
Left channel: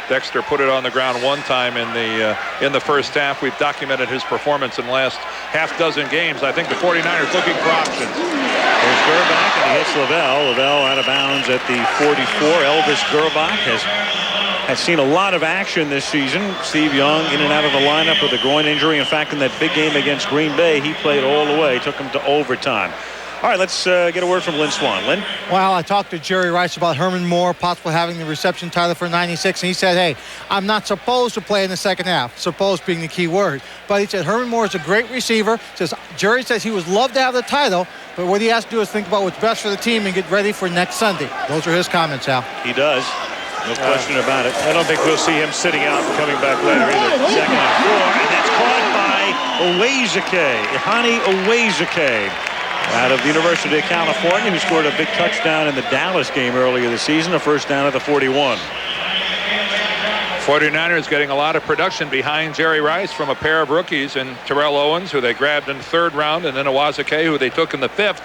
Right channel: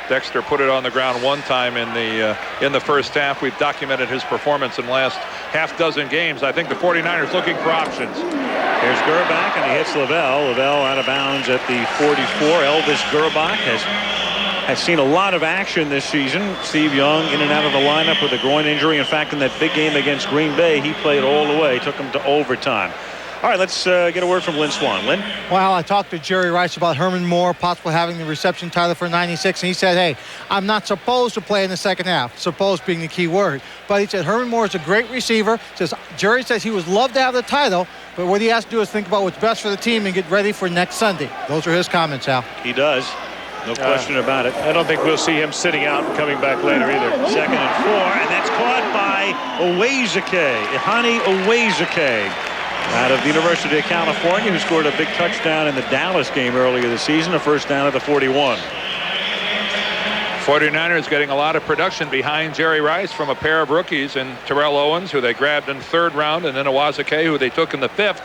Dexter put it on the ground one time in the first half. We've documented his performance in the last half-dozen games. I think the 49ers looking for options. Here's Gerbach, and he hits Lavelle. Lavelle out of bounds at the 44. Elvis Gerbach has has seen a lot of action this season. Steve Young in and out of the lineup with a groin injury. In fact, in that big game against Green Bay, he played all the way, took him to overtime. All right, let's get a word from Lynn Swann. Lynn? Well, I talked to Jerry Rice about Herman Moore possibly having the reception title for 96, and he said, hey, I'm not supposed to play in the second half, supposed being the key word. But he said Herman Moore is a great receiver. Jerry says he would love to have the title, but what he has to do is think about what's best for the team and get ready for next Sunday. Those are his comments, Al. He does. No question about it. I don't think we'll see him sitting out and coming back later either. 2nd and 4, and that's caught by Ihani Owezike, out of the University of California, who scored a big touchdown in the Dallas game earlier this season, a first down at the 41. 49ers getting a lot of production behind Jerry Rice from a pair of rookies, and Terrell Owens, who they grabbed in the 3rd round, and then Owezike, who they took in the 5th.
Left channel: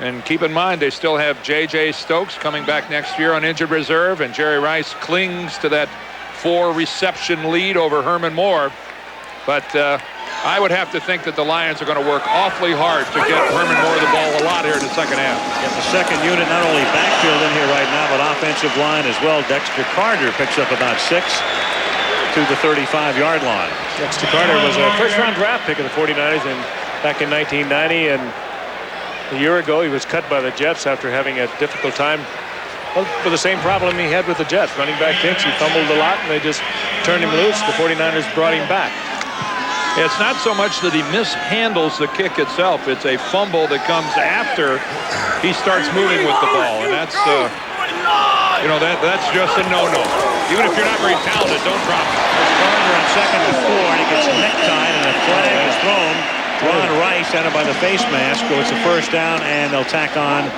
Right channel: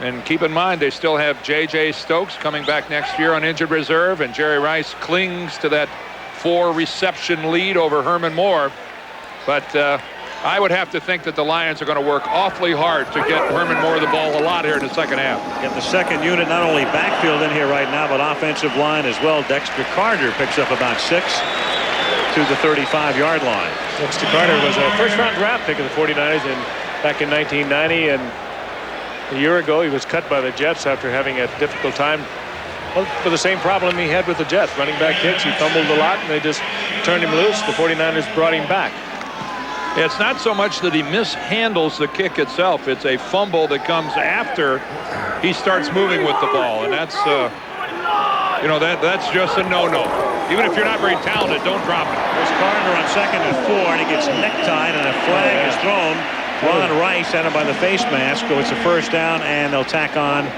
And keep in mind, they still have J.J. Stokes coming back next year on injured reserve, and Jerry Rice clings to that 4-reception lead over Herman Moore. But I would have to think that the Lions are going to work awfully hard to get Herman Moore the ball a lot here in the second half. Get the second unit, not only backfield in here right now, but offensive line as well. Dexter Carter picks up about 6 to the 35-yard line. Dexter Carter was a first-round draft pick of the 49ers back in 1990, and a year ago he was cut by the Jets after having a difficult time. Well, for the same problem he had with the Jets, running back kicks. He fumbled a lot, and they just turned him loose. The 49ers brought him back. It's not so much that he mishandles the kick itself. It's a fumble that comes after he starts moving with the ball. And that's, that's just a no-no. Even if you're not very talented, don't drop it. There's Carter on 2nd and 4, and he gets necktied, and a flag is thrown. Ron Rice out by the face mask. So it's a first down, and they'll tack on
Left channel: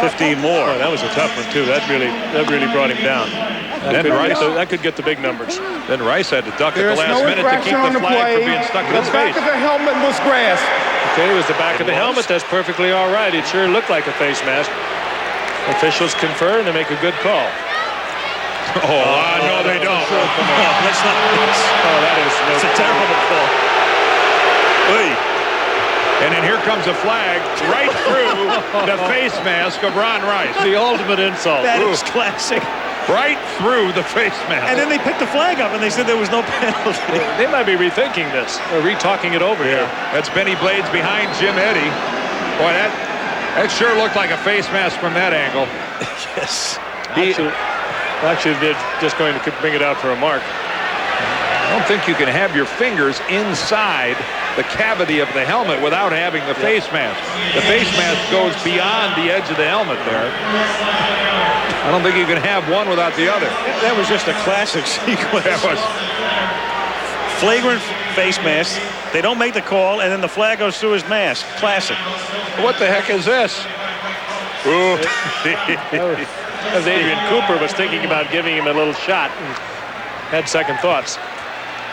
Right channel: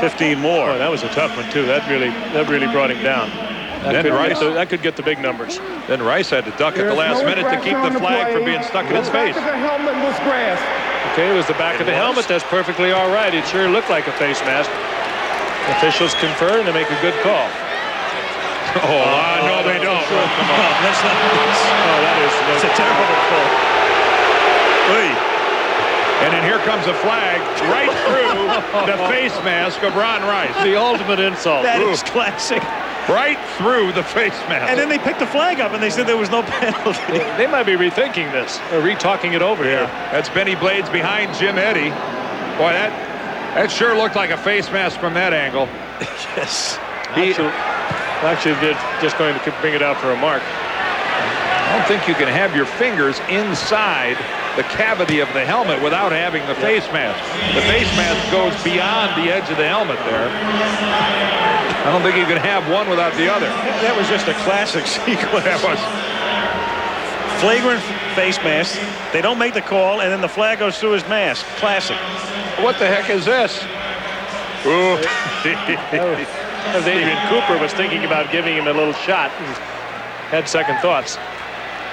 15 more. Oh, that was a tough one, too. That really brought him down. That could get the big numbers. Then Rice had to duck at the last minute to keep the flag from being stuck in his face. The helmet was grass. Okay, it was the back of the helmet. That's perfectly all right. It sure looked like a face mask. Officials confer, and they make a good call. No, they don't. Sure. Come on. No, that's not. It's a terrible call. Oy. And then here comes a flag right through the face mask of Ron Rice. The ultimate insult. That is classic. Right through the face mask. And then they picked the flag up and they said there was no penalty. They might be rethinking this or re-talking it over here. That's Benny Blades behind Jim Eddy. Boy, that sure looked like a face mask from that angle. Yes. Actually, they're just going to bring it out for a mark. I don't think you can have your fingers inside the cavity of the helmet without having the face mask. The face mask goes beyond the edge of the helmet there. I don't think you can have one without the other. That was just a classic sequence. That was flagrant face mask. They don't make the call, and then the flag goes through his mask. Classic. What the heck is this? Ooh. That was Adrian Cooper was thinking about giving him a little shot and had second thoughts.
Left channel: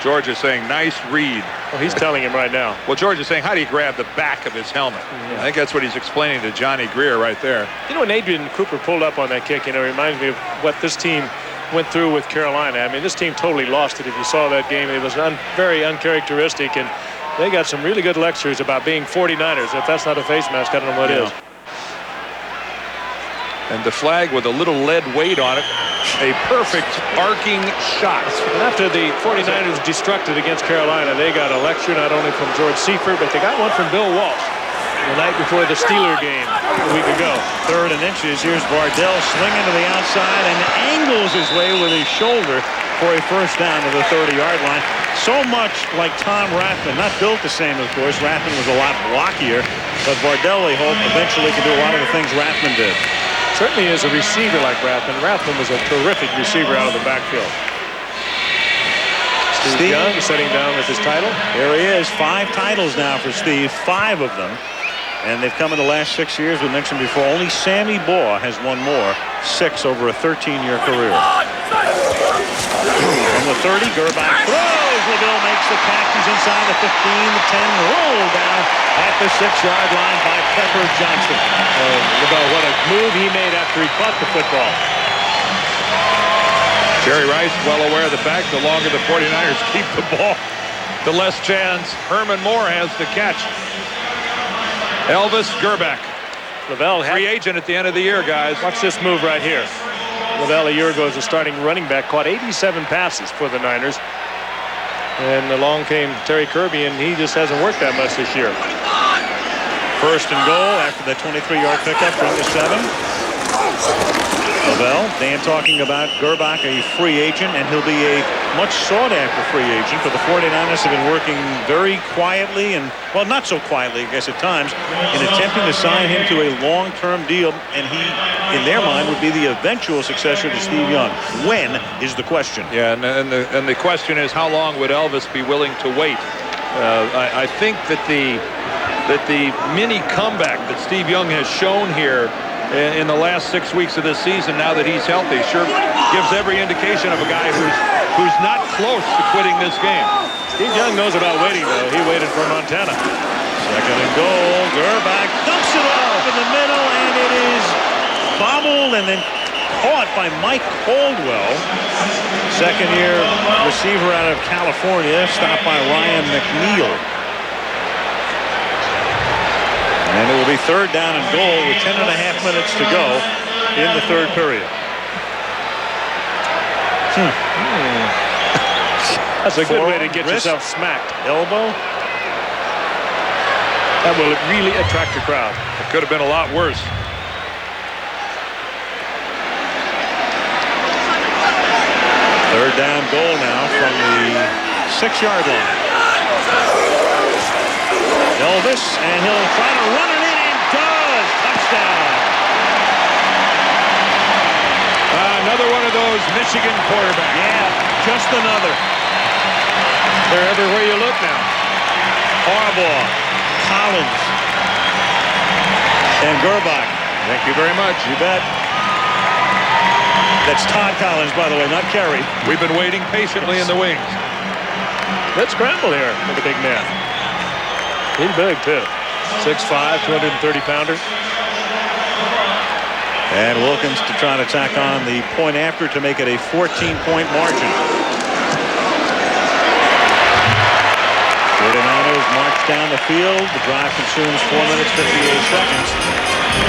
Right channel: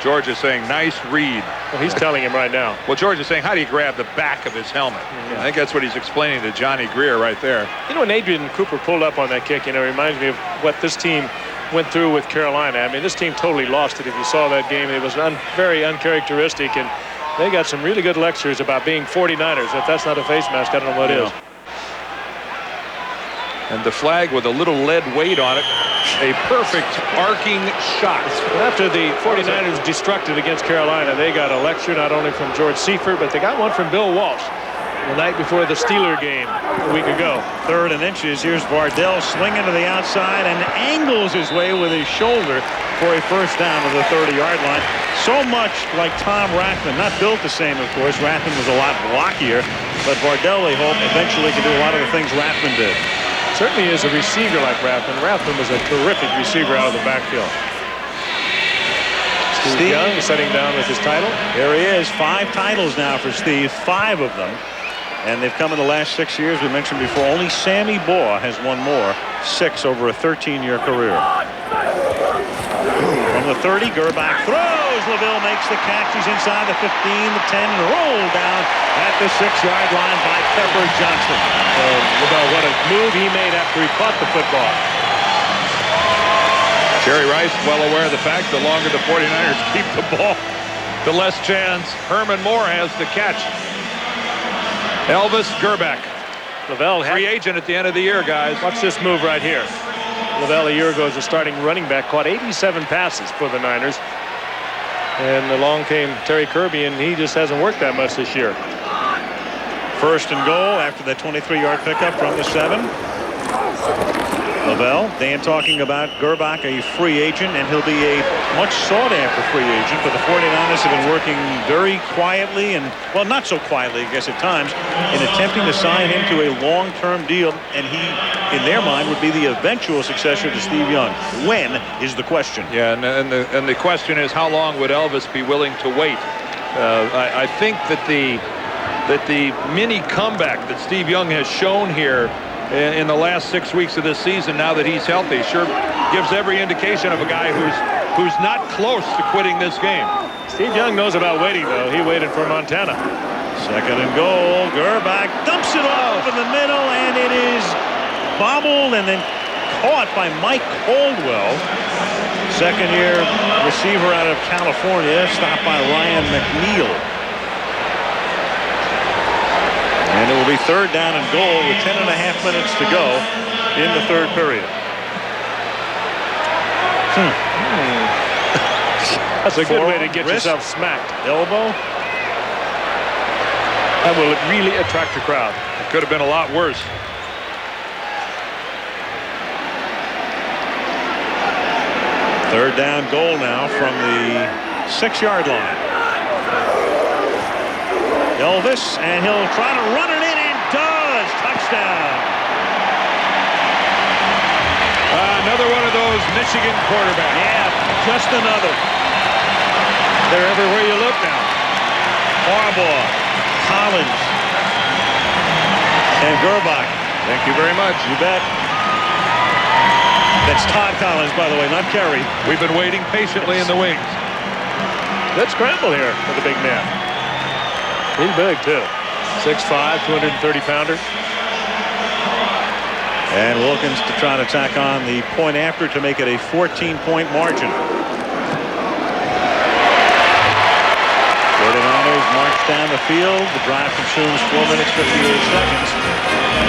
George is saying, nice read. Well, he's telling him right now. Well, George is saying, how do you grab the back of his helmet? I think that's what he's explaining to Johnny Greer right there. You know, when Adrian Cooper pulled up on that kick, it reminds me of what this team went through with Carolina. I mean, this team totally lost it. If you saw that game, it was very uncharacteristic, and they got some really good lectures about being 49ers. If that's not a face mask, I don't know what is. And the flag with a little lead weight on it. A perfect arcing shot. But after the 49ers destructed against Carolina, they got a lecture not only from George Seifert, but they got one from Bill Walsh the night before the Steeler game a week ago. 3rd and inches. Here's Vardell swinging to the outside and angles his way with his shoulder for a first down to the 30-yard line. So much like Tom Rathman. Not built the same, of course. Rathman was a lot blockier, but Vardell, they hope, eventually can do a lot of the things Rathman did. Certainly is a receiver like Rathman. Rathman was a terrific receiver out of the backfield. Steve Young sitting down with his title. There he is. 5 titles now for Steve. 5 of them. And they've come in the last 6 years. We mentioned before, only Sammy Baugh has won more. 6 over a 13-year career. From the 30, Gerbach throws. LaVille makes the catch. He's inside the 15, the 10, and rolled down at the 6-yard line by Pepper Johnson. LaVille, what a move he made after he caught the football. Jerry Rice well aware of the fact the longer the 49ers keep the ball, the less chance Herman Moore has to catch. Elvis Gerbach. LaVille free agent at the end of the year, guys. Watch this move right here. Lavelle a year ago as a starting running back, caught 87 passes for the Niners. And along came Terry Kirby, and he just hasn't worked that much this year. First and goal after the 23-yard pickup from the 7. Lavelle, Dan talking about Gerbach, a free agent, and he'll be a much sought-after free agent. But the 49ers have been working very quietly and, well, not so quietly, I guess, at times, in attempting to sign him to a long-term deal. And he, in their mind, would be the eventual successor to Steve Young. When is the question? Yeah, and the question is, how long would Elvis be willing to wait? I think that the mini comeback that Steve Young has shown here in the last 6 weeks of this season, now that he's healthy, sure gives every indication of a guy who's not close to quitting this game. Steve Young knows about waiting, though. He waited for Montana. Second and goal. Gerbach dumps it off in the middle, and it is bobbled and then caught by Mike Caldwell. Second-year receiver out of California, stopped by Ryan McNeil. And it will be third down and goal with 10.5 minutes to go in the third period. That's a good way to Forearm, get wrist, yourself smacked. Elbow. That will really attract a crowd. It could have been a lot worse. Third down goal now from the 6-yard line. Elvis, and he'll try to run it in, and does. Touchdown. Another one of those Michigan quarterbacks. Yeah, just another. They're everywhere you look now. Harbaugh, Collins, and Gerbach. Thank you very much. You bet. That's Todd Collins, by the way, not Kerry. We've been waiting patiently in the wings. Good scramble here for the big man. He's big, too. 6'5", 230-pounder. And Wilkins to try to tack on the point after to make it a 14-point margin. 49ers march down the field. The drive consumes 4 minutes, 58 seconds.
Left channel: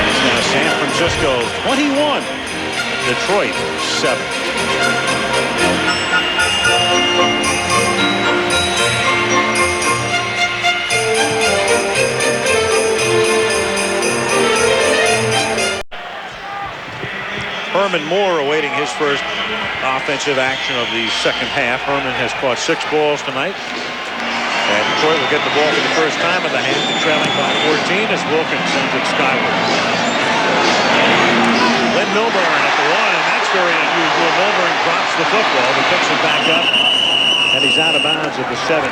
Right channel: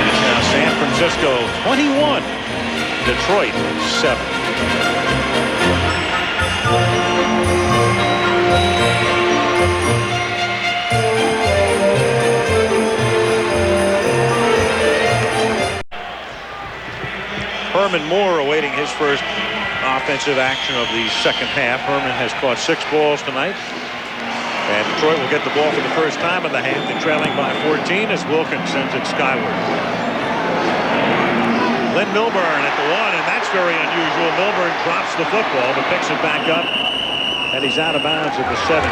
And it's now San Francisco 21, Detroit 7. Herman Moore awaiting his first offensive action of the second half. Herman has caught 6 balls tonight. And Detroit will get the ball for the first time in the half. They're trailing by 14 as Wilkins sends it skyward. Lynn Milburn at the 1, and that's very unusual. Milburn drops the football but picks it back up, and he's out of bounds at the 17.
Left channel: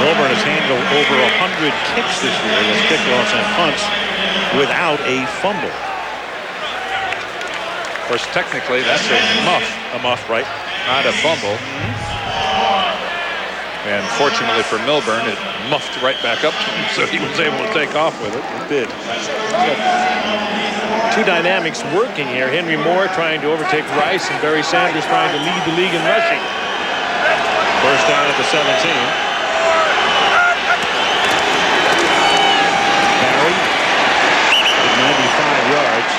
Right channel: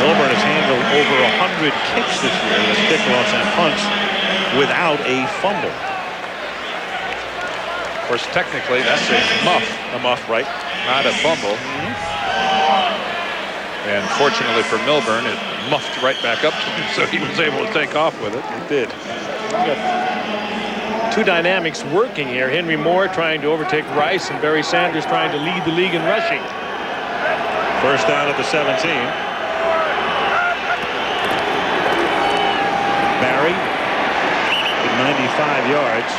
Milburn has handled over 100 kicks this year. That's kickoffs and punts without a fumble. Of course, technically, that's a muff. A muff, right? Not a fumble. And fortunately for Milburn, it muffed right back up to him, so he was able to take off with it. It did. Two dynamics working here. Henry Moore trying to overtake Rice, and Barry Sanders trying to lead the league in rushing. First down at the 17. Barry at 95 yards.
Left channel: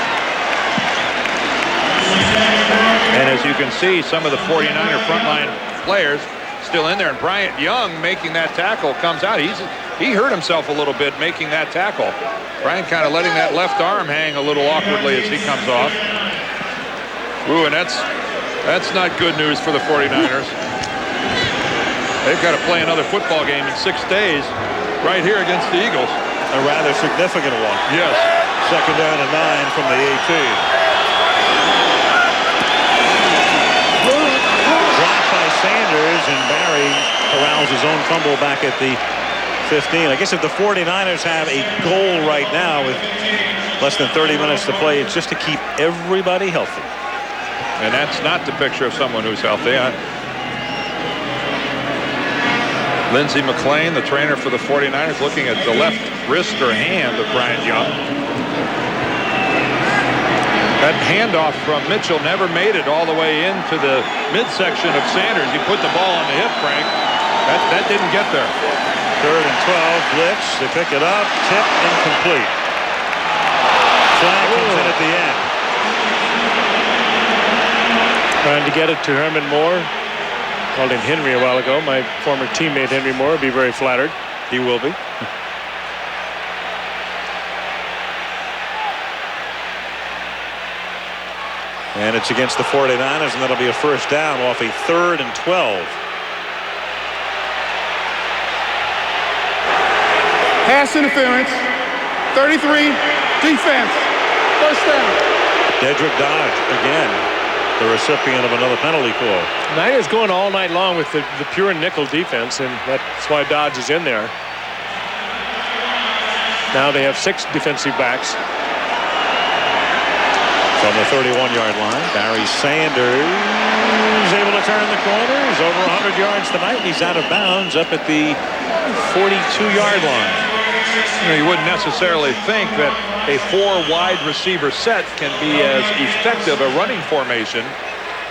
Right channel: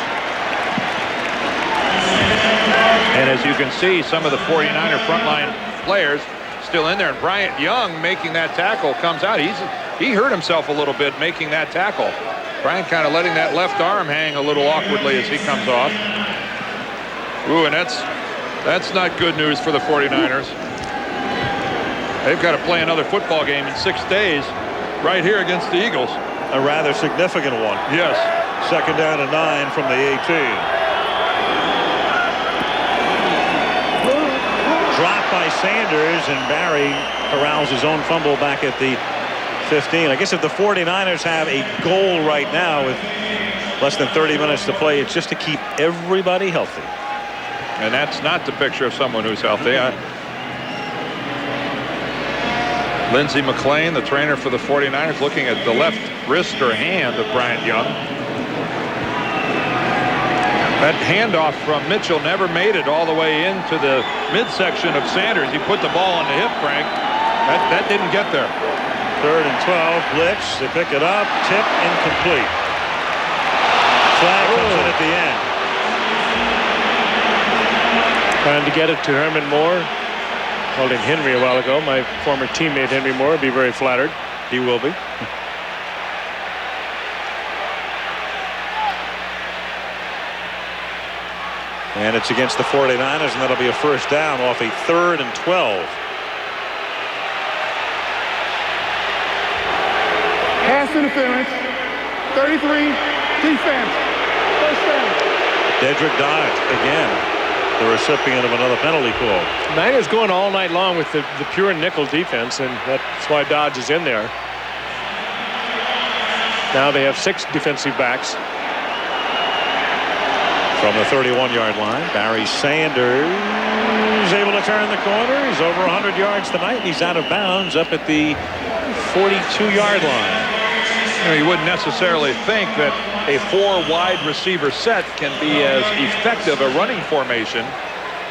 And as you can see, some of the 49er frontline players still in there. And Bryant Young making that tackle comes out. He hurt himself a little bit making that tackle. Bryant kind of letting that left arm hang a little awkwardly as he comes off. Ooh, and that's not good news for the 49ers. They've got to play another football game in 6 days right here against the Eagles. A rather significant one. Yes. Second down and 9 from the 18. Dropped by Sanders, and Barry corrals his own fumble back at the 15. I guess if the 49ers have a goal right now with less than 30 minutes to play, it's just to keep everybody healthy. And that's not the picture of someone who's healthy. Lindsey McClain, the trainer for the 49ers, looking at the left wrist or hand of Bryant Young. That handoff from Mitchell never made it all the way into the midsection of Sanders. He put the ball on the hip, Frank. That didn't get there. Third and 12, blitz. They pick it up, tip, incomplete. Flag comes in at the end. Trying to get it to Herman Moore. Called him Henry a while ago. My former teammate Henry Moore would be very flattered. He will be. And it's against the 49ers, and that'll be a first down off a 3rd and 12. Pass interference. 33. Defense. First down. Dedrick Dodge again, the recipient of another penalty call. Niners going all night long with the pure nickel defense, and that's why Dodge is in there. Now they have 6 defensive backs. From the 31-yard line, Barry Sanders able to turn the corner. He's over 100 yards tonight. He's out of bounds up at the 42-yard line. You know, you wouldn't necessarily think that a 4 wide receiver set can be as effective a running formation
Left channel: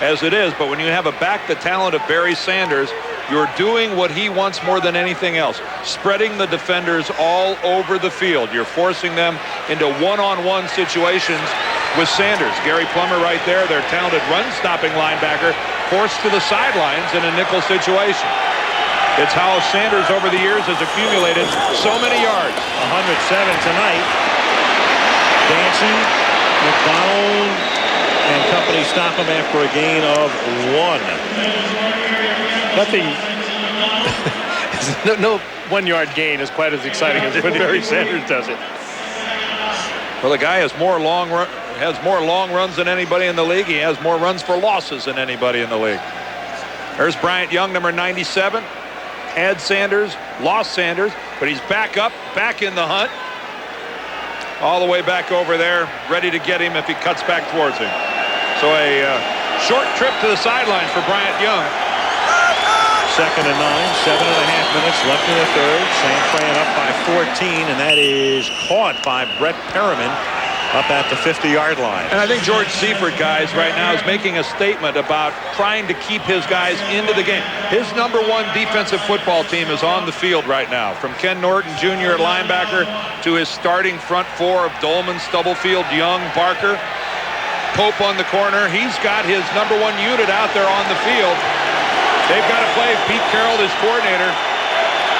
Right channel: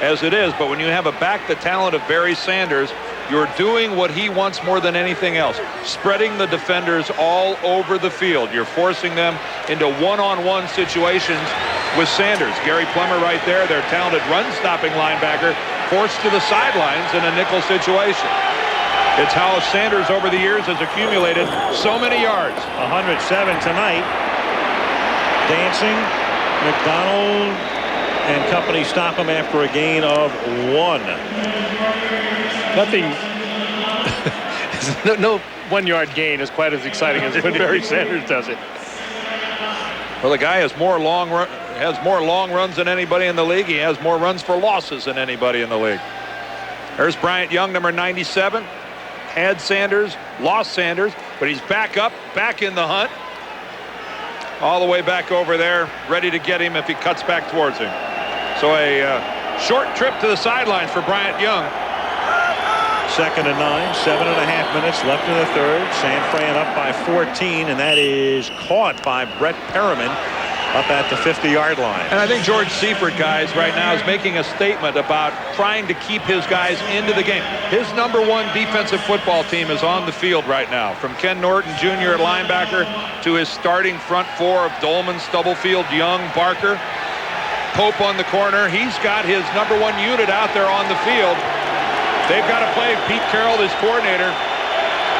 as it is, but when you have a back the talent of Barry Sanders, you're doing what he wants more than anything else, spreading the defenders all over the field. You're forcing them into one-on-one situations with Sanders. Gary Plummer right there, their talented run-stopping linebacker, forced to the sidelines in a nickel situation. It's how Sanders over the years has accumulated so many yards. 107 tonight. Dancing, McDonald and company stop him after a gain of 1. Nothing. no 1-yard gain is quite as exciting as when Barry Sanders does it. Well, the guy has more long runs than anybody in the league. He has more runs for losses than anybody in the league. There's Bryant Young, number 97. Had Sanders, lost Sanders, but he's back up, back in the hunt. All the way back over there, ready to get him if he cuts back towards him. So a short trip to the sidelines for Bryant Young. 2nd and 9, 7.5 minutes left in the 3rd. San Fran up by 14, and that is caught by Brett Perriman up at the 50-yard line. And I think George Seifert, guys, right now is making a statement about trying to keep his guys into the game. His number 1 defensive football team is on the field right now, from Ken Norton Jr. at linebacker to his starting front 4 of Dolman, Stubblefield, Young, Barker, Pope on the corner. He's got his number 1 unit out there on the field. They've got to play Pete Carroll, his coordinator.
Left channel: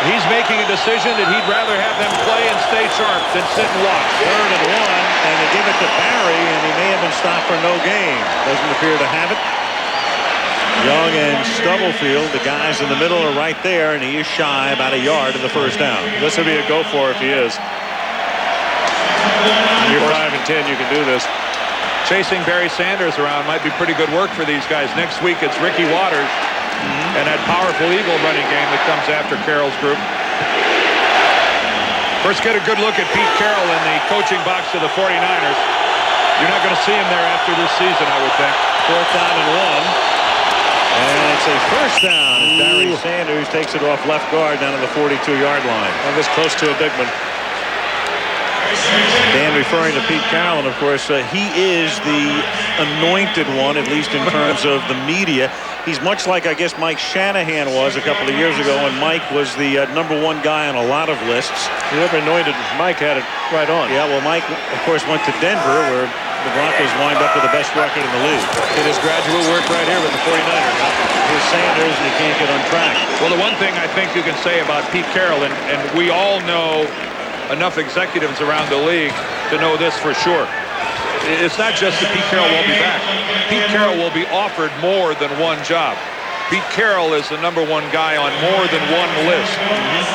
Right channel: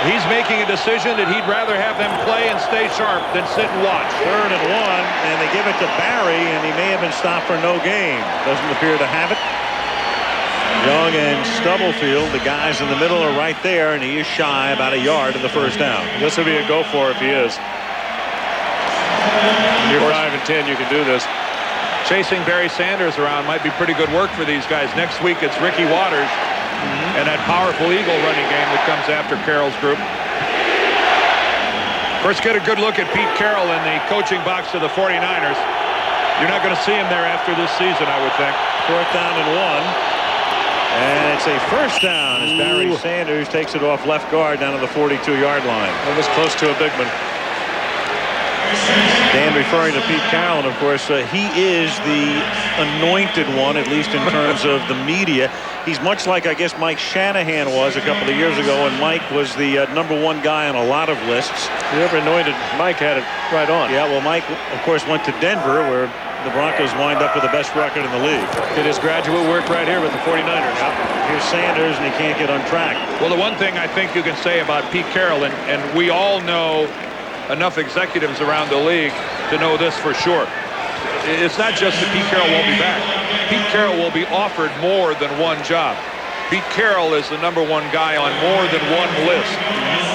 He's making a decision that he'd rather have them play and stay sharp than sit and watch. 3rd and 1, and they give it to Barry, and he may have been stopped for no gain. Doesn't appear to have it. Young and Stubblefield, the guys in the middle, are right there, and he is shy about a yard of the first down. This would be a go for if he is. You're 5 and 10, you can do this. Chasing Barry Sanders around might be pretty good work for these guys. Next week it's Ricky Waters and that powerful Eagle running game that comes after Carroll's group. First, get a good look at Pete Carroll in the coaching box of the 49ers. You're not going to see him there after this season, I would think. 4th down and 1. And it's a first down as Barry Sanders takes it off left guard down to the 42-yard line. That was close to a big one. Dan referring to Pete Carroll, and of course he is the anointed one, at least in terms of the media. He's much like, I guess, Mike Shanahan was a couple of years ago, when Mike was the number 1 guy on a lot of lists. Whoever anointed Mike had it right on. Yeah, well, Mike, of course, went to Denver, where the Broncos wind up with the best record in the league. Did his graduate work right here with the 49ers. Here's Sanders, and he can't get on track. Well, the one thing I think you can say about Pete Carroll, and we all know enough executives around the league to know this for sure. It's not just that Pete Carroll won't be back. Pete Carroll will be offered more than 1 job. Pete Carroll is the number 1 guy on more than 1 list.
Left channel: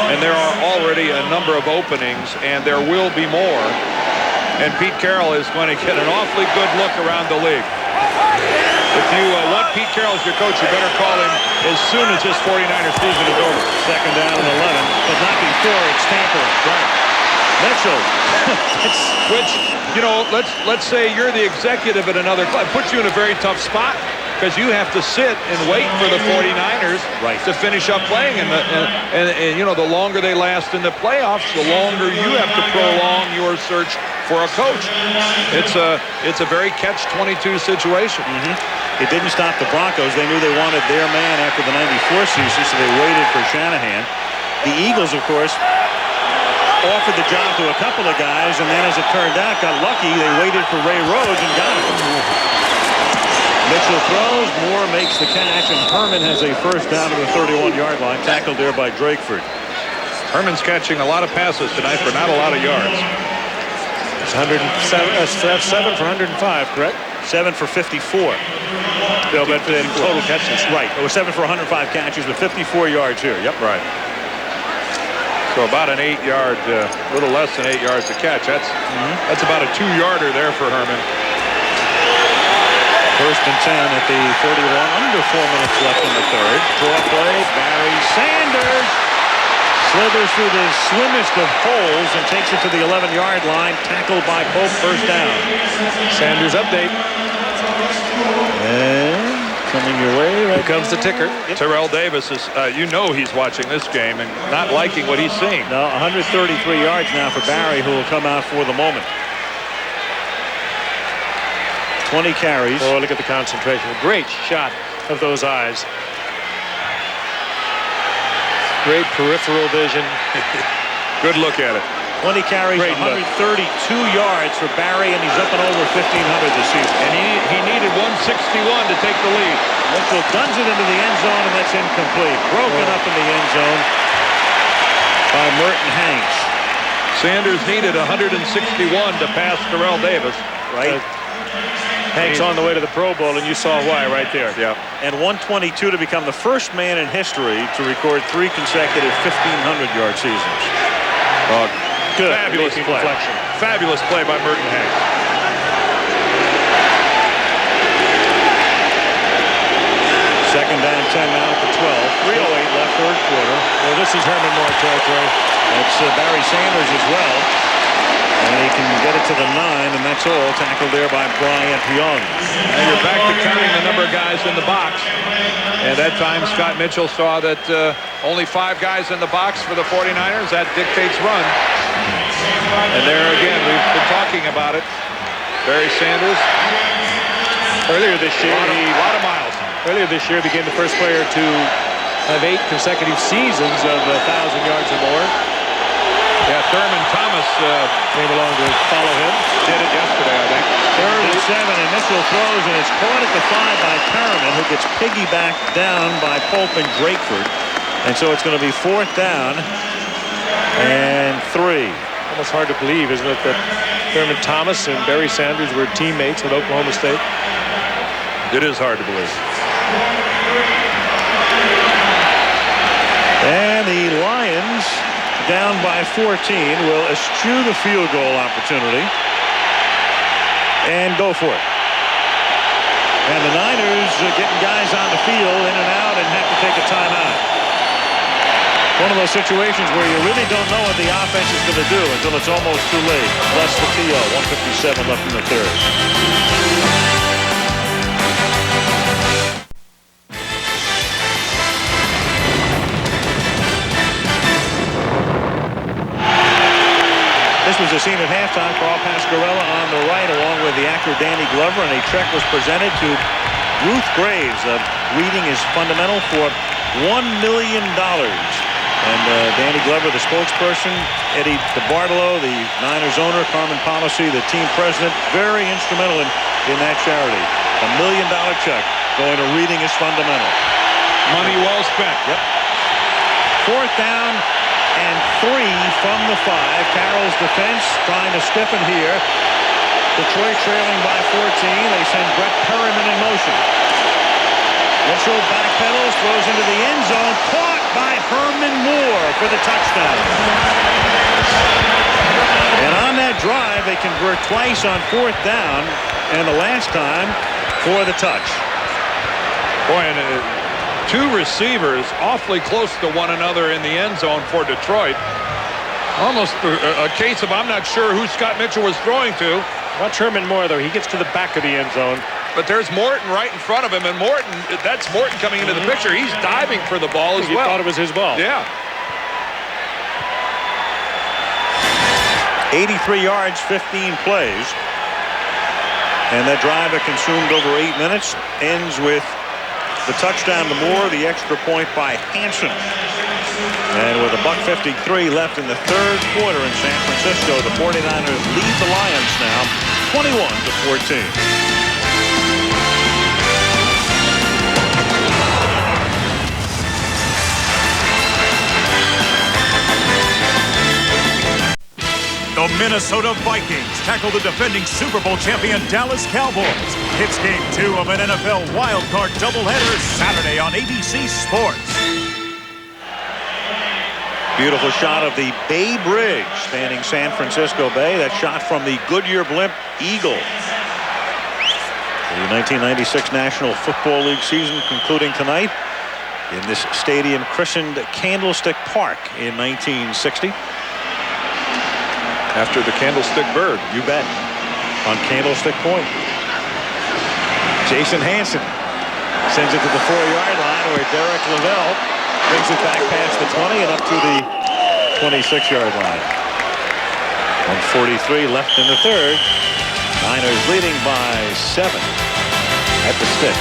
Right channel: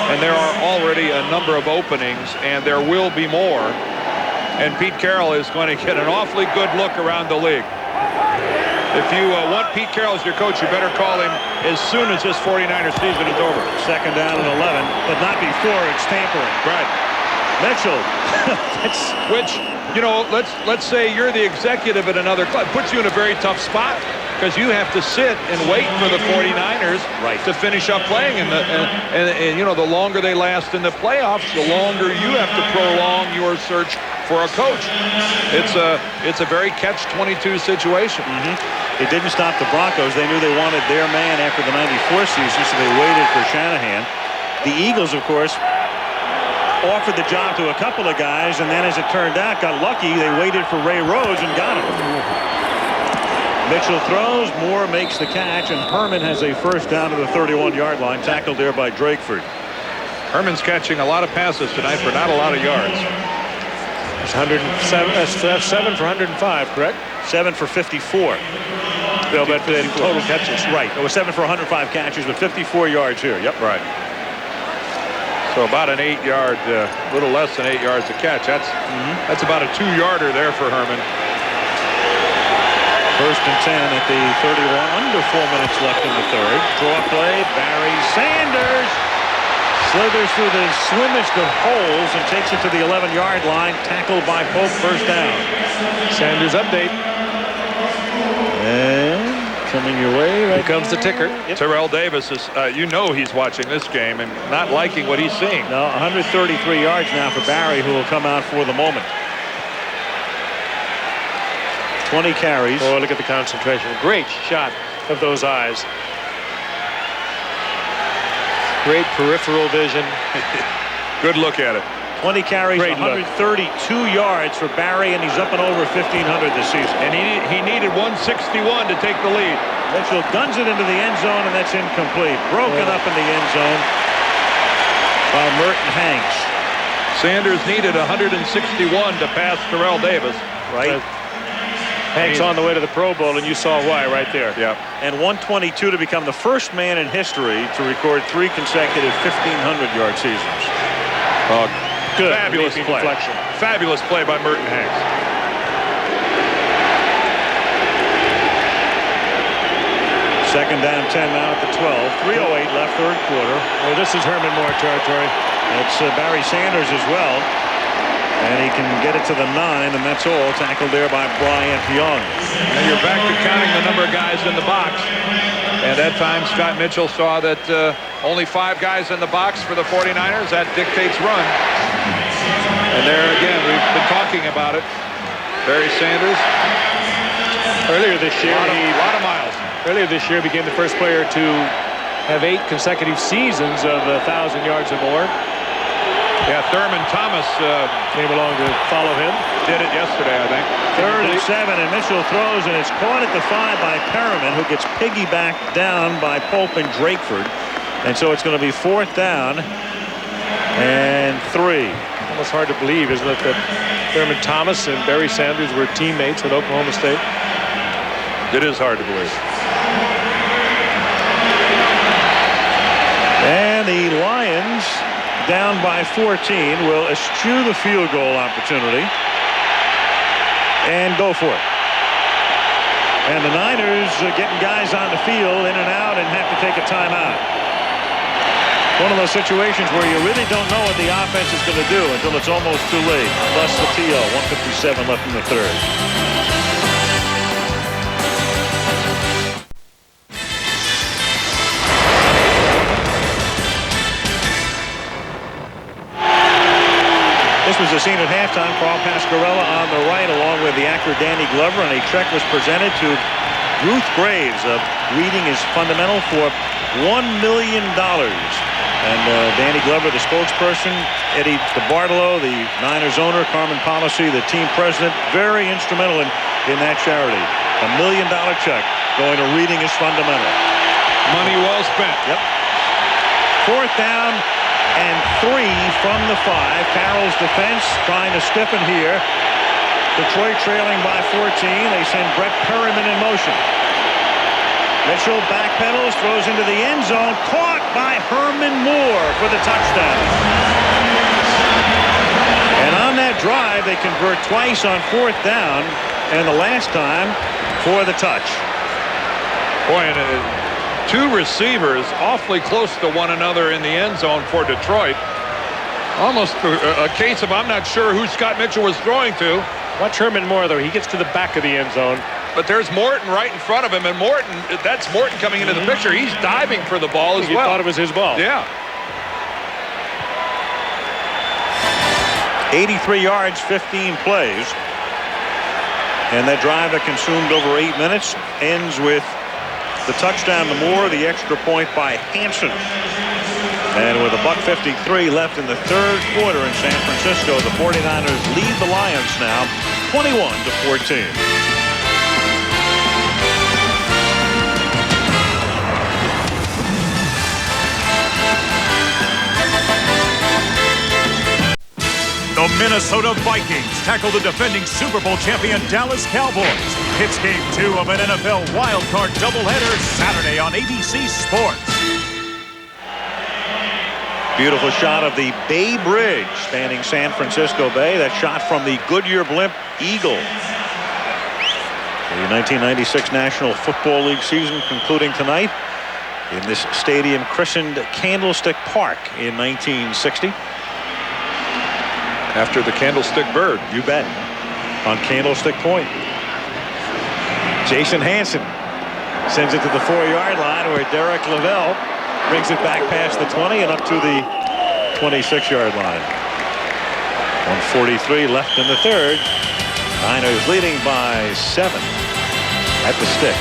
And there are already a number of openings, and there will be more. And Pete Carroll is going to get an awfully good look around the league. If you want Pete Carroll as your coach, you better call him as soon as this 49er season is over. 2nd down and 11, but not before it's tampering. Right. Mitchell. Which, you know, let's say you're the executive at another club. It puts you in a very tough spot, because you have to sit and wait for the 49ers to finish up playing. And you know, the longer they last in the playoffs, the longer you have to prolong your search for a coach. It's a very catch-22 situation. It didn't stop the Broncos. They knew they wanted their man after the '94 season, so they waited for Shanahan. The Eagles, of course, offered the job to a couple of guys, and then as it turned out, got lucky. They waited for Ray Rhodes and got him. Mitchell throws. Moore makes the catch, and Herman has a first down to the 31-yard line, tackled there by Drakeford. Herman's catching a lot of passes tonight for not a lot of yards. It's 7 for 105, correct? 7 for 54. Bill, but in total catches. Right. It was 7 for 105 catches, but 54 yards here. Yep. Right. So about an 8-yard, little less than 8 yards a catch. That's about a 2-yarder there for Herman. First and 10 at the 31. Under 4 minutes left in the third. Draw play. Barry Sanders slithers through the slimmest of holes and takes it to the 11-yard line. Tackled by Pope. First down. Sanders update. And coming your way right Here comes now. the ticker. Yep. Terrell Davis is, he's watching this game and not liking what he's seeing. No, 133 yards now for Barry, who will come out for the moment. 20 carries. Oh, look at the concentration. Great shot of those eyes. Great peripheral vision. Good look at it. 20 carries, Great 132 yards for Barry, and he's up and over 1,500 this season. And he needed 161 to take the lead. Mitchell guns it into the end zone, and that's incomplete. Broken up in the end zone by Merton Hanks. Sanders needed 161 to pass Terrell Davis. Right. Hanks on the way to the Pro Bowl, and you saw why right there. Yeah. And 122 to become the first man in history to record 3 consecutive 1,500-yard seasons. Good. Fabulous play. Deflection. Fabulous play by Merton Hanks. Second down 10 now at the 12. 3:08 left, third quarter. Well, this is Herman Moore territory. That's Barry Sanders as well. And he can get it to the 9, and that's all. Tackled there by Bryant Young. Now you're back to counting the number of guys in the box. And that time, Scott Mitchell saw that only 5 guys in the box for the 49ers. That dictates run. And there again, we've been talking about it. Barry Sanders. Earlier this year, A lot of miles. Earlier this year, became the first player to have 8 consecutive seasons of 1,000 yards or more. Yeah, Thurman Thomas came along to follow him. Did it yesterday, I think. Third and 7, and Mitchell throws, and it's caught at the 5 by Perriman, who gets piggybacked down by Pope and Drakeford. And so it's going to be 4th down and 3. Almost hard to believe, isn't it, that Thurman Thomas and Barry Sanders were teammates at Oklahoma State? It is hard to believe. And the Lions, down by 14, will eschew the field goal opportunity and go for it. And the Niners getting guys on the field in and out and have to take a timeout. One of those situations where you really don't know what the offense is going to do until it's almost too late. Thus the TO, 1:57 left in the third. This was the scene at halftime. Carl Pasquarella on the right along with the actor Danny Glover, and a check was presented to Ruth Graves of Reading is Fundamental for $1 million. And Danny Glover, the spokesperson, Eddie DeBartolo, the Niners owner, Carmen Policy, the team president, very instrumental in that charity. $1 million check going to Reading is Fundamental. Money well spent. Yep. 4th down and 3 from the 5. Carroll's defense trying to stiffen here. Detroit trailing by 14. They send Brett Perriman in motion. Mitchell backpedals, throws into the end zone, caught by Herman Moore for the touchdown. And on that drive, they convert twice on 4th down, and the last time for the touch. Boy, and 2 receivers awfully close to one another in the end zone for Detroit. Almost a case of I'm not sure who Scott Mitchell was throwing to. Watch Herman Moore, though. He gets to the back of the end zone. But there's Morton right in front of him, and Morton, that's Morton coming into the picture. He's diving for the ball as well. He thought it was his ball. Yeah. 83 yards, 15 plays. And that drive that consumed over 8 minutes ends with the touchdown to Moore, the extra point by Hansen. And with $1:53 left in the third quarter in San Francisco, the 49ers lead the Lions now 21-14. The Minnesota Vikings tackle the defending Super Bowl champion Dallas Cowboys. It's Game 2 of an NFL wildcard doubleheader Saturday on ABC Sports. Beautiful shot of the Bay Bridge spanning San Francisco Bay. That shot from the Goodyear Blimp Eagle. The 1996 National Football League season concluding tonight in this stadium christened Candlestick Park in 1960. After the Candlestick Bird. You bet. On Candlestick Point. Jason Hansen sends it to the 4-yard line where Derek Lavelle brings it back past the 20 and up to the 26-yard line. 1:43 left in the third. Niners leading by 7 at the stick.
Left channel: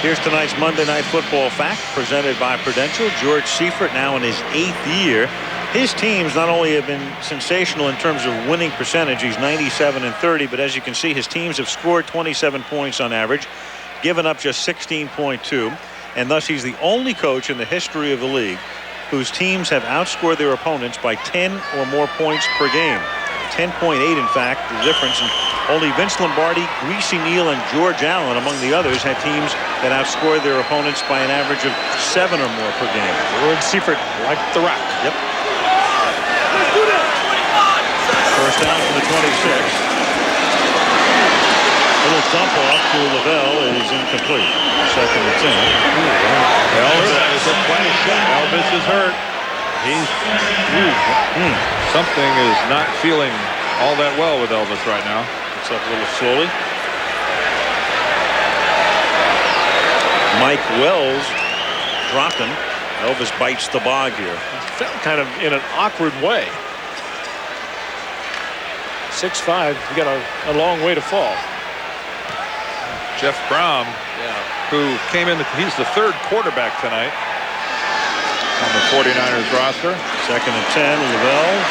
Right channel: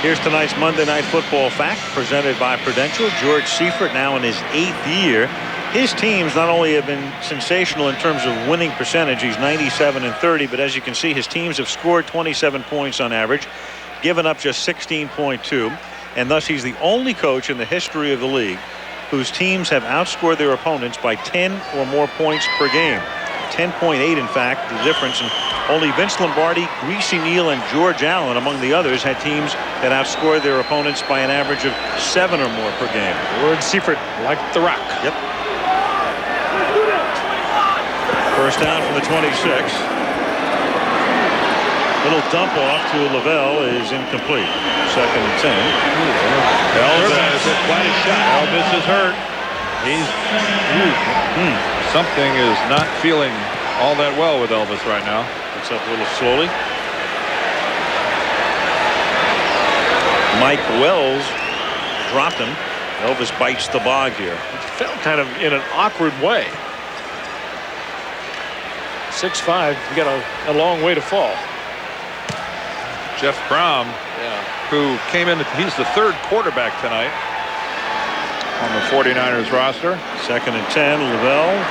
Here's tonight's Monday Night Football fact presented by Prudential. George Seifert now in his 8th year. His teams not only have been sensational in terms of winning percentage, he's 97-30, but as you can see, his teams have scored 27 points on average, given up just 16.2, and thus he's the only coach in the history of the league whose teams have outscored their opponents by 10 or more points per game. 10.8, in fact, the difference. And only Vince Lombardi, Greasy Neal, and George Allen, among the others, had teams that outscored their opponents by an average of 7 or more per game. George Seifert, like the Rock. Yep. First down from the 26. Little dump off to Lavelle is incomplete. 2nd and 10. Elvis. Quite a shot. Elvis is hurt. He's something is not feeling all that well with Elvis right now. It's up a little slowly. Mike Wells dropped him. Elvis bites the bog here. He fell kind of in an awkward way. 6'5", you got a long way to fall. Jeff Brom, who came in, he's the 3rd quarterback tonight on the 49ers roster. 2nd and 10, Lavelle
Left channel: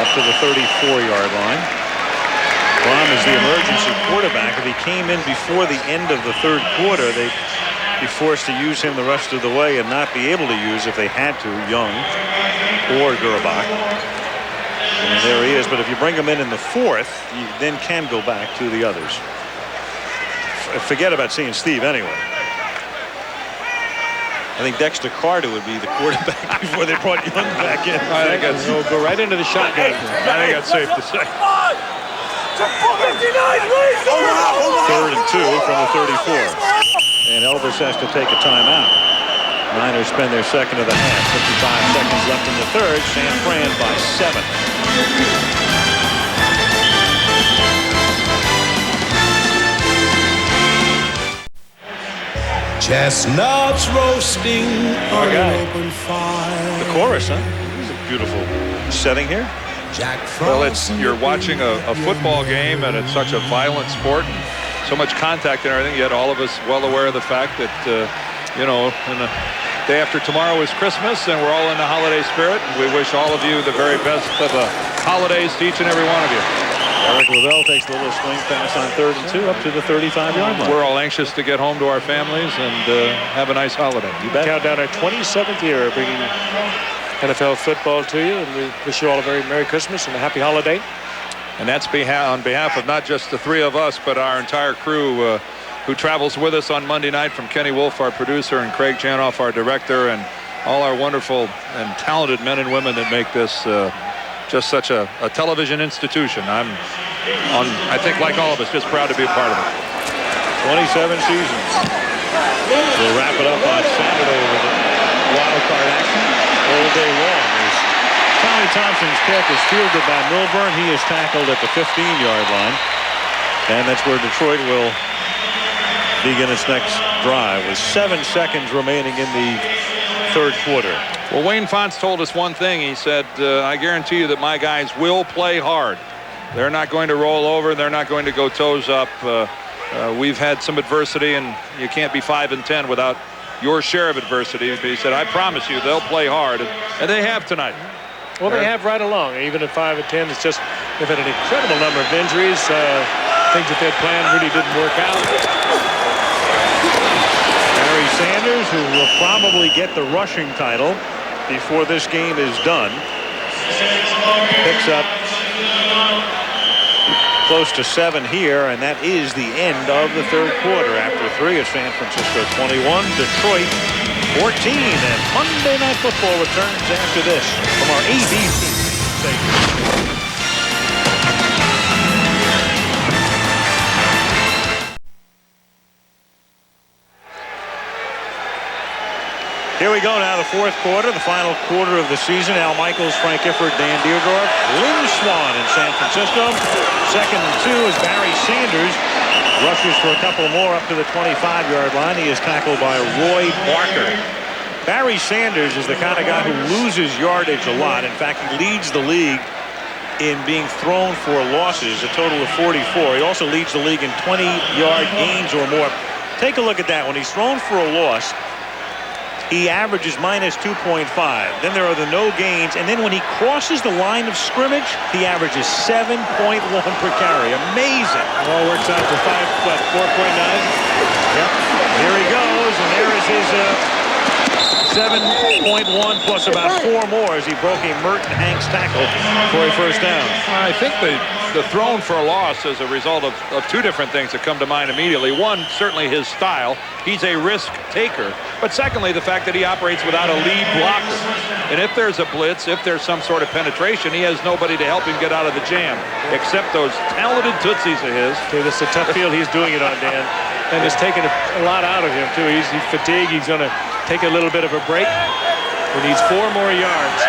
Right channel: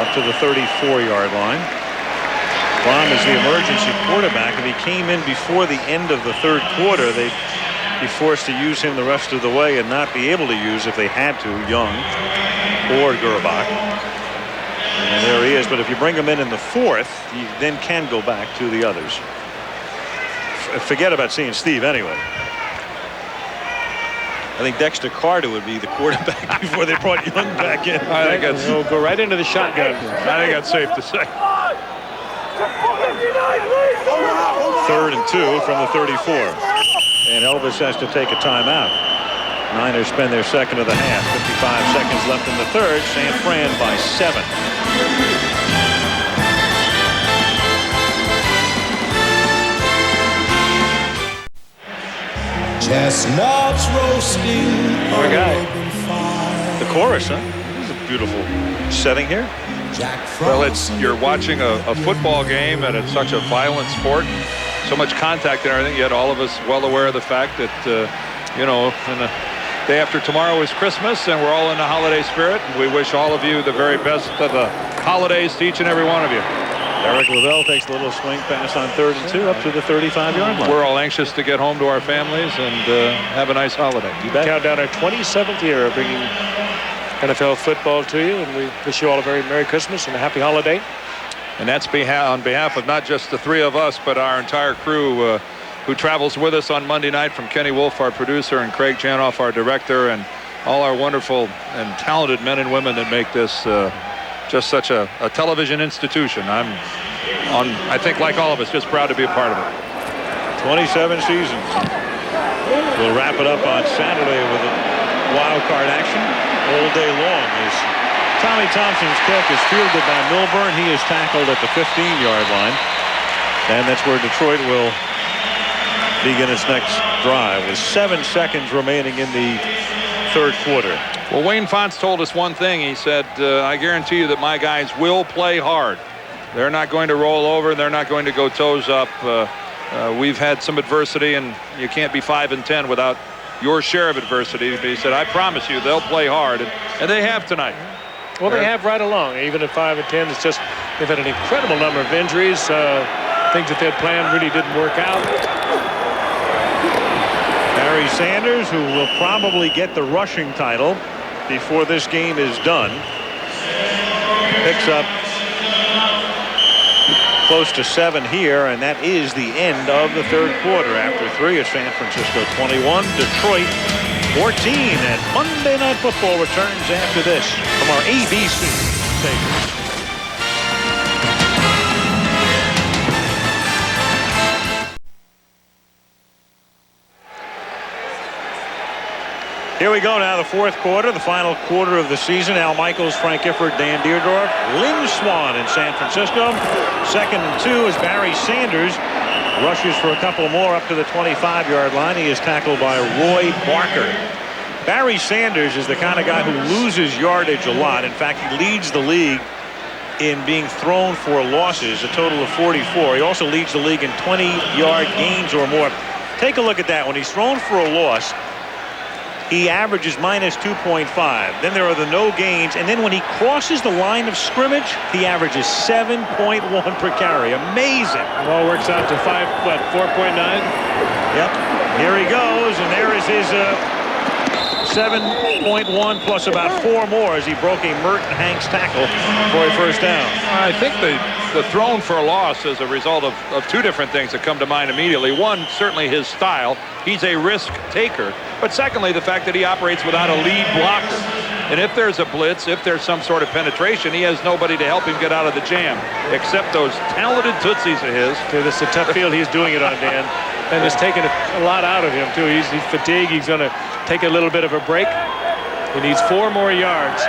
up to the 34-yard line. Brom is the emergency quarterback. If he came in before the end of the 3rd quarter, they'd be forced to use him the rest of the way and not be able to use, if they had to, Young or Gerbach. And there he is. But if you bring him in the 4th, you then can go back to the others. Forget about seeing Steve anyway. I think Dexter Carter would be the quarterback before they brought Young back in. I think that's, he'll go right into the shotgun. I think that's safe to say. 3rd and 2 from the 34. And Elvis has to take a timeout. Niners spend their 2nd of the half. 55 seconds left in the 3rd. San Fran by 7. Chestnuts roasting on an open fire. The chorus, huh? This is a beautiful setting here. Well, you're watching a football game, and it's such a violent sport and so much contact and everything, yet all of us well aware of the fact that, you know, in a day after tomorrow is Christmas, and we're all in the holiday spirit, and we wish all of you the very best of the holidays to each and every one of you. Eric Lavelle takes a little swing pass on 3rd and 2 up to the 35-yard line. We're all anxious to get home to our families and have a nice holiday. You bet. Count down our 27th year of bringing NFL football to you, and we wish you all a very Merry Christmas and a Happy Holiday. And that's on behalf of not just the 3 of us, but our entire crew who travels with us on Monday night, from Kenny Wolf, our producer, and Craig Janoff, our director, and all our wonderful and talented men and women that make this just such a television institution. I think, like all of us, just proud to be a part of it. 27 seasons. We'll wrap it up on Saturday with a wild card action all day long. As Tommy Thompson's kick is fielded by Milburn. He is tackled at the 15-yard line. And that's where Detroit will begin its next drive with 7 seconds remaining in the 3rd quarter. Well, Wayne Fontes told us one thing. He said, I guarantee you that my guys will play hard. They're not going to roll over. They're not going to go toes up. We've had some adversity, and you can't be 5-10 without your share of adversity. But he said, I promise you they'll play hard, and they have tonight. Well, they have right along. Even at 5-10, it's just they've had an incredible number of injuries. Things that they had planned really didn't work out. Barry Sanders, who will probably get the rushing title before this game is done, picks up close to 7 here, and that is the end of the third quarter. After 3, it's San Francisco 21, Detroit 14, and Monday Night Football returns after this from our ABC station. Here we go now, the fourth quarter, the final quarter of the season. Al Michaels, Frank Gifford, Dan Deerdorf, Lynn Swann in San Francisco. 2nd and 2 as Barry Sanders rushes for a couple more up to the 25-yard line. He is tackled by Roy Barker. Barry Sanders is the kind of guy who loses yardage a lot. In fact, he leads the league in being thrown for losses, a total of 44. He also leads the league in 20-yard gains or more. Take a look at that. When he's thrown for a loss, he averages minus 2.5. Then there are the no gains, and then when he crosses the line of scrimmage, he averages 7.1 per carry. Amazing. It all works out to 4.9? Yep. Here he goes, and there is his 7.1 plus about 4 more as he broke a Merton Hanks tackle for a first down. I think the thrown for a loss is a result of 2 different things that come to mind immediately. One, certainly his style. He's a risk taker. But secondly, the fact that he operates without a lead blocker. And if there's a blitz, if there's some sort of penetration, he has nobody to help him get out of the jam, except those talented tootsies of his. Okay, this is a tough field he's doing it on, Dan. And it's taken a lot out of him, too. He's fatigued. He's going to take a little bit of a break. He needs 4 more yards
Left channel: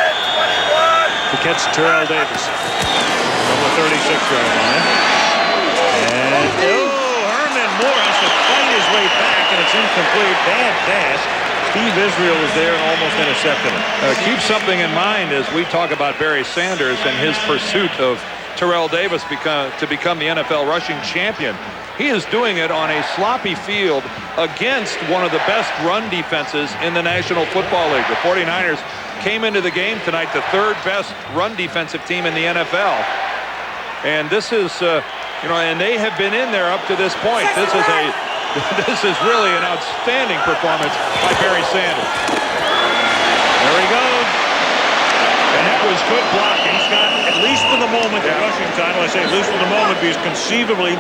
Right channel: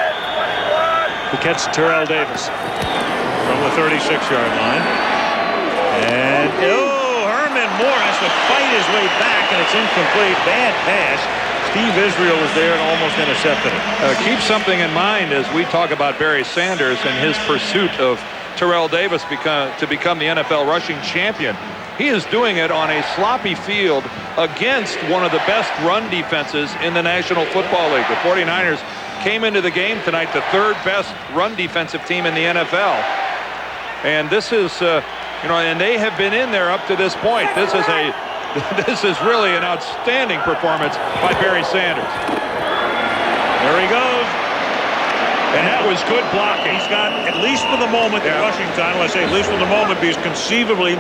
to catch Terrell Davis from the 36-yard line. And Herman Moore has to fight his way back, and it's incomplete. Bad pass. Steve Israel was there and almost intercepted it. Keep something in mind as we talk about Barry Sanders and his pursuit of Terrell Davis to become the NFL rushing champion. He is doing it on a sloppy field against one of the best run defenses in the National Football League. The 49ers came into the game tonight the 3rd best run defensive team in the NFL. And this is, and they have been in there up to this point. This is really an outstanding performance by Barry Sanders. There he goes. And that was good blocking. He's got, at least for the moment, the rushing title. I say at least for the moment because conceivably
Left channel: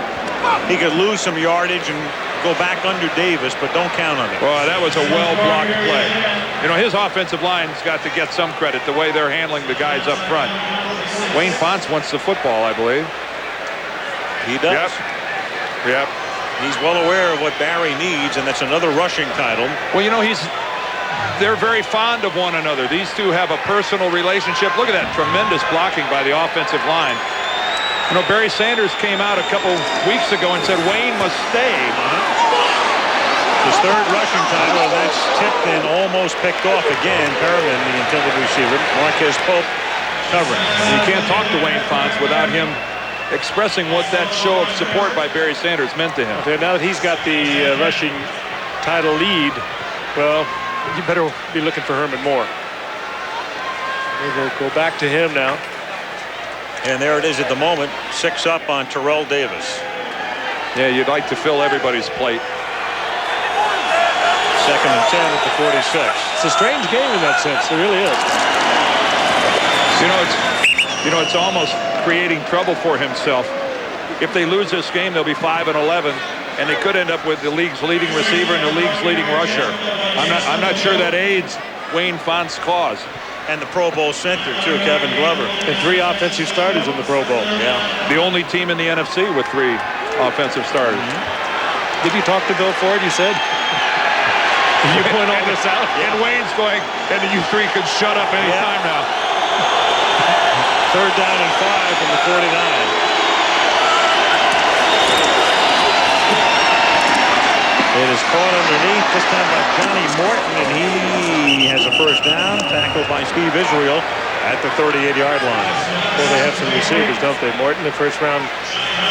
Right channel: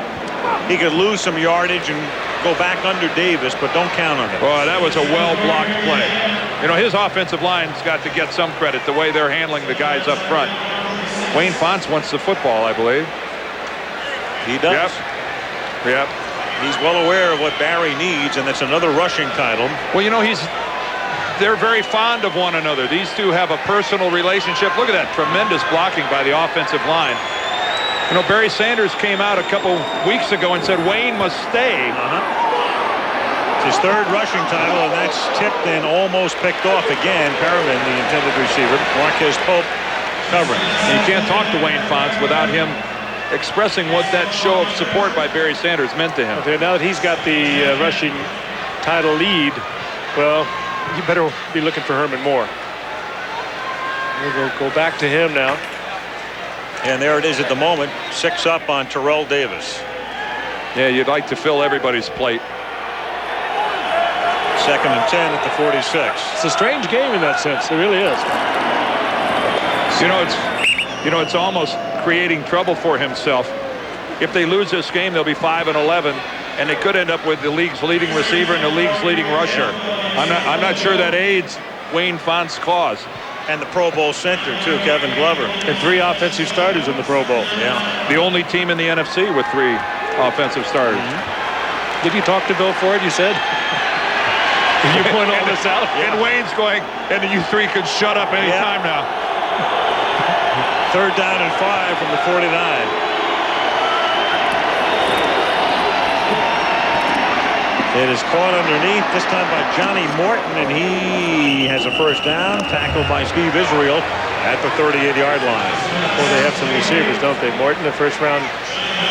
he could lose some yardage and go back under Davis, but don't count on it. Well, that was a well-blocked play. His offensive line's got to get some credit, the way they're handling the guys up front. Wayne Fonts wants the football, I believe. He does. Yep. He's well aware of what Barry needs, and that's another rushing title. Well, they're very fond of one another. These two have a personal relationship. Look at that tremendous blocking by the offensive line. Barry Sanders came out a couple weeks ago and said Wayne must stay. His 3rd rushing title, and that's tipped and almost picked off again. Perriman, the intended receiver. Marquez Pope covering. And you can't talk to Wayne Fonts without him expressing what that show of support by Barry Sanders meant to him. Okay, now that he's got the rushing title lead, well, you better be looking for Herman Moore. We'll go back to him now. And there it is at the moment, 6 up on Terrell Davis. Yeah, you'd like to fill everybody's plate. 2nd and 10 at the 46. It's a strange game in that sense. It really is. It's almost creating trouble for himself. If they lose this game, they'll be 5-11, and they could end up with the league's leading receiver and the league's leading rusher. Yeah. I'm not sure that aids Wayne Fonts' cause. And the Pro Bowl center, too, Kevin Glover. And 3 offensive starters in the Pro Bowl. Yeah. The only team in the NFC with 3 offensive starters. Mm-hmm. Did you talk to Bill Ford, you said? Did you point all this out? Yeah. And Wayne's going, and you 3 could shut up any time now. 3rd down and 5 from the 49. It is caught underneath, this time by Johnny Morton, and he has a first down, tackled by Steve Israel at the 38-yard line. Well, they have some receivers, don't they? Morton, a first-round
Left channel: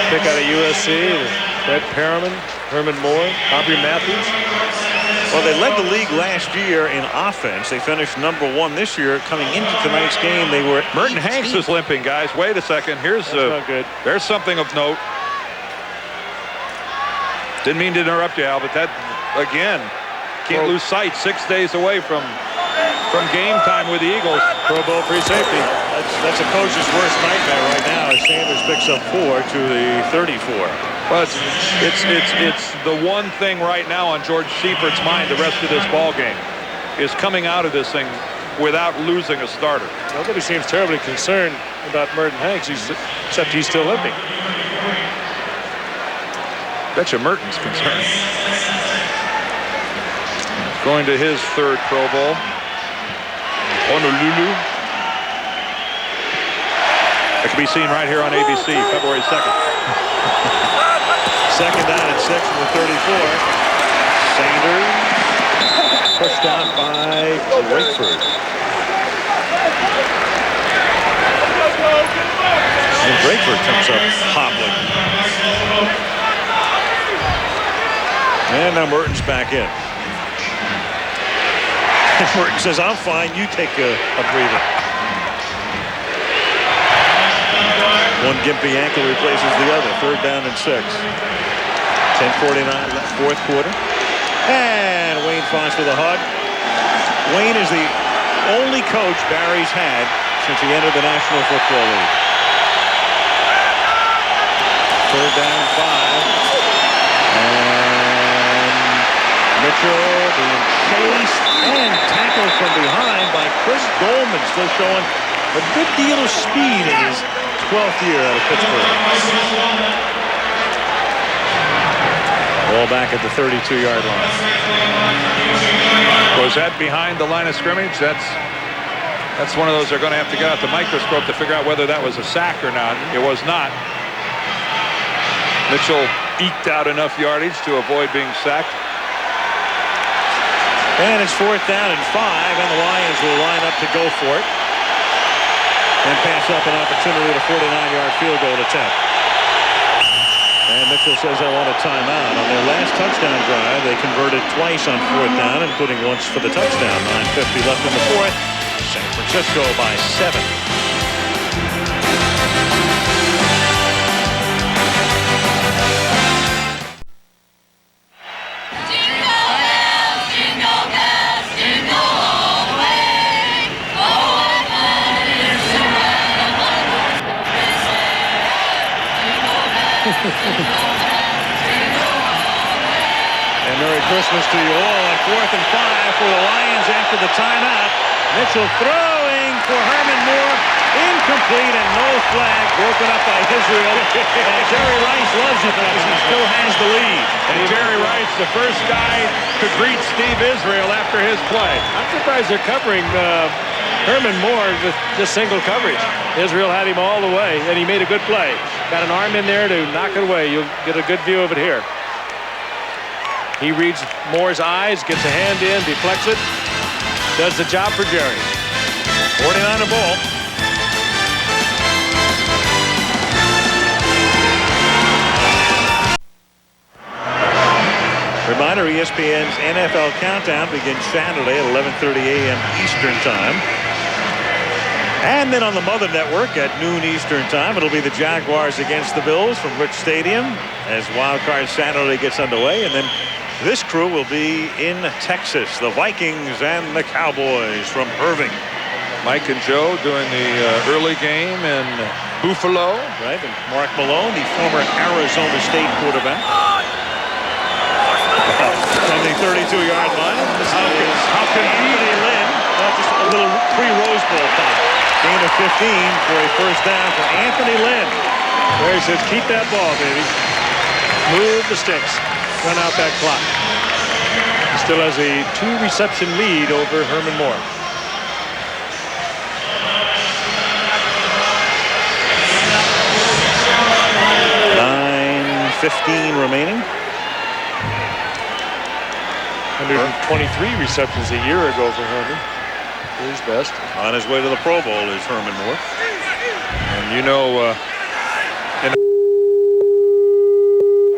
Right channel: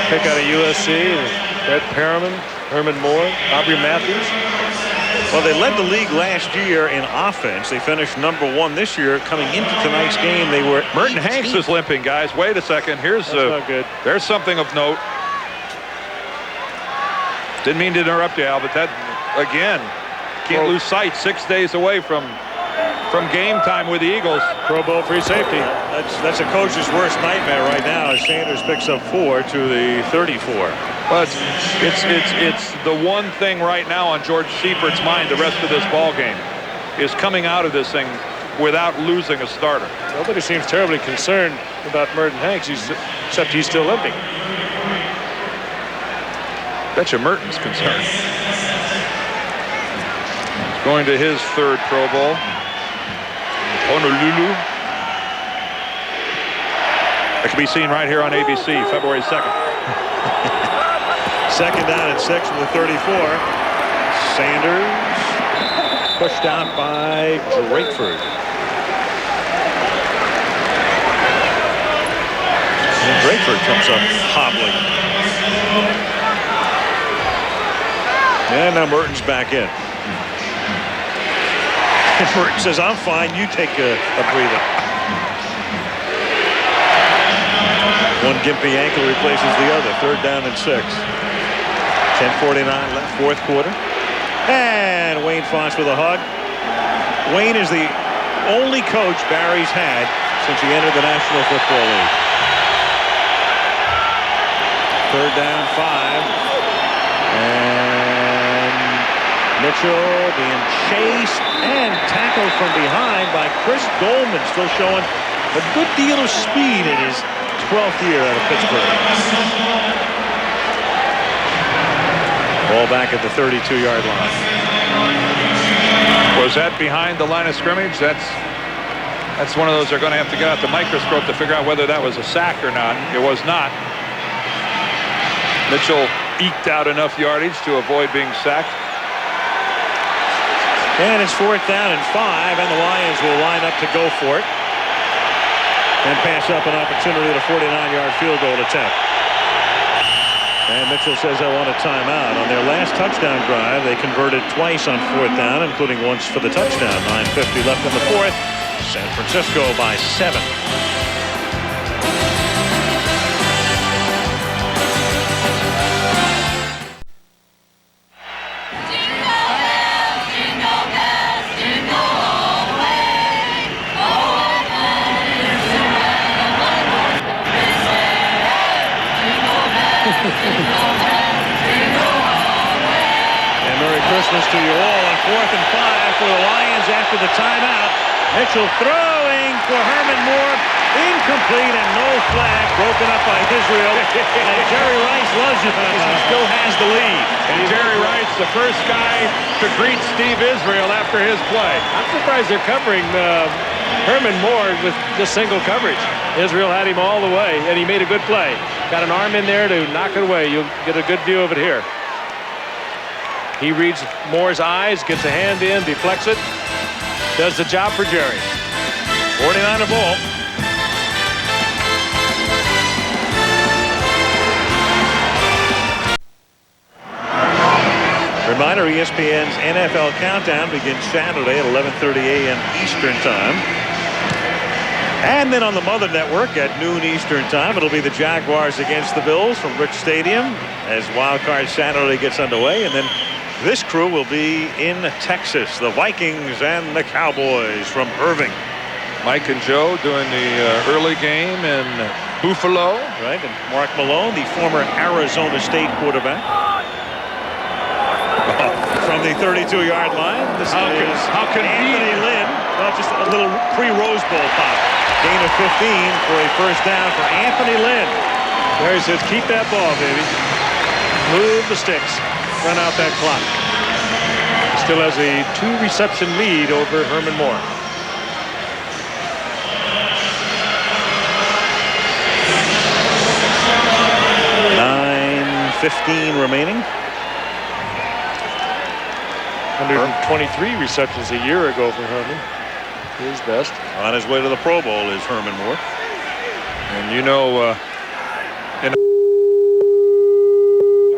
pick out of USC, Brett Perriman, Herman Moore, Aubrey Matthews. Well, they led the league last year in offense. They finished number 1 this year. Coming into tonight's game, they were Merton Hanks is limping, guys. Wait a second. That's not good. There's something of note. Didn't mean to interrupt you, Al, but that, again, Can't lose sight. 6 days away from game time with the Eagles. Pro Bowl free safety. That's a coach's worst nightmare right now as Sanders picks up 4 to the 34. Well, it's the one thing right now on George Seifert's mind the rest of this ball game is coming out of this thing without losing a starter. Nobody seems terribly concerned about Merton Hanks, except he's still limping. Bet you Merton's concerned. He's going to his 3rd Pro Bowl. Honolulu. That can be seen right here on ABC, February 2nd. 2nd down and 6 from the 34. Sanders pushed out by Drakeford. And Drakeford comes up hobbling. And now Merton's back in. And Merton says, I'm fine, you take a breather. One gimpy ankle replaces the other. 3rd down and 6. 10:49 left, 4th quarter. And Wayne Fonts with a hug. Wayne is the only coach Barry's had since he entered the National Football League. 3rd down, 5. And Mitchell being chased and tackled from behind by Chris Goldman, still showing a good deal of speed in his 12th year out of Pittsburgh. Ball back at the 32-yard line. Was that behind the line of scrimmage? That's one of those they're going to have to get out the microscope to figure out whether that was a sack or not. It was not. Mitchell eked out enough yardage to avoid being sacked. And it's 4th down and 5, and the Lions will line up to go for it and pass up an opportunity at a 49-yard field goal attempt. And Mitchell says, I want a timeout. On their last touchdown drive, they converted twice on 4th down, including once for the touchdown. 9:50 left in the 4th. San Francisco by 7. And Merry Christmas to you all on 4th and 5 for the Lions after the timeout. Mitchell throwing for Herman Moore. Incomplete and no flag, broken up by Israel. And Jerry Rice loves it because he still has the lead. And Jerry Rice, the first guy to greet Steve Israel after his play. I'm surprised they're covering Herman Moore with just single coverage. Israel had him all the way, and he made a good play. Got an arm in there to knock it away. You'll get a good view of it here. He reads Moore's eyes, gets a hand in, deflects it. Does the job for Jerry. 49er ball. Reminder, ESPN's NFL Countdown begins Saturday at 11:30 a.m. Eastern Time. And then on the Mother Network at noon Eastern Time, it'll be the Jaguars against the Bills from Rich Stadium as Wild Card Saturday gets underway. And then this crew will be in Texas, the Vikings and the Cowboys from Irving. Mike and Joe doing the early game in Buffalo. Right, and Mark Malone, the former Arizona State quarterback. From the 32-yard line, this is Anthony Lynn. Just a little pre-Rose Bowl pop. Gain of 15 for a first down for Anthony Lynn. Jerry says, keep that ball, baby. Move the sticks. Run out that clock. He still has a 2-reception lead over Herman Moore. $9:15 remaining. 123 receptions a year ago for Herman. His best. On his way to the Pro Bowl is Herman Moore. And you know, a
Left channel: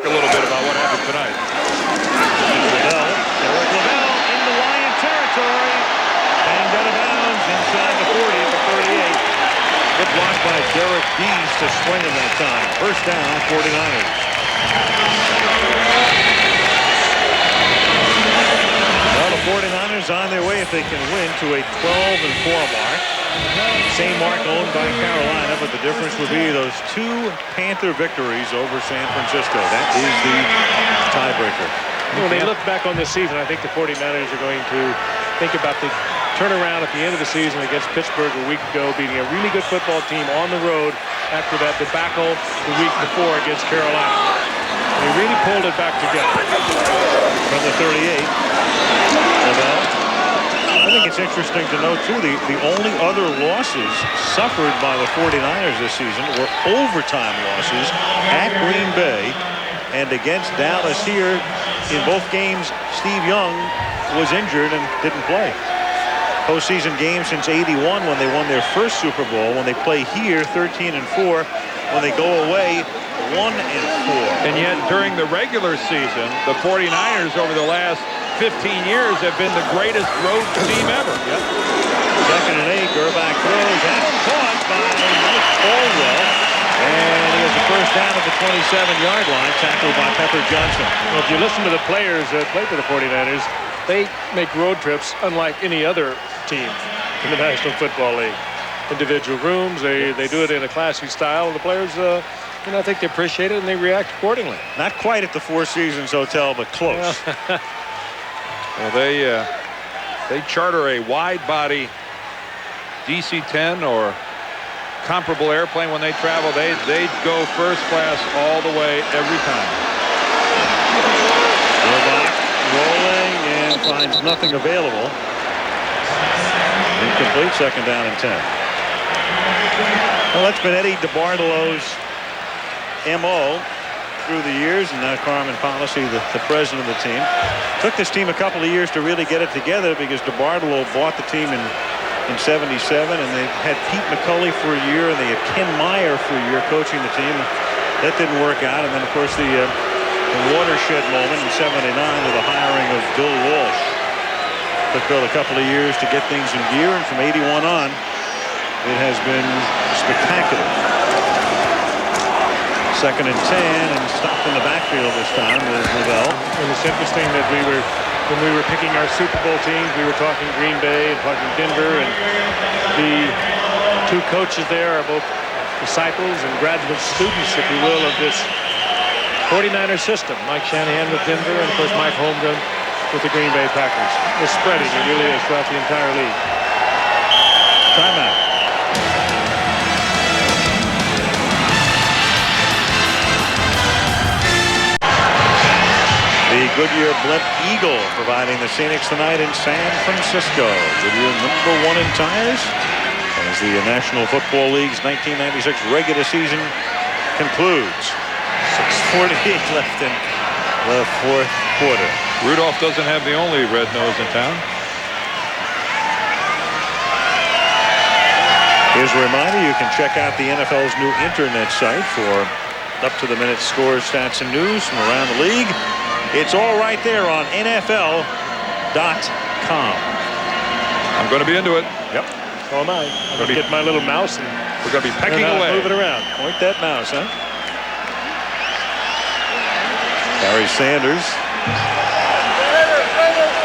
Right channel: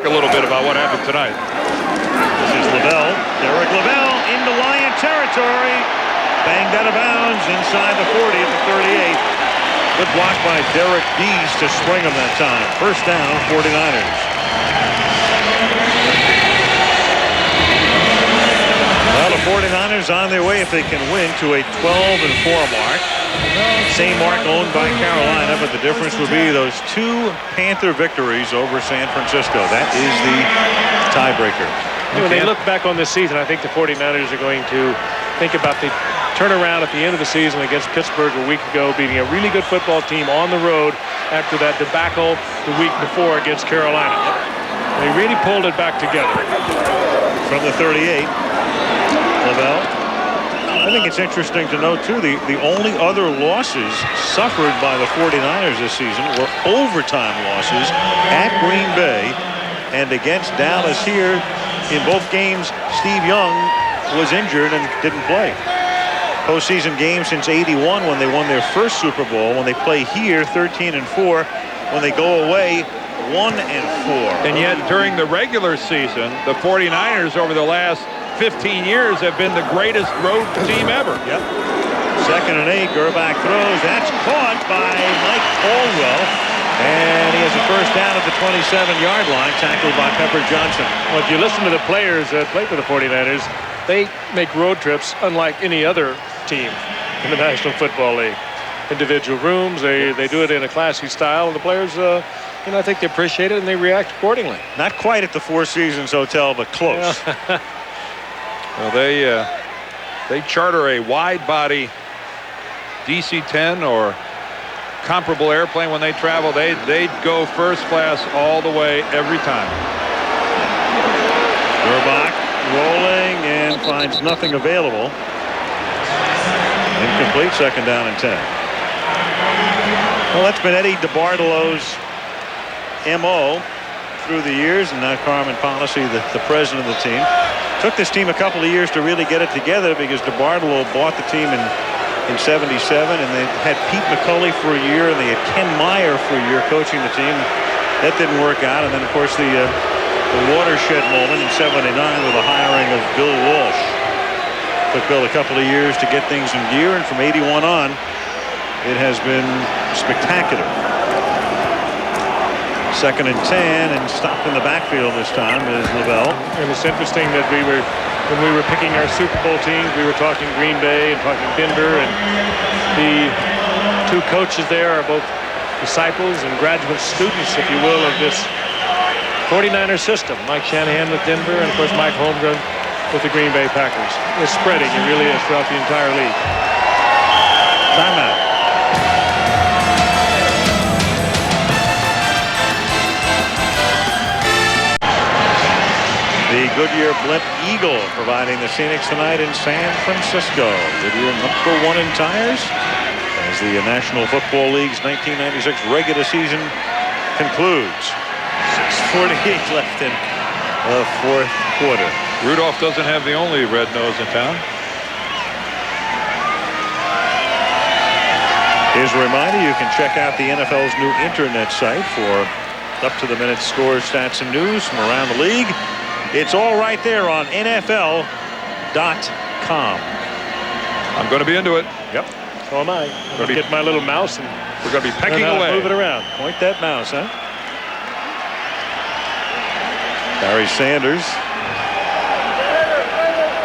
little bit about what happened tonight. This is Lavelle. Derek Lavelle into Lion territory. Banged out of bounds inside the 40 at the 38. Good block by Derek Dees to spring him that time. First down, 49ers. Well, the 49ers on their way, if they can win, to a 12-4 mark. Same mark owned by Carolina, but the difference would be those 2 Panther victories over San Francisco. That is the tiebreaker. When they look back on this season, I think the 49ers are going to think about the turnaround at the end of the season against Pittsburgh a week ago, beating a really good football team on the road after that debacle the week before against Carolina. They really pulled it back together. From the 38, Lavelle. I think it's interesting to note, too, the only other losses suffered by the 49ers this season were overtime losses at Green Bay and against Dallas here. In both games, Steve Young was injured and didn't play. Postseason games since '81 when they won their first Super Bowl. When they play here, 13-4. When they go away, 1-4. And yet, during the regular season, the 49ers over the last 15 years have been the greatest road team ever. Yep. 2nd and 8, Gerbach throws. That's caught by Mike Caldwell. And he has a first down at the 27-yard line, tackled by Pepper Johnson. Well, if you listen to the players that play for the 49ers, they make road trips unlike any other team in the National Football League. Individual rooms, they do it in a classy style, and the players, I think they appreciate it and they react accordingly. Not quite at the Four Seasons Hotel, but close. Well, they charter a wide-body DC-10 or comparable airplane when they travel. They go first class all the way every time. Gerbach rolling and finds nothing available. Incomplete, 2nd down and 10. Well, that's been Eddie DeBartolo's MO through the years, and now Carmen Policy, the president of the team. Took this team a couple of years to really get it together because DeBartolo bought the team in '77, and they had Pete McCulley for a year, and they had Ken Meyer for a year coaching the team. That didn't work out, and then of course the watershed moment in '79 with the hiring of Bill Walsh. Took Bill a couple of years to get things in gear, and from '81 on, it has been spectacular. 2nd and 10, and stopped in the backfield this time is Lavelle. And it's interesting that when we were picking our Super Bowl teams, we were talking Green Bay and talking Denver, and the 2 coaches there are both disciples and graduate students, if you will, of this 49er system. Mike Shanahan with Denver, and of course Mike Holmgren with the Green Bay Packers. It's spreading, it really is, throughout the entire league. Timeout. The Goodyear Blimp Eagle providing the scenics tonight in San Francisco. Goodyear #1 in tires as the National Football League's 1996 regular season concludes. 6:48 left in the 4th quarter. Rudolph doesn't have the only red nose in town. Here's a reminder, you can check out the NFL's new internet site for up-to-the-minute scores, stats, and news from around the league. It's all right there on NFL.com. I'm going to be into it. Yep. So am I. I'm going to get my little mouse and we're going to be pecking away. Move it around. Point that mouse, huh? Barry Sanders.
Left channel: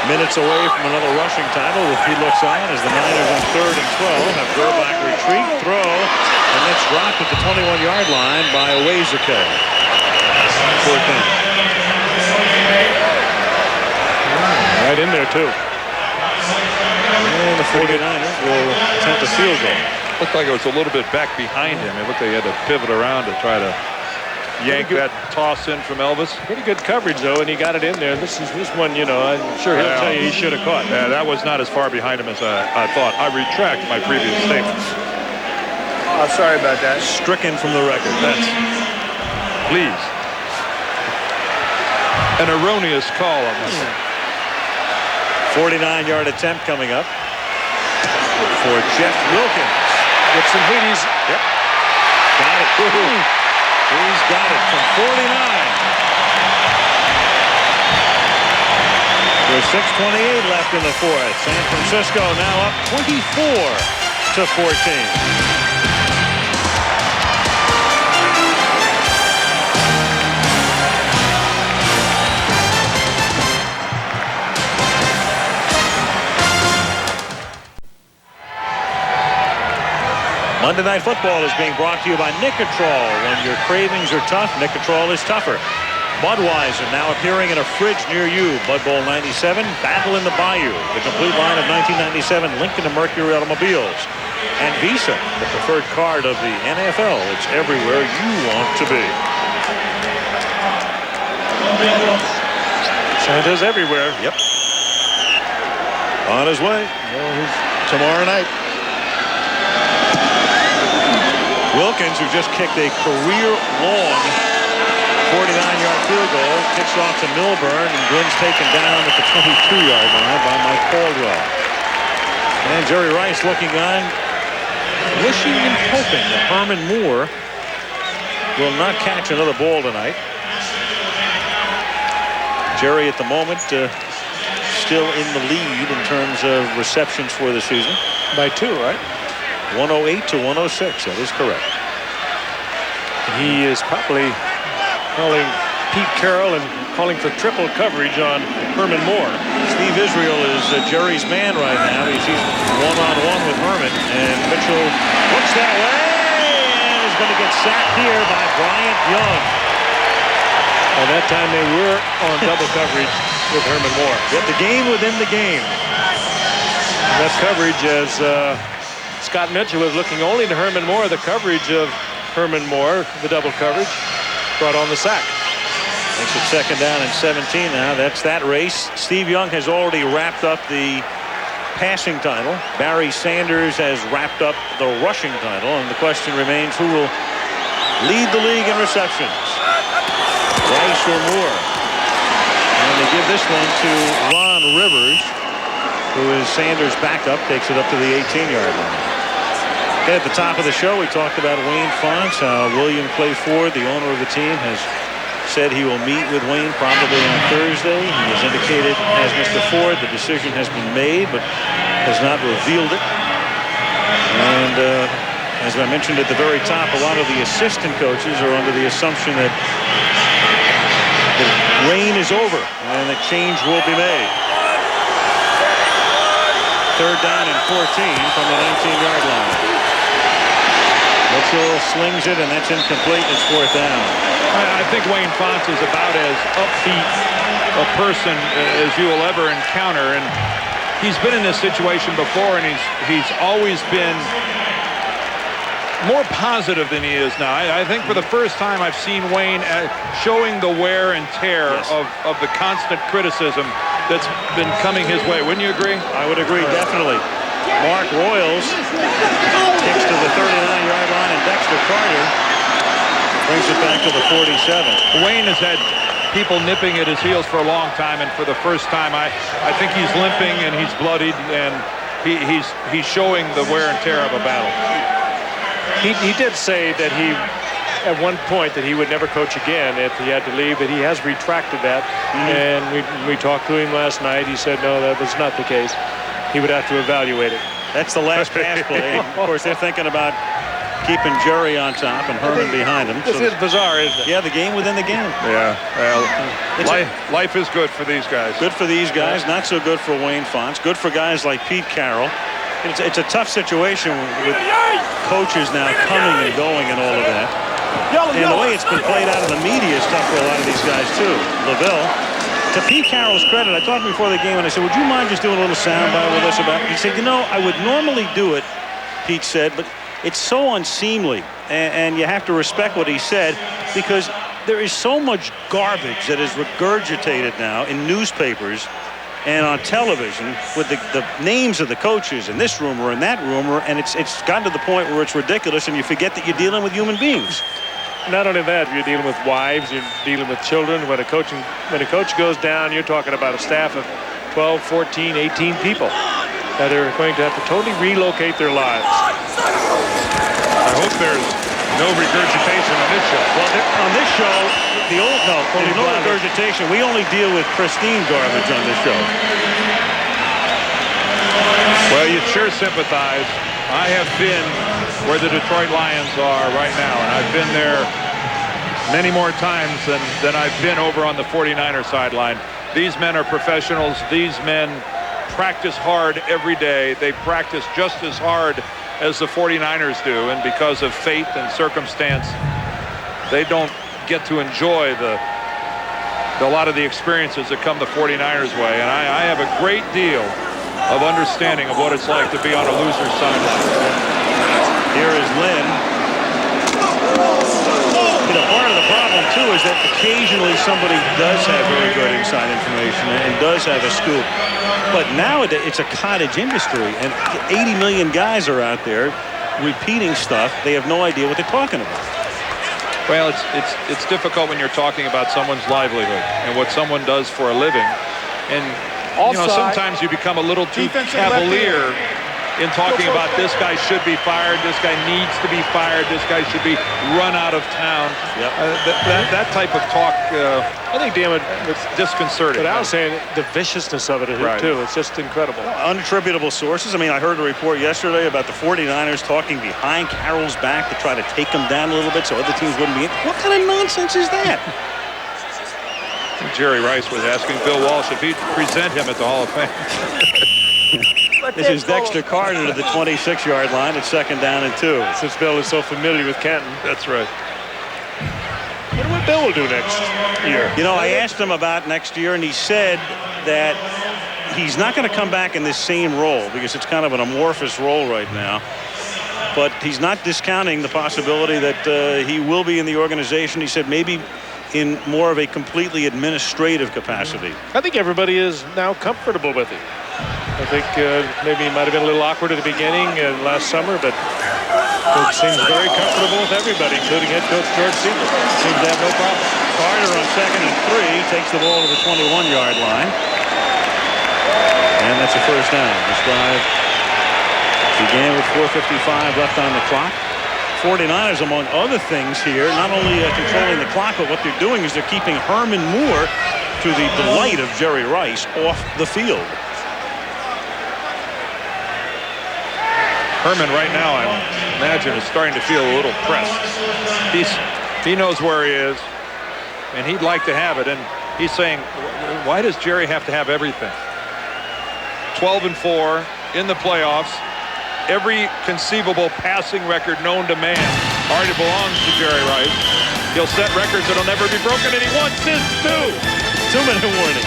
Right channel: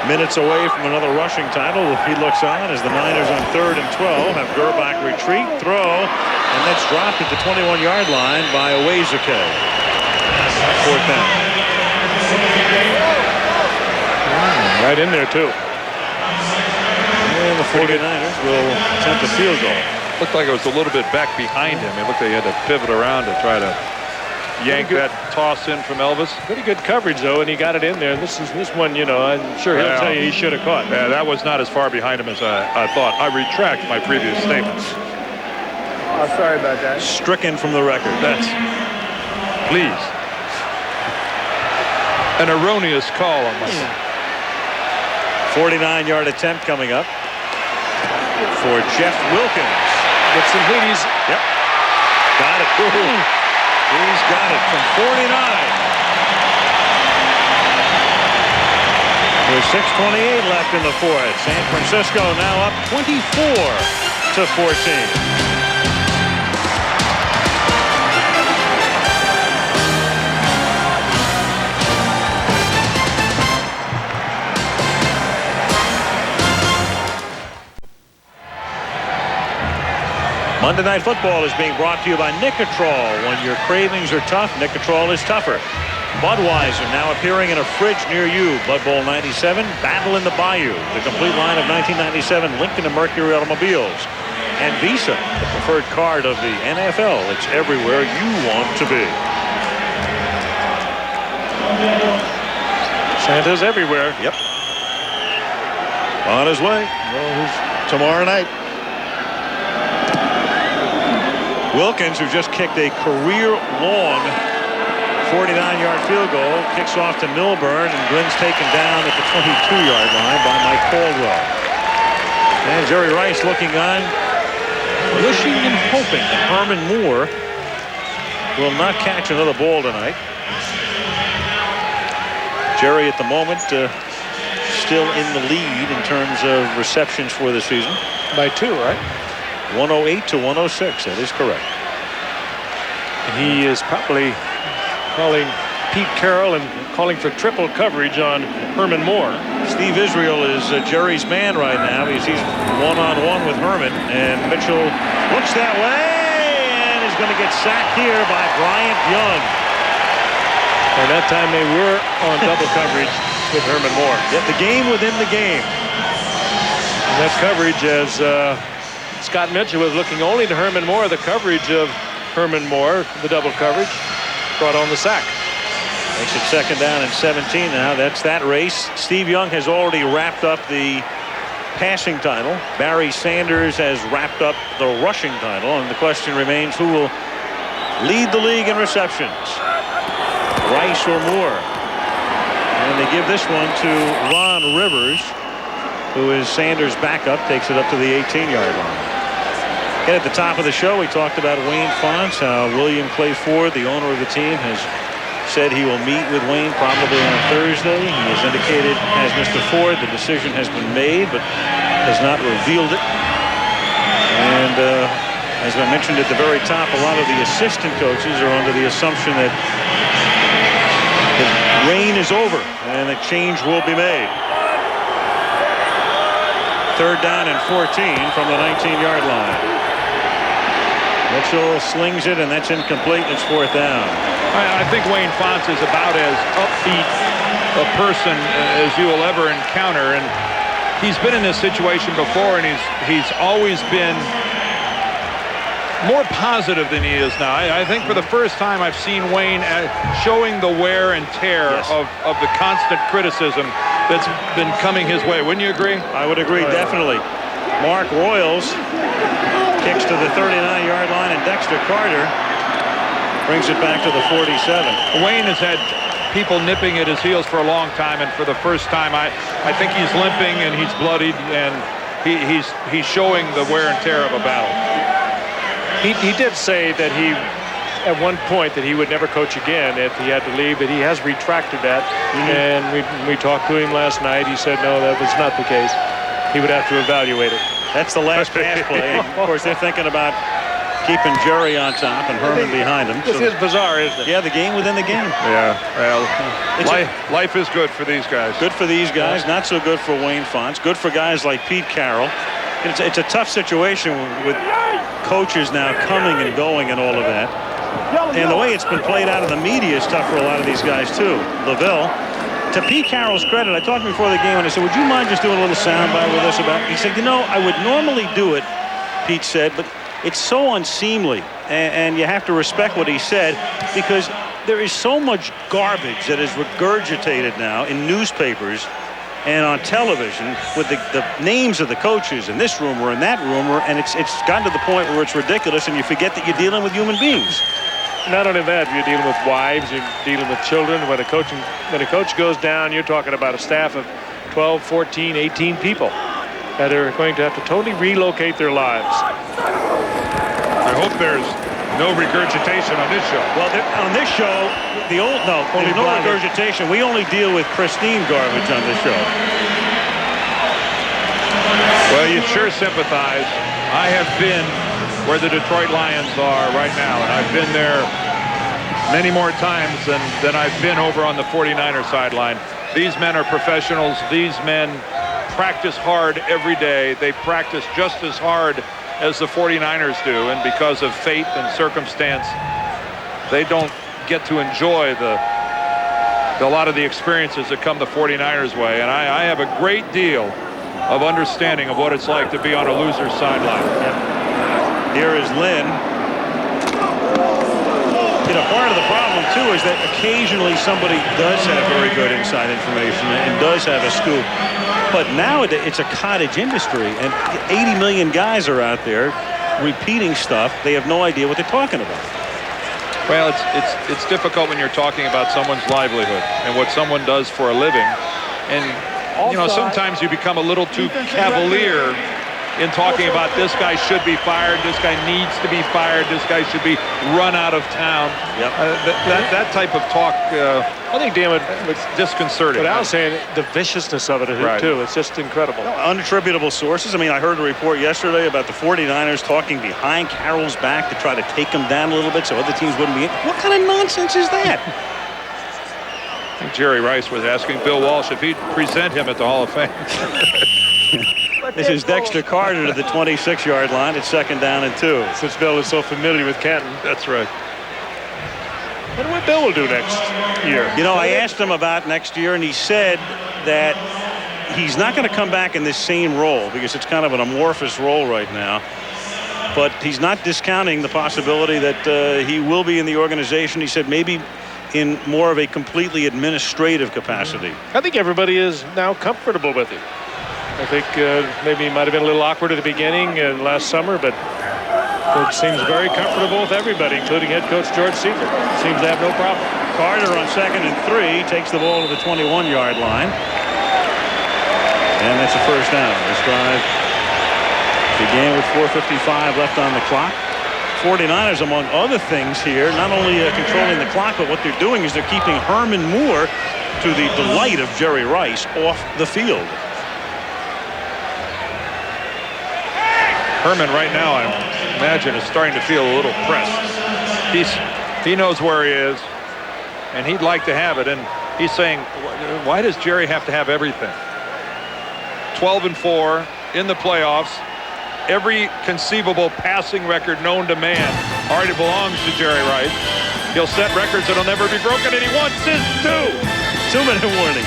Minutes away from another rushing title if he looks on as the Niners on 3rd and 12 have Gerbach retreat, throw, and that's dropped at the 21-yard line by Owezike. 4th down. Right in there, too. And the 49ers will attempt a field goal. Looked like it was a little bit back behind him. It looked like he had to pivot around to try to yank that toss in from Elvis. Pretty good coverage, though, and he got it in there. This one, I'm sure he'll tell you he should have caught. Yeah, that was not as far behind him as I thought. I retract my previous statements. Oh, sorry about that. Stricken from the record. That's, please. An erroneous call on my part. 49-yard attempt coming up for Jeff Wilkins. Get some Wheaties. Yep. Got it. He's got it from 49. With 6:28 left in the 4th. San Francisco now up 24-14. Monday Night Football is being brought to you by Nicotrol. When your cravings are tough, Nicotrol is tougher. Budweiser now appearing in a fridge near you. Bud Bowl 97, Battle in the Bayou, the complete line of 1997 Lincoln and Mercury automobiles. And Visa, the preferred card of the NFL. It's everywhere you want to be. Santa's everywhere. Yep. On his way. Well, he's tomorrow night. Wilkins, who just kicked a career-long 49-yard field goal, kicks off to Milburn, and Glynn's taken down at the 22-yard line by Mike Caldwell. And Jerry Rice looking on, wishing and hoping that Herman Moore will not catch another ball tonight. Jerry at the moment still in the lead in terms of receptions for the season. By 2, right? 108 to 106. That is correct. And he is probably calling Pete Carroll and calling for triple coverage on Herman Moore. Steve Israel is Jerry's man right now. He's one-on-one with Herman, and Mitchell looks that way and is going to get sacked here by Bryant Young. And that time they were on double coverage with Herman Moore. Yet the game within the game. And that coverage, as Scott Mitchell was looking only to Herman Moore, the coverage of Herman Moore, the double coverage, brought on the sack. Makes it 2nd down and 17 now. That's that race. Steve Young has already wrapped up the passing title. Barry Sanders has wrapped up the rushing title. And the question remains, who will lead the league in receptions? Rice or Moore? And they give this one to Ron Rivers, who is Sanders' backup, takes it up to the 18-yard line. Again, at the top of the show, we talked about Wayne Fonts, how William Clay Ford, the owner of the team, has said he will meet with Wayne probably on Thursday. He has indicated, has Mr. Ford, the decision has been made, but has not revealed it. And as I mentioned at the very top, a lot of the assistant coaches are under the assumption that reign is over and that change will be made. 3rd down and 14 from the 19-yard line. Mitchell slings it, and that's incomplete. It's 4th down. I think Wayne Fonts is about as upbeat a person as you will ever encounter, and he's been in this situation before, and he's always been more positive than he is now. I think for the first time I've seen Wayne showing the wear and tear of the constant criticism that's been coming his way. Wouldn't you agree? I would agree, definitely. Mark Royals kicks to the 39-yard line, and Dexter Carter brings it back to the 47. Wayne has had people nipping at his heels for a long time, and for the first time I think he's limping and he's bloodied, and he's showing the wear and tear of a battle. He did say that at one point that he would never coach again if he had to leave, but he has retracted that. And we talked to him last night. He said no, that was not the case. He would have to evaluate it. That's the last pass play. And of course, they're thinking about keeping Jerry on top and Herman behind him. This is bizarre, isn't it? Yeah, the game within the game. Yeah, well, life is good for these guys. Good for these guys, not so good for Wayne Fonts. Good for guys like Pete Carroll. It's a tough situation with coaches now coming and going and all of that. And the way it's been played out in the media is tough for a lot of these guys, too. Lavelle, to Pete Carroll's credit, I talked before the game, and I said, would you mind just doing a little soundbite with us about it? He said, you know, I would normally do it, Pete said, but it's so unseemly, and you have to respect what he said, because there is so much garbage that is regurgitated now in newspapers and on television with the names of the coaches and this rumor and that rumor, and it's gotten to the point where it's ridiculous, and you forget that you're dealing with human beings. Not only that, you're dealing with wives, you're dealing with children. When a coach goes down, you're talking about a staff of 12, 14, 18 people that are going to have to totally relocate their lives. I hope there's no regurgitation on this show. Well, on this show, there's no regurgitation. We only deal with pristine garbage on this show. Well, you sure sympathize. I have been where the Detroit Lions are right now, and I've been there many more times than I've been over on the 49er sideline. These men are professionals. These men practice hard every day. They practice just as hard as the 49ers do, and because of fate and circumstance, they don't get to enjoy a lot of the experiences that come the 49ers way. And I have a great deal of understanding of what it's like to be on a loser's sideline. Here is Lynn. You know, part of the problem, too, is that occasionally somebody does have very good inside information and does have a scoop. But nowadays, it's a cottage industry, and 80 million guys are out there repeating stuff. They have no idea what they're talking about. Well, it's difficult when you're talking about someone's livelihood and what someone does for a living. And, you know, sometimes you become a little too cavalier in talking about this guy should be fired, this guy needs to be fired, this guy should be run out of town. Yep. That type of talk, I think, Dan, it's disconcerting. But I was saying the viciousness of it, too. It's just incredible. No, unattributable sources. I mean, I heard a report yesterday about the 49ers talking behind Carroll's back to try to take him down a little bit so other teams wouldn't be in. What kind of nonsense is that? I think Jerry Rice was asking Bill Walsh if he'd present him at the Hall of Fame. This is Dexter Carter to the 26-yard line. It's 2nd down and 2. Since Bill is so familiar with Canton. That's right. I wonder what Bill will do next year. You know, I asked him about next year, and he said that he's not going to come back in this same role because it's kind of an amorphous role right now. But he's not discounting the possibility that he will be in the organization. He said maybe in more of a completely administrative capacity. I think everybody is now comfortable with him. I think maybe he might have been a little awkward at the beginning last summer, but it seems very comfortable with everybody, including head coach George Sealer. Seems to have no problem. Carter on 2nd and 3 takes the ball to the 21-yard line. And that's a 1st down. This drive began with 4:55 left on the clock. 49ers, among other things here, not only controlling the clock, but what they're doing is they're keeping Herman Moore, to the delight of Jerry Rice, off the field. Herman right now, I imagine, is starting to feel a little pressed. He knows where he is, and he'd like to have it. And he's saying, why does Jerry have to have everything? 12-4 in the playoffs. Every conceivable passing record known to man already belongs to Jerry Rice. He'll set records that'll never be broken, and he wants his 2-minute warning.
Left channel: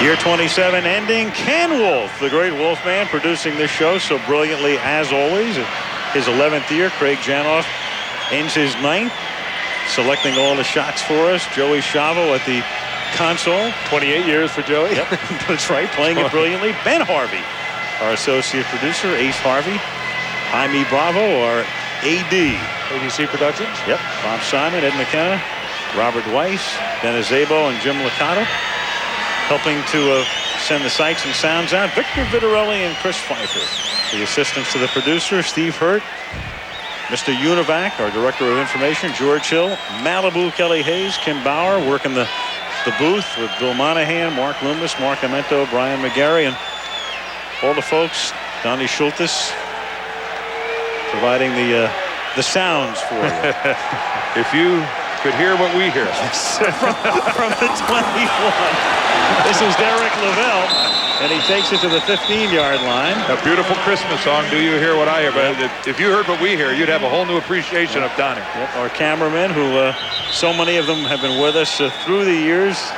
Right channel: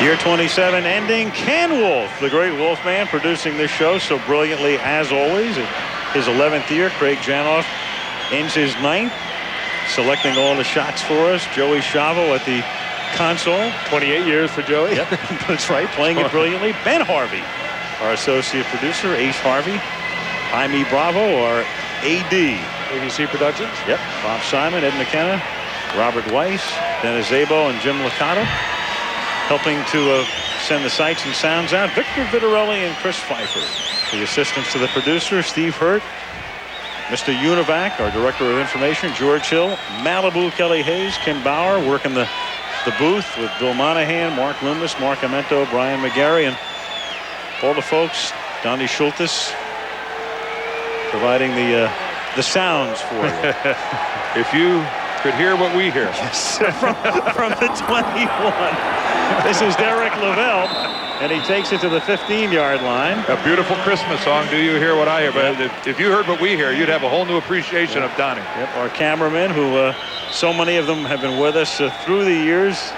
Year 27 ending. Ken Wolf, the great Wolfman, producing this show so brilliantly as always. His 11th year. Craig Janoff ends his 9th, selecting all the shots for us. Joey Chavo at the console. 28 years for Joey. Yep, that's right, playing it brilliantly. Ben Harvey, our associate producer. Ace Harvey. Jaime Bravo, our AD. ABC Productions. Yep, Bob Simon, Ed McKenna, Robert Weiss, Dennis Zabo, and Jim Licata. Helping to send the sights and sounds out, Victor Vitarelli and Chris Pfeiffer. The assistants to the producer, Steve Hurt, Mr. Univac, our director of information, George Hill, Malibu, Kelly Hayes, Kim Bauer, working the booth with Bill Monahan, Mark Loomis, Mark Amento, Brian McGarry, and all the folks, Donnie Schultes, providing the sounds for you. If you could hear what we hear. Yes. from the 21. This is Derek Lavelle, and he takes it to the 15-yard line. A beautiful Christmas song, Do You Hear What I Hear? But if you heard what we hear, you'd have a whole new appreciation of Donnie. Yep, our cameramen, who so many of them have been with us through the years.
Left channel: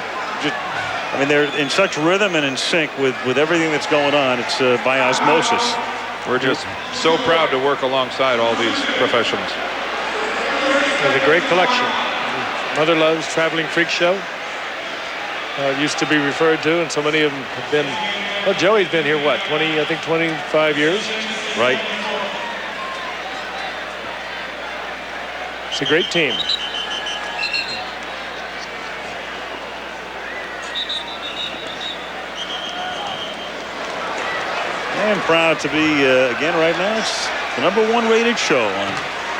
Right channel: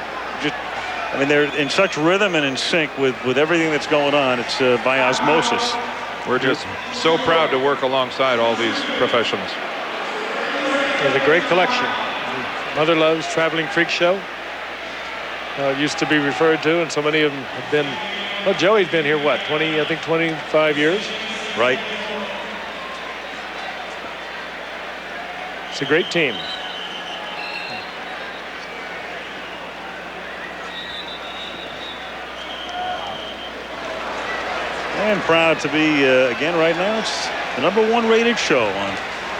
I mean, they're in such rhythm and in sync with everything that's going on. It's by osmosis. We're just so proud to work alongside all these professionals. There's a great collection. Mother Love's Traveling Freak Show. It used to be referred to, and so many of them have been. Well, Joey's been here, what, 25 years? Right. It's a great team. And proud to be, again, right now, it's the #1 rated show on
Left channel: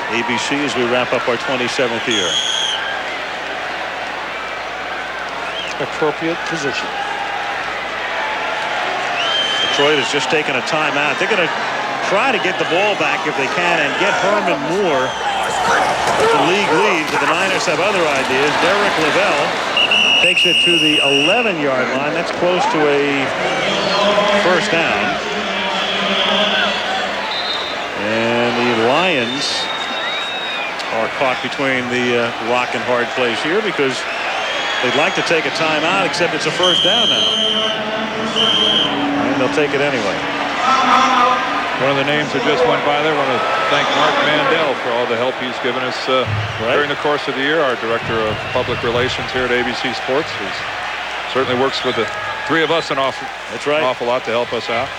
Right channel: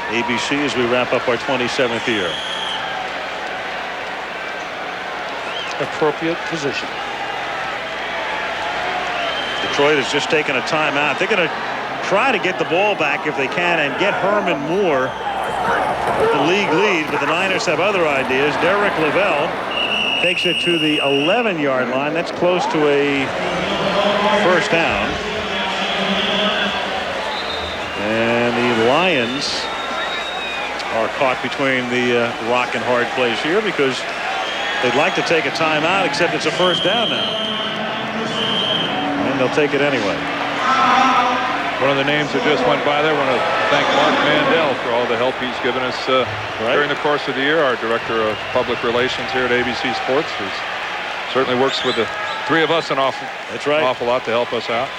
ABC as we wrap up our 27th year. Appropriate position. Detroit has just taken a timeout. They're going to try to get the ball back if they can and get Herman Moore the league lead, but the Niners have other ideas. Derek Lavelle Takes it to the 11-yard line. That's close to a first down. And the Lions are caught between the rock and hard place here because they'd like to take a timeout, except it's a first down now. And they'll take it anyway. One of the names that just went by there, want to thank Mark Mandel for all the help he's given us during the course of the year. Our director of public relations here at ABC Sports, who certainly works with the three of us an awful lot to help us out.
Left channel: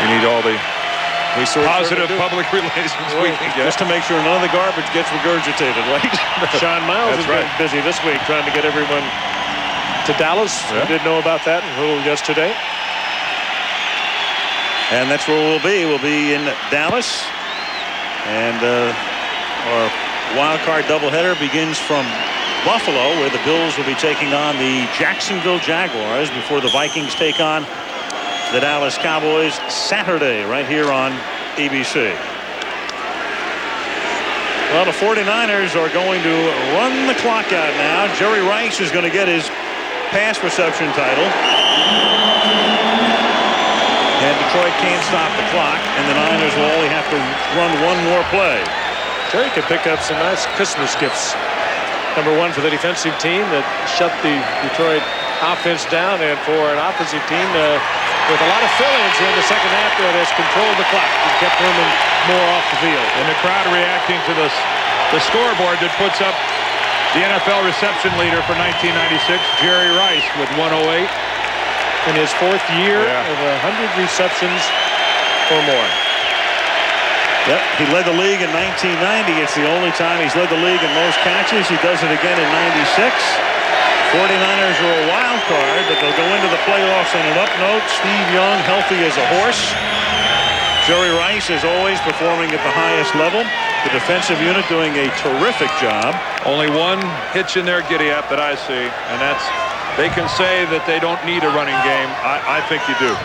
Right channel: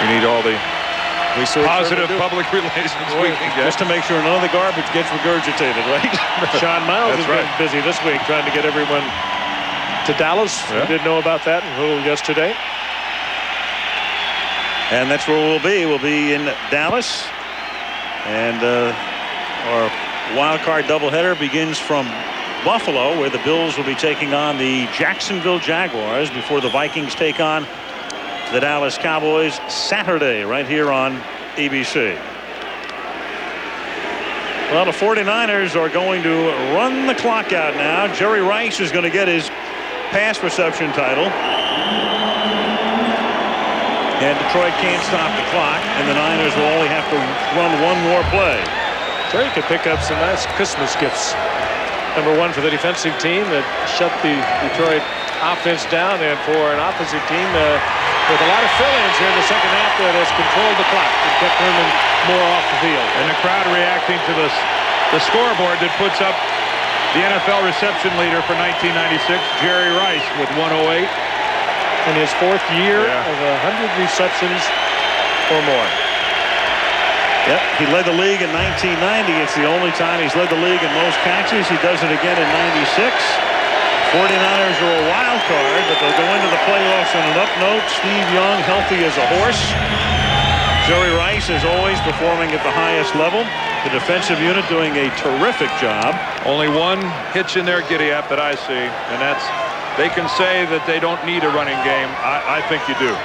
We need all the positive public relations we can get. Just to make sure none of the garbage gets regurgitated, right? Sean Miles has been busy this week trying to get everyone to Dallas. We didn't know about that until yesterday. And that's where we'll be. We'll be in Dallas. And our wild card doubleheader begins from Buffalo, where the Bills will be taking on the Jacksonville Jaguars before the Vikings take on the Dallas Cowboys Saturday right here on ABC. Well, the 49ers are going to run the clock out now. Jerry Rice is going to get his pass reception title. And Detroit can't stop the clock, and the Niners will only have to run one more play. Jerry could pick up some nice Christmas gifts. Number one for the defensive team that shut the Detroit offense down, and for an offensive team with a lot of fill-ins here in the second half that has controlled the clock and kept Herman Moore off the field. And the crowd reacting to the scoreboard that puts up the NFL reception leader for 1996, Jerry Rice, with 108. In his fourth year of 100 receptions or more. Yep, he led the league in 1990. It's the only time he's led the league in most catches. He does it again in 96. 49ers are a wild card, but they'll go into the playoffs on an up note. Steve Young healthy as a horse. Jerry Rice, as always, performing at the highest level. The defensive unit doing a terrific job. Only one hitch in there, Giddy-Up, that I see, and that's they can say that they don't need a running game. I think you do.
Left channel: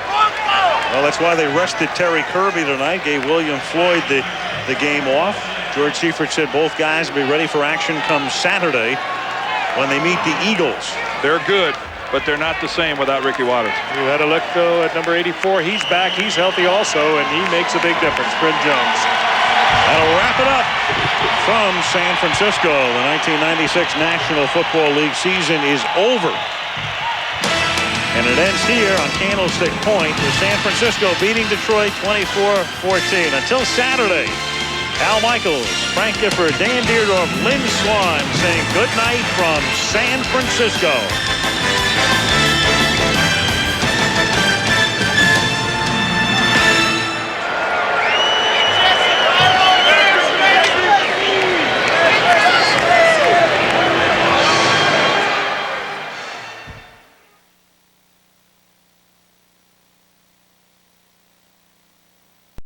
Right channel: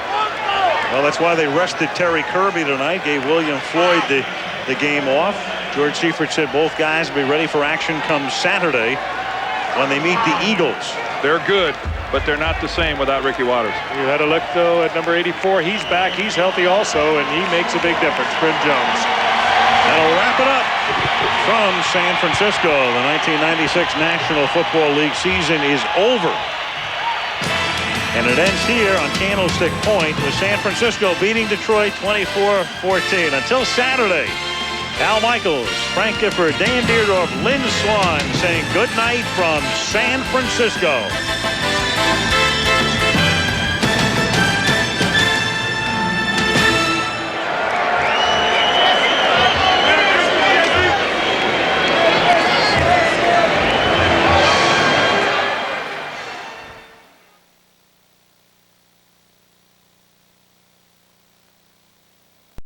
Well, that's why they rested Terry Kirby tonight, gave William Floyd the game off. George Seifert said both guys will be ready for action come Saturday when they meet the Eagles. They're good, but they're not the same without Ricky Watters. You had a look, though, at number 84. He's back. He's healthy also, and he makes a big difference. Brent Jones. That'll wrap it up from San Francisco. The 1996 National Football League season is over. And it ends here on Candlestick Point with San Francisco beating Detroit 24-14. Until Saturday, Al Michaels, Frank Gifford, Dan Deerdorf, Lynn Swan saying good night from San Francisco.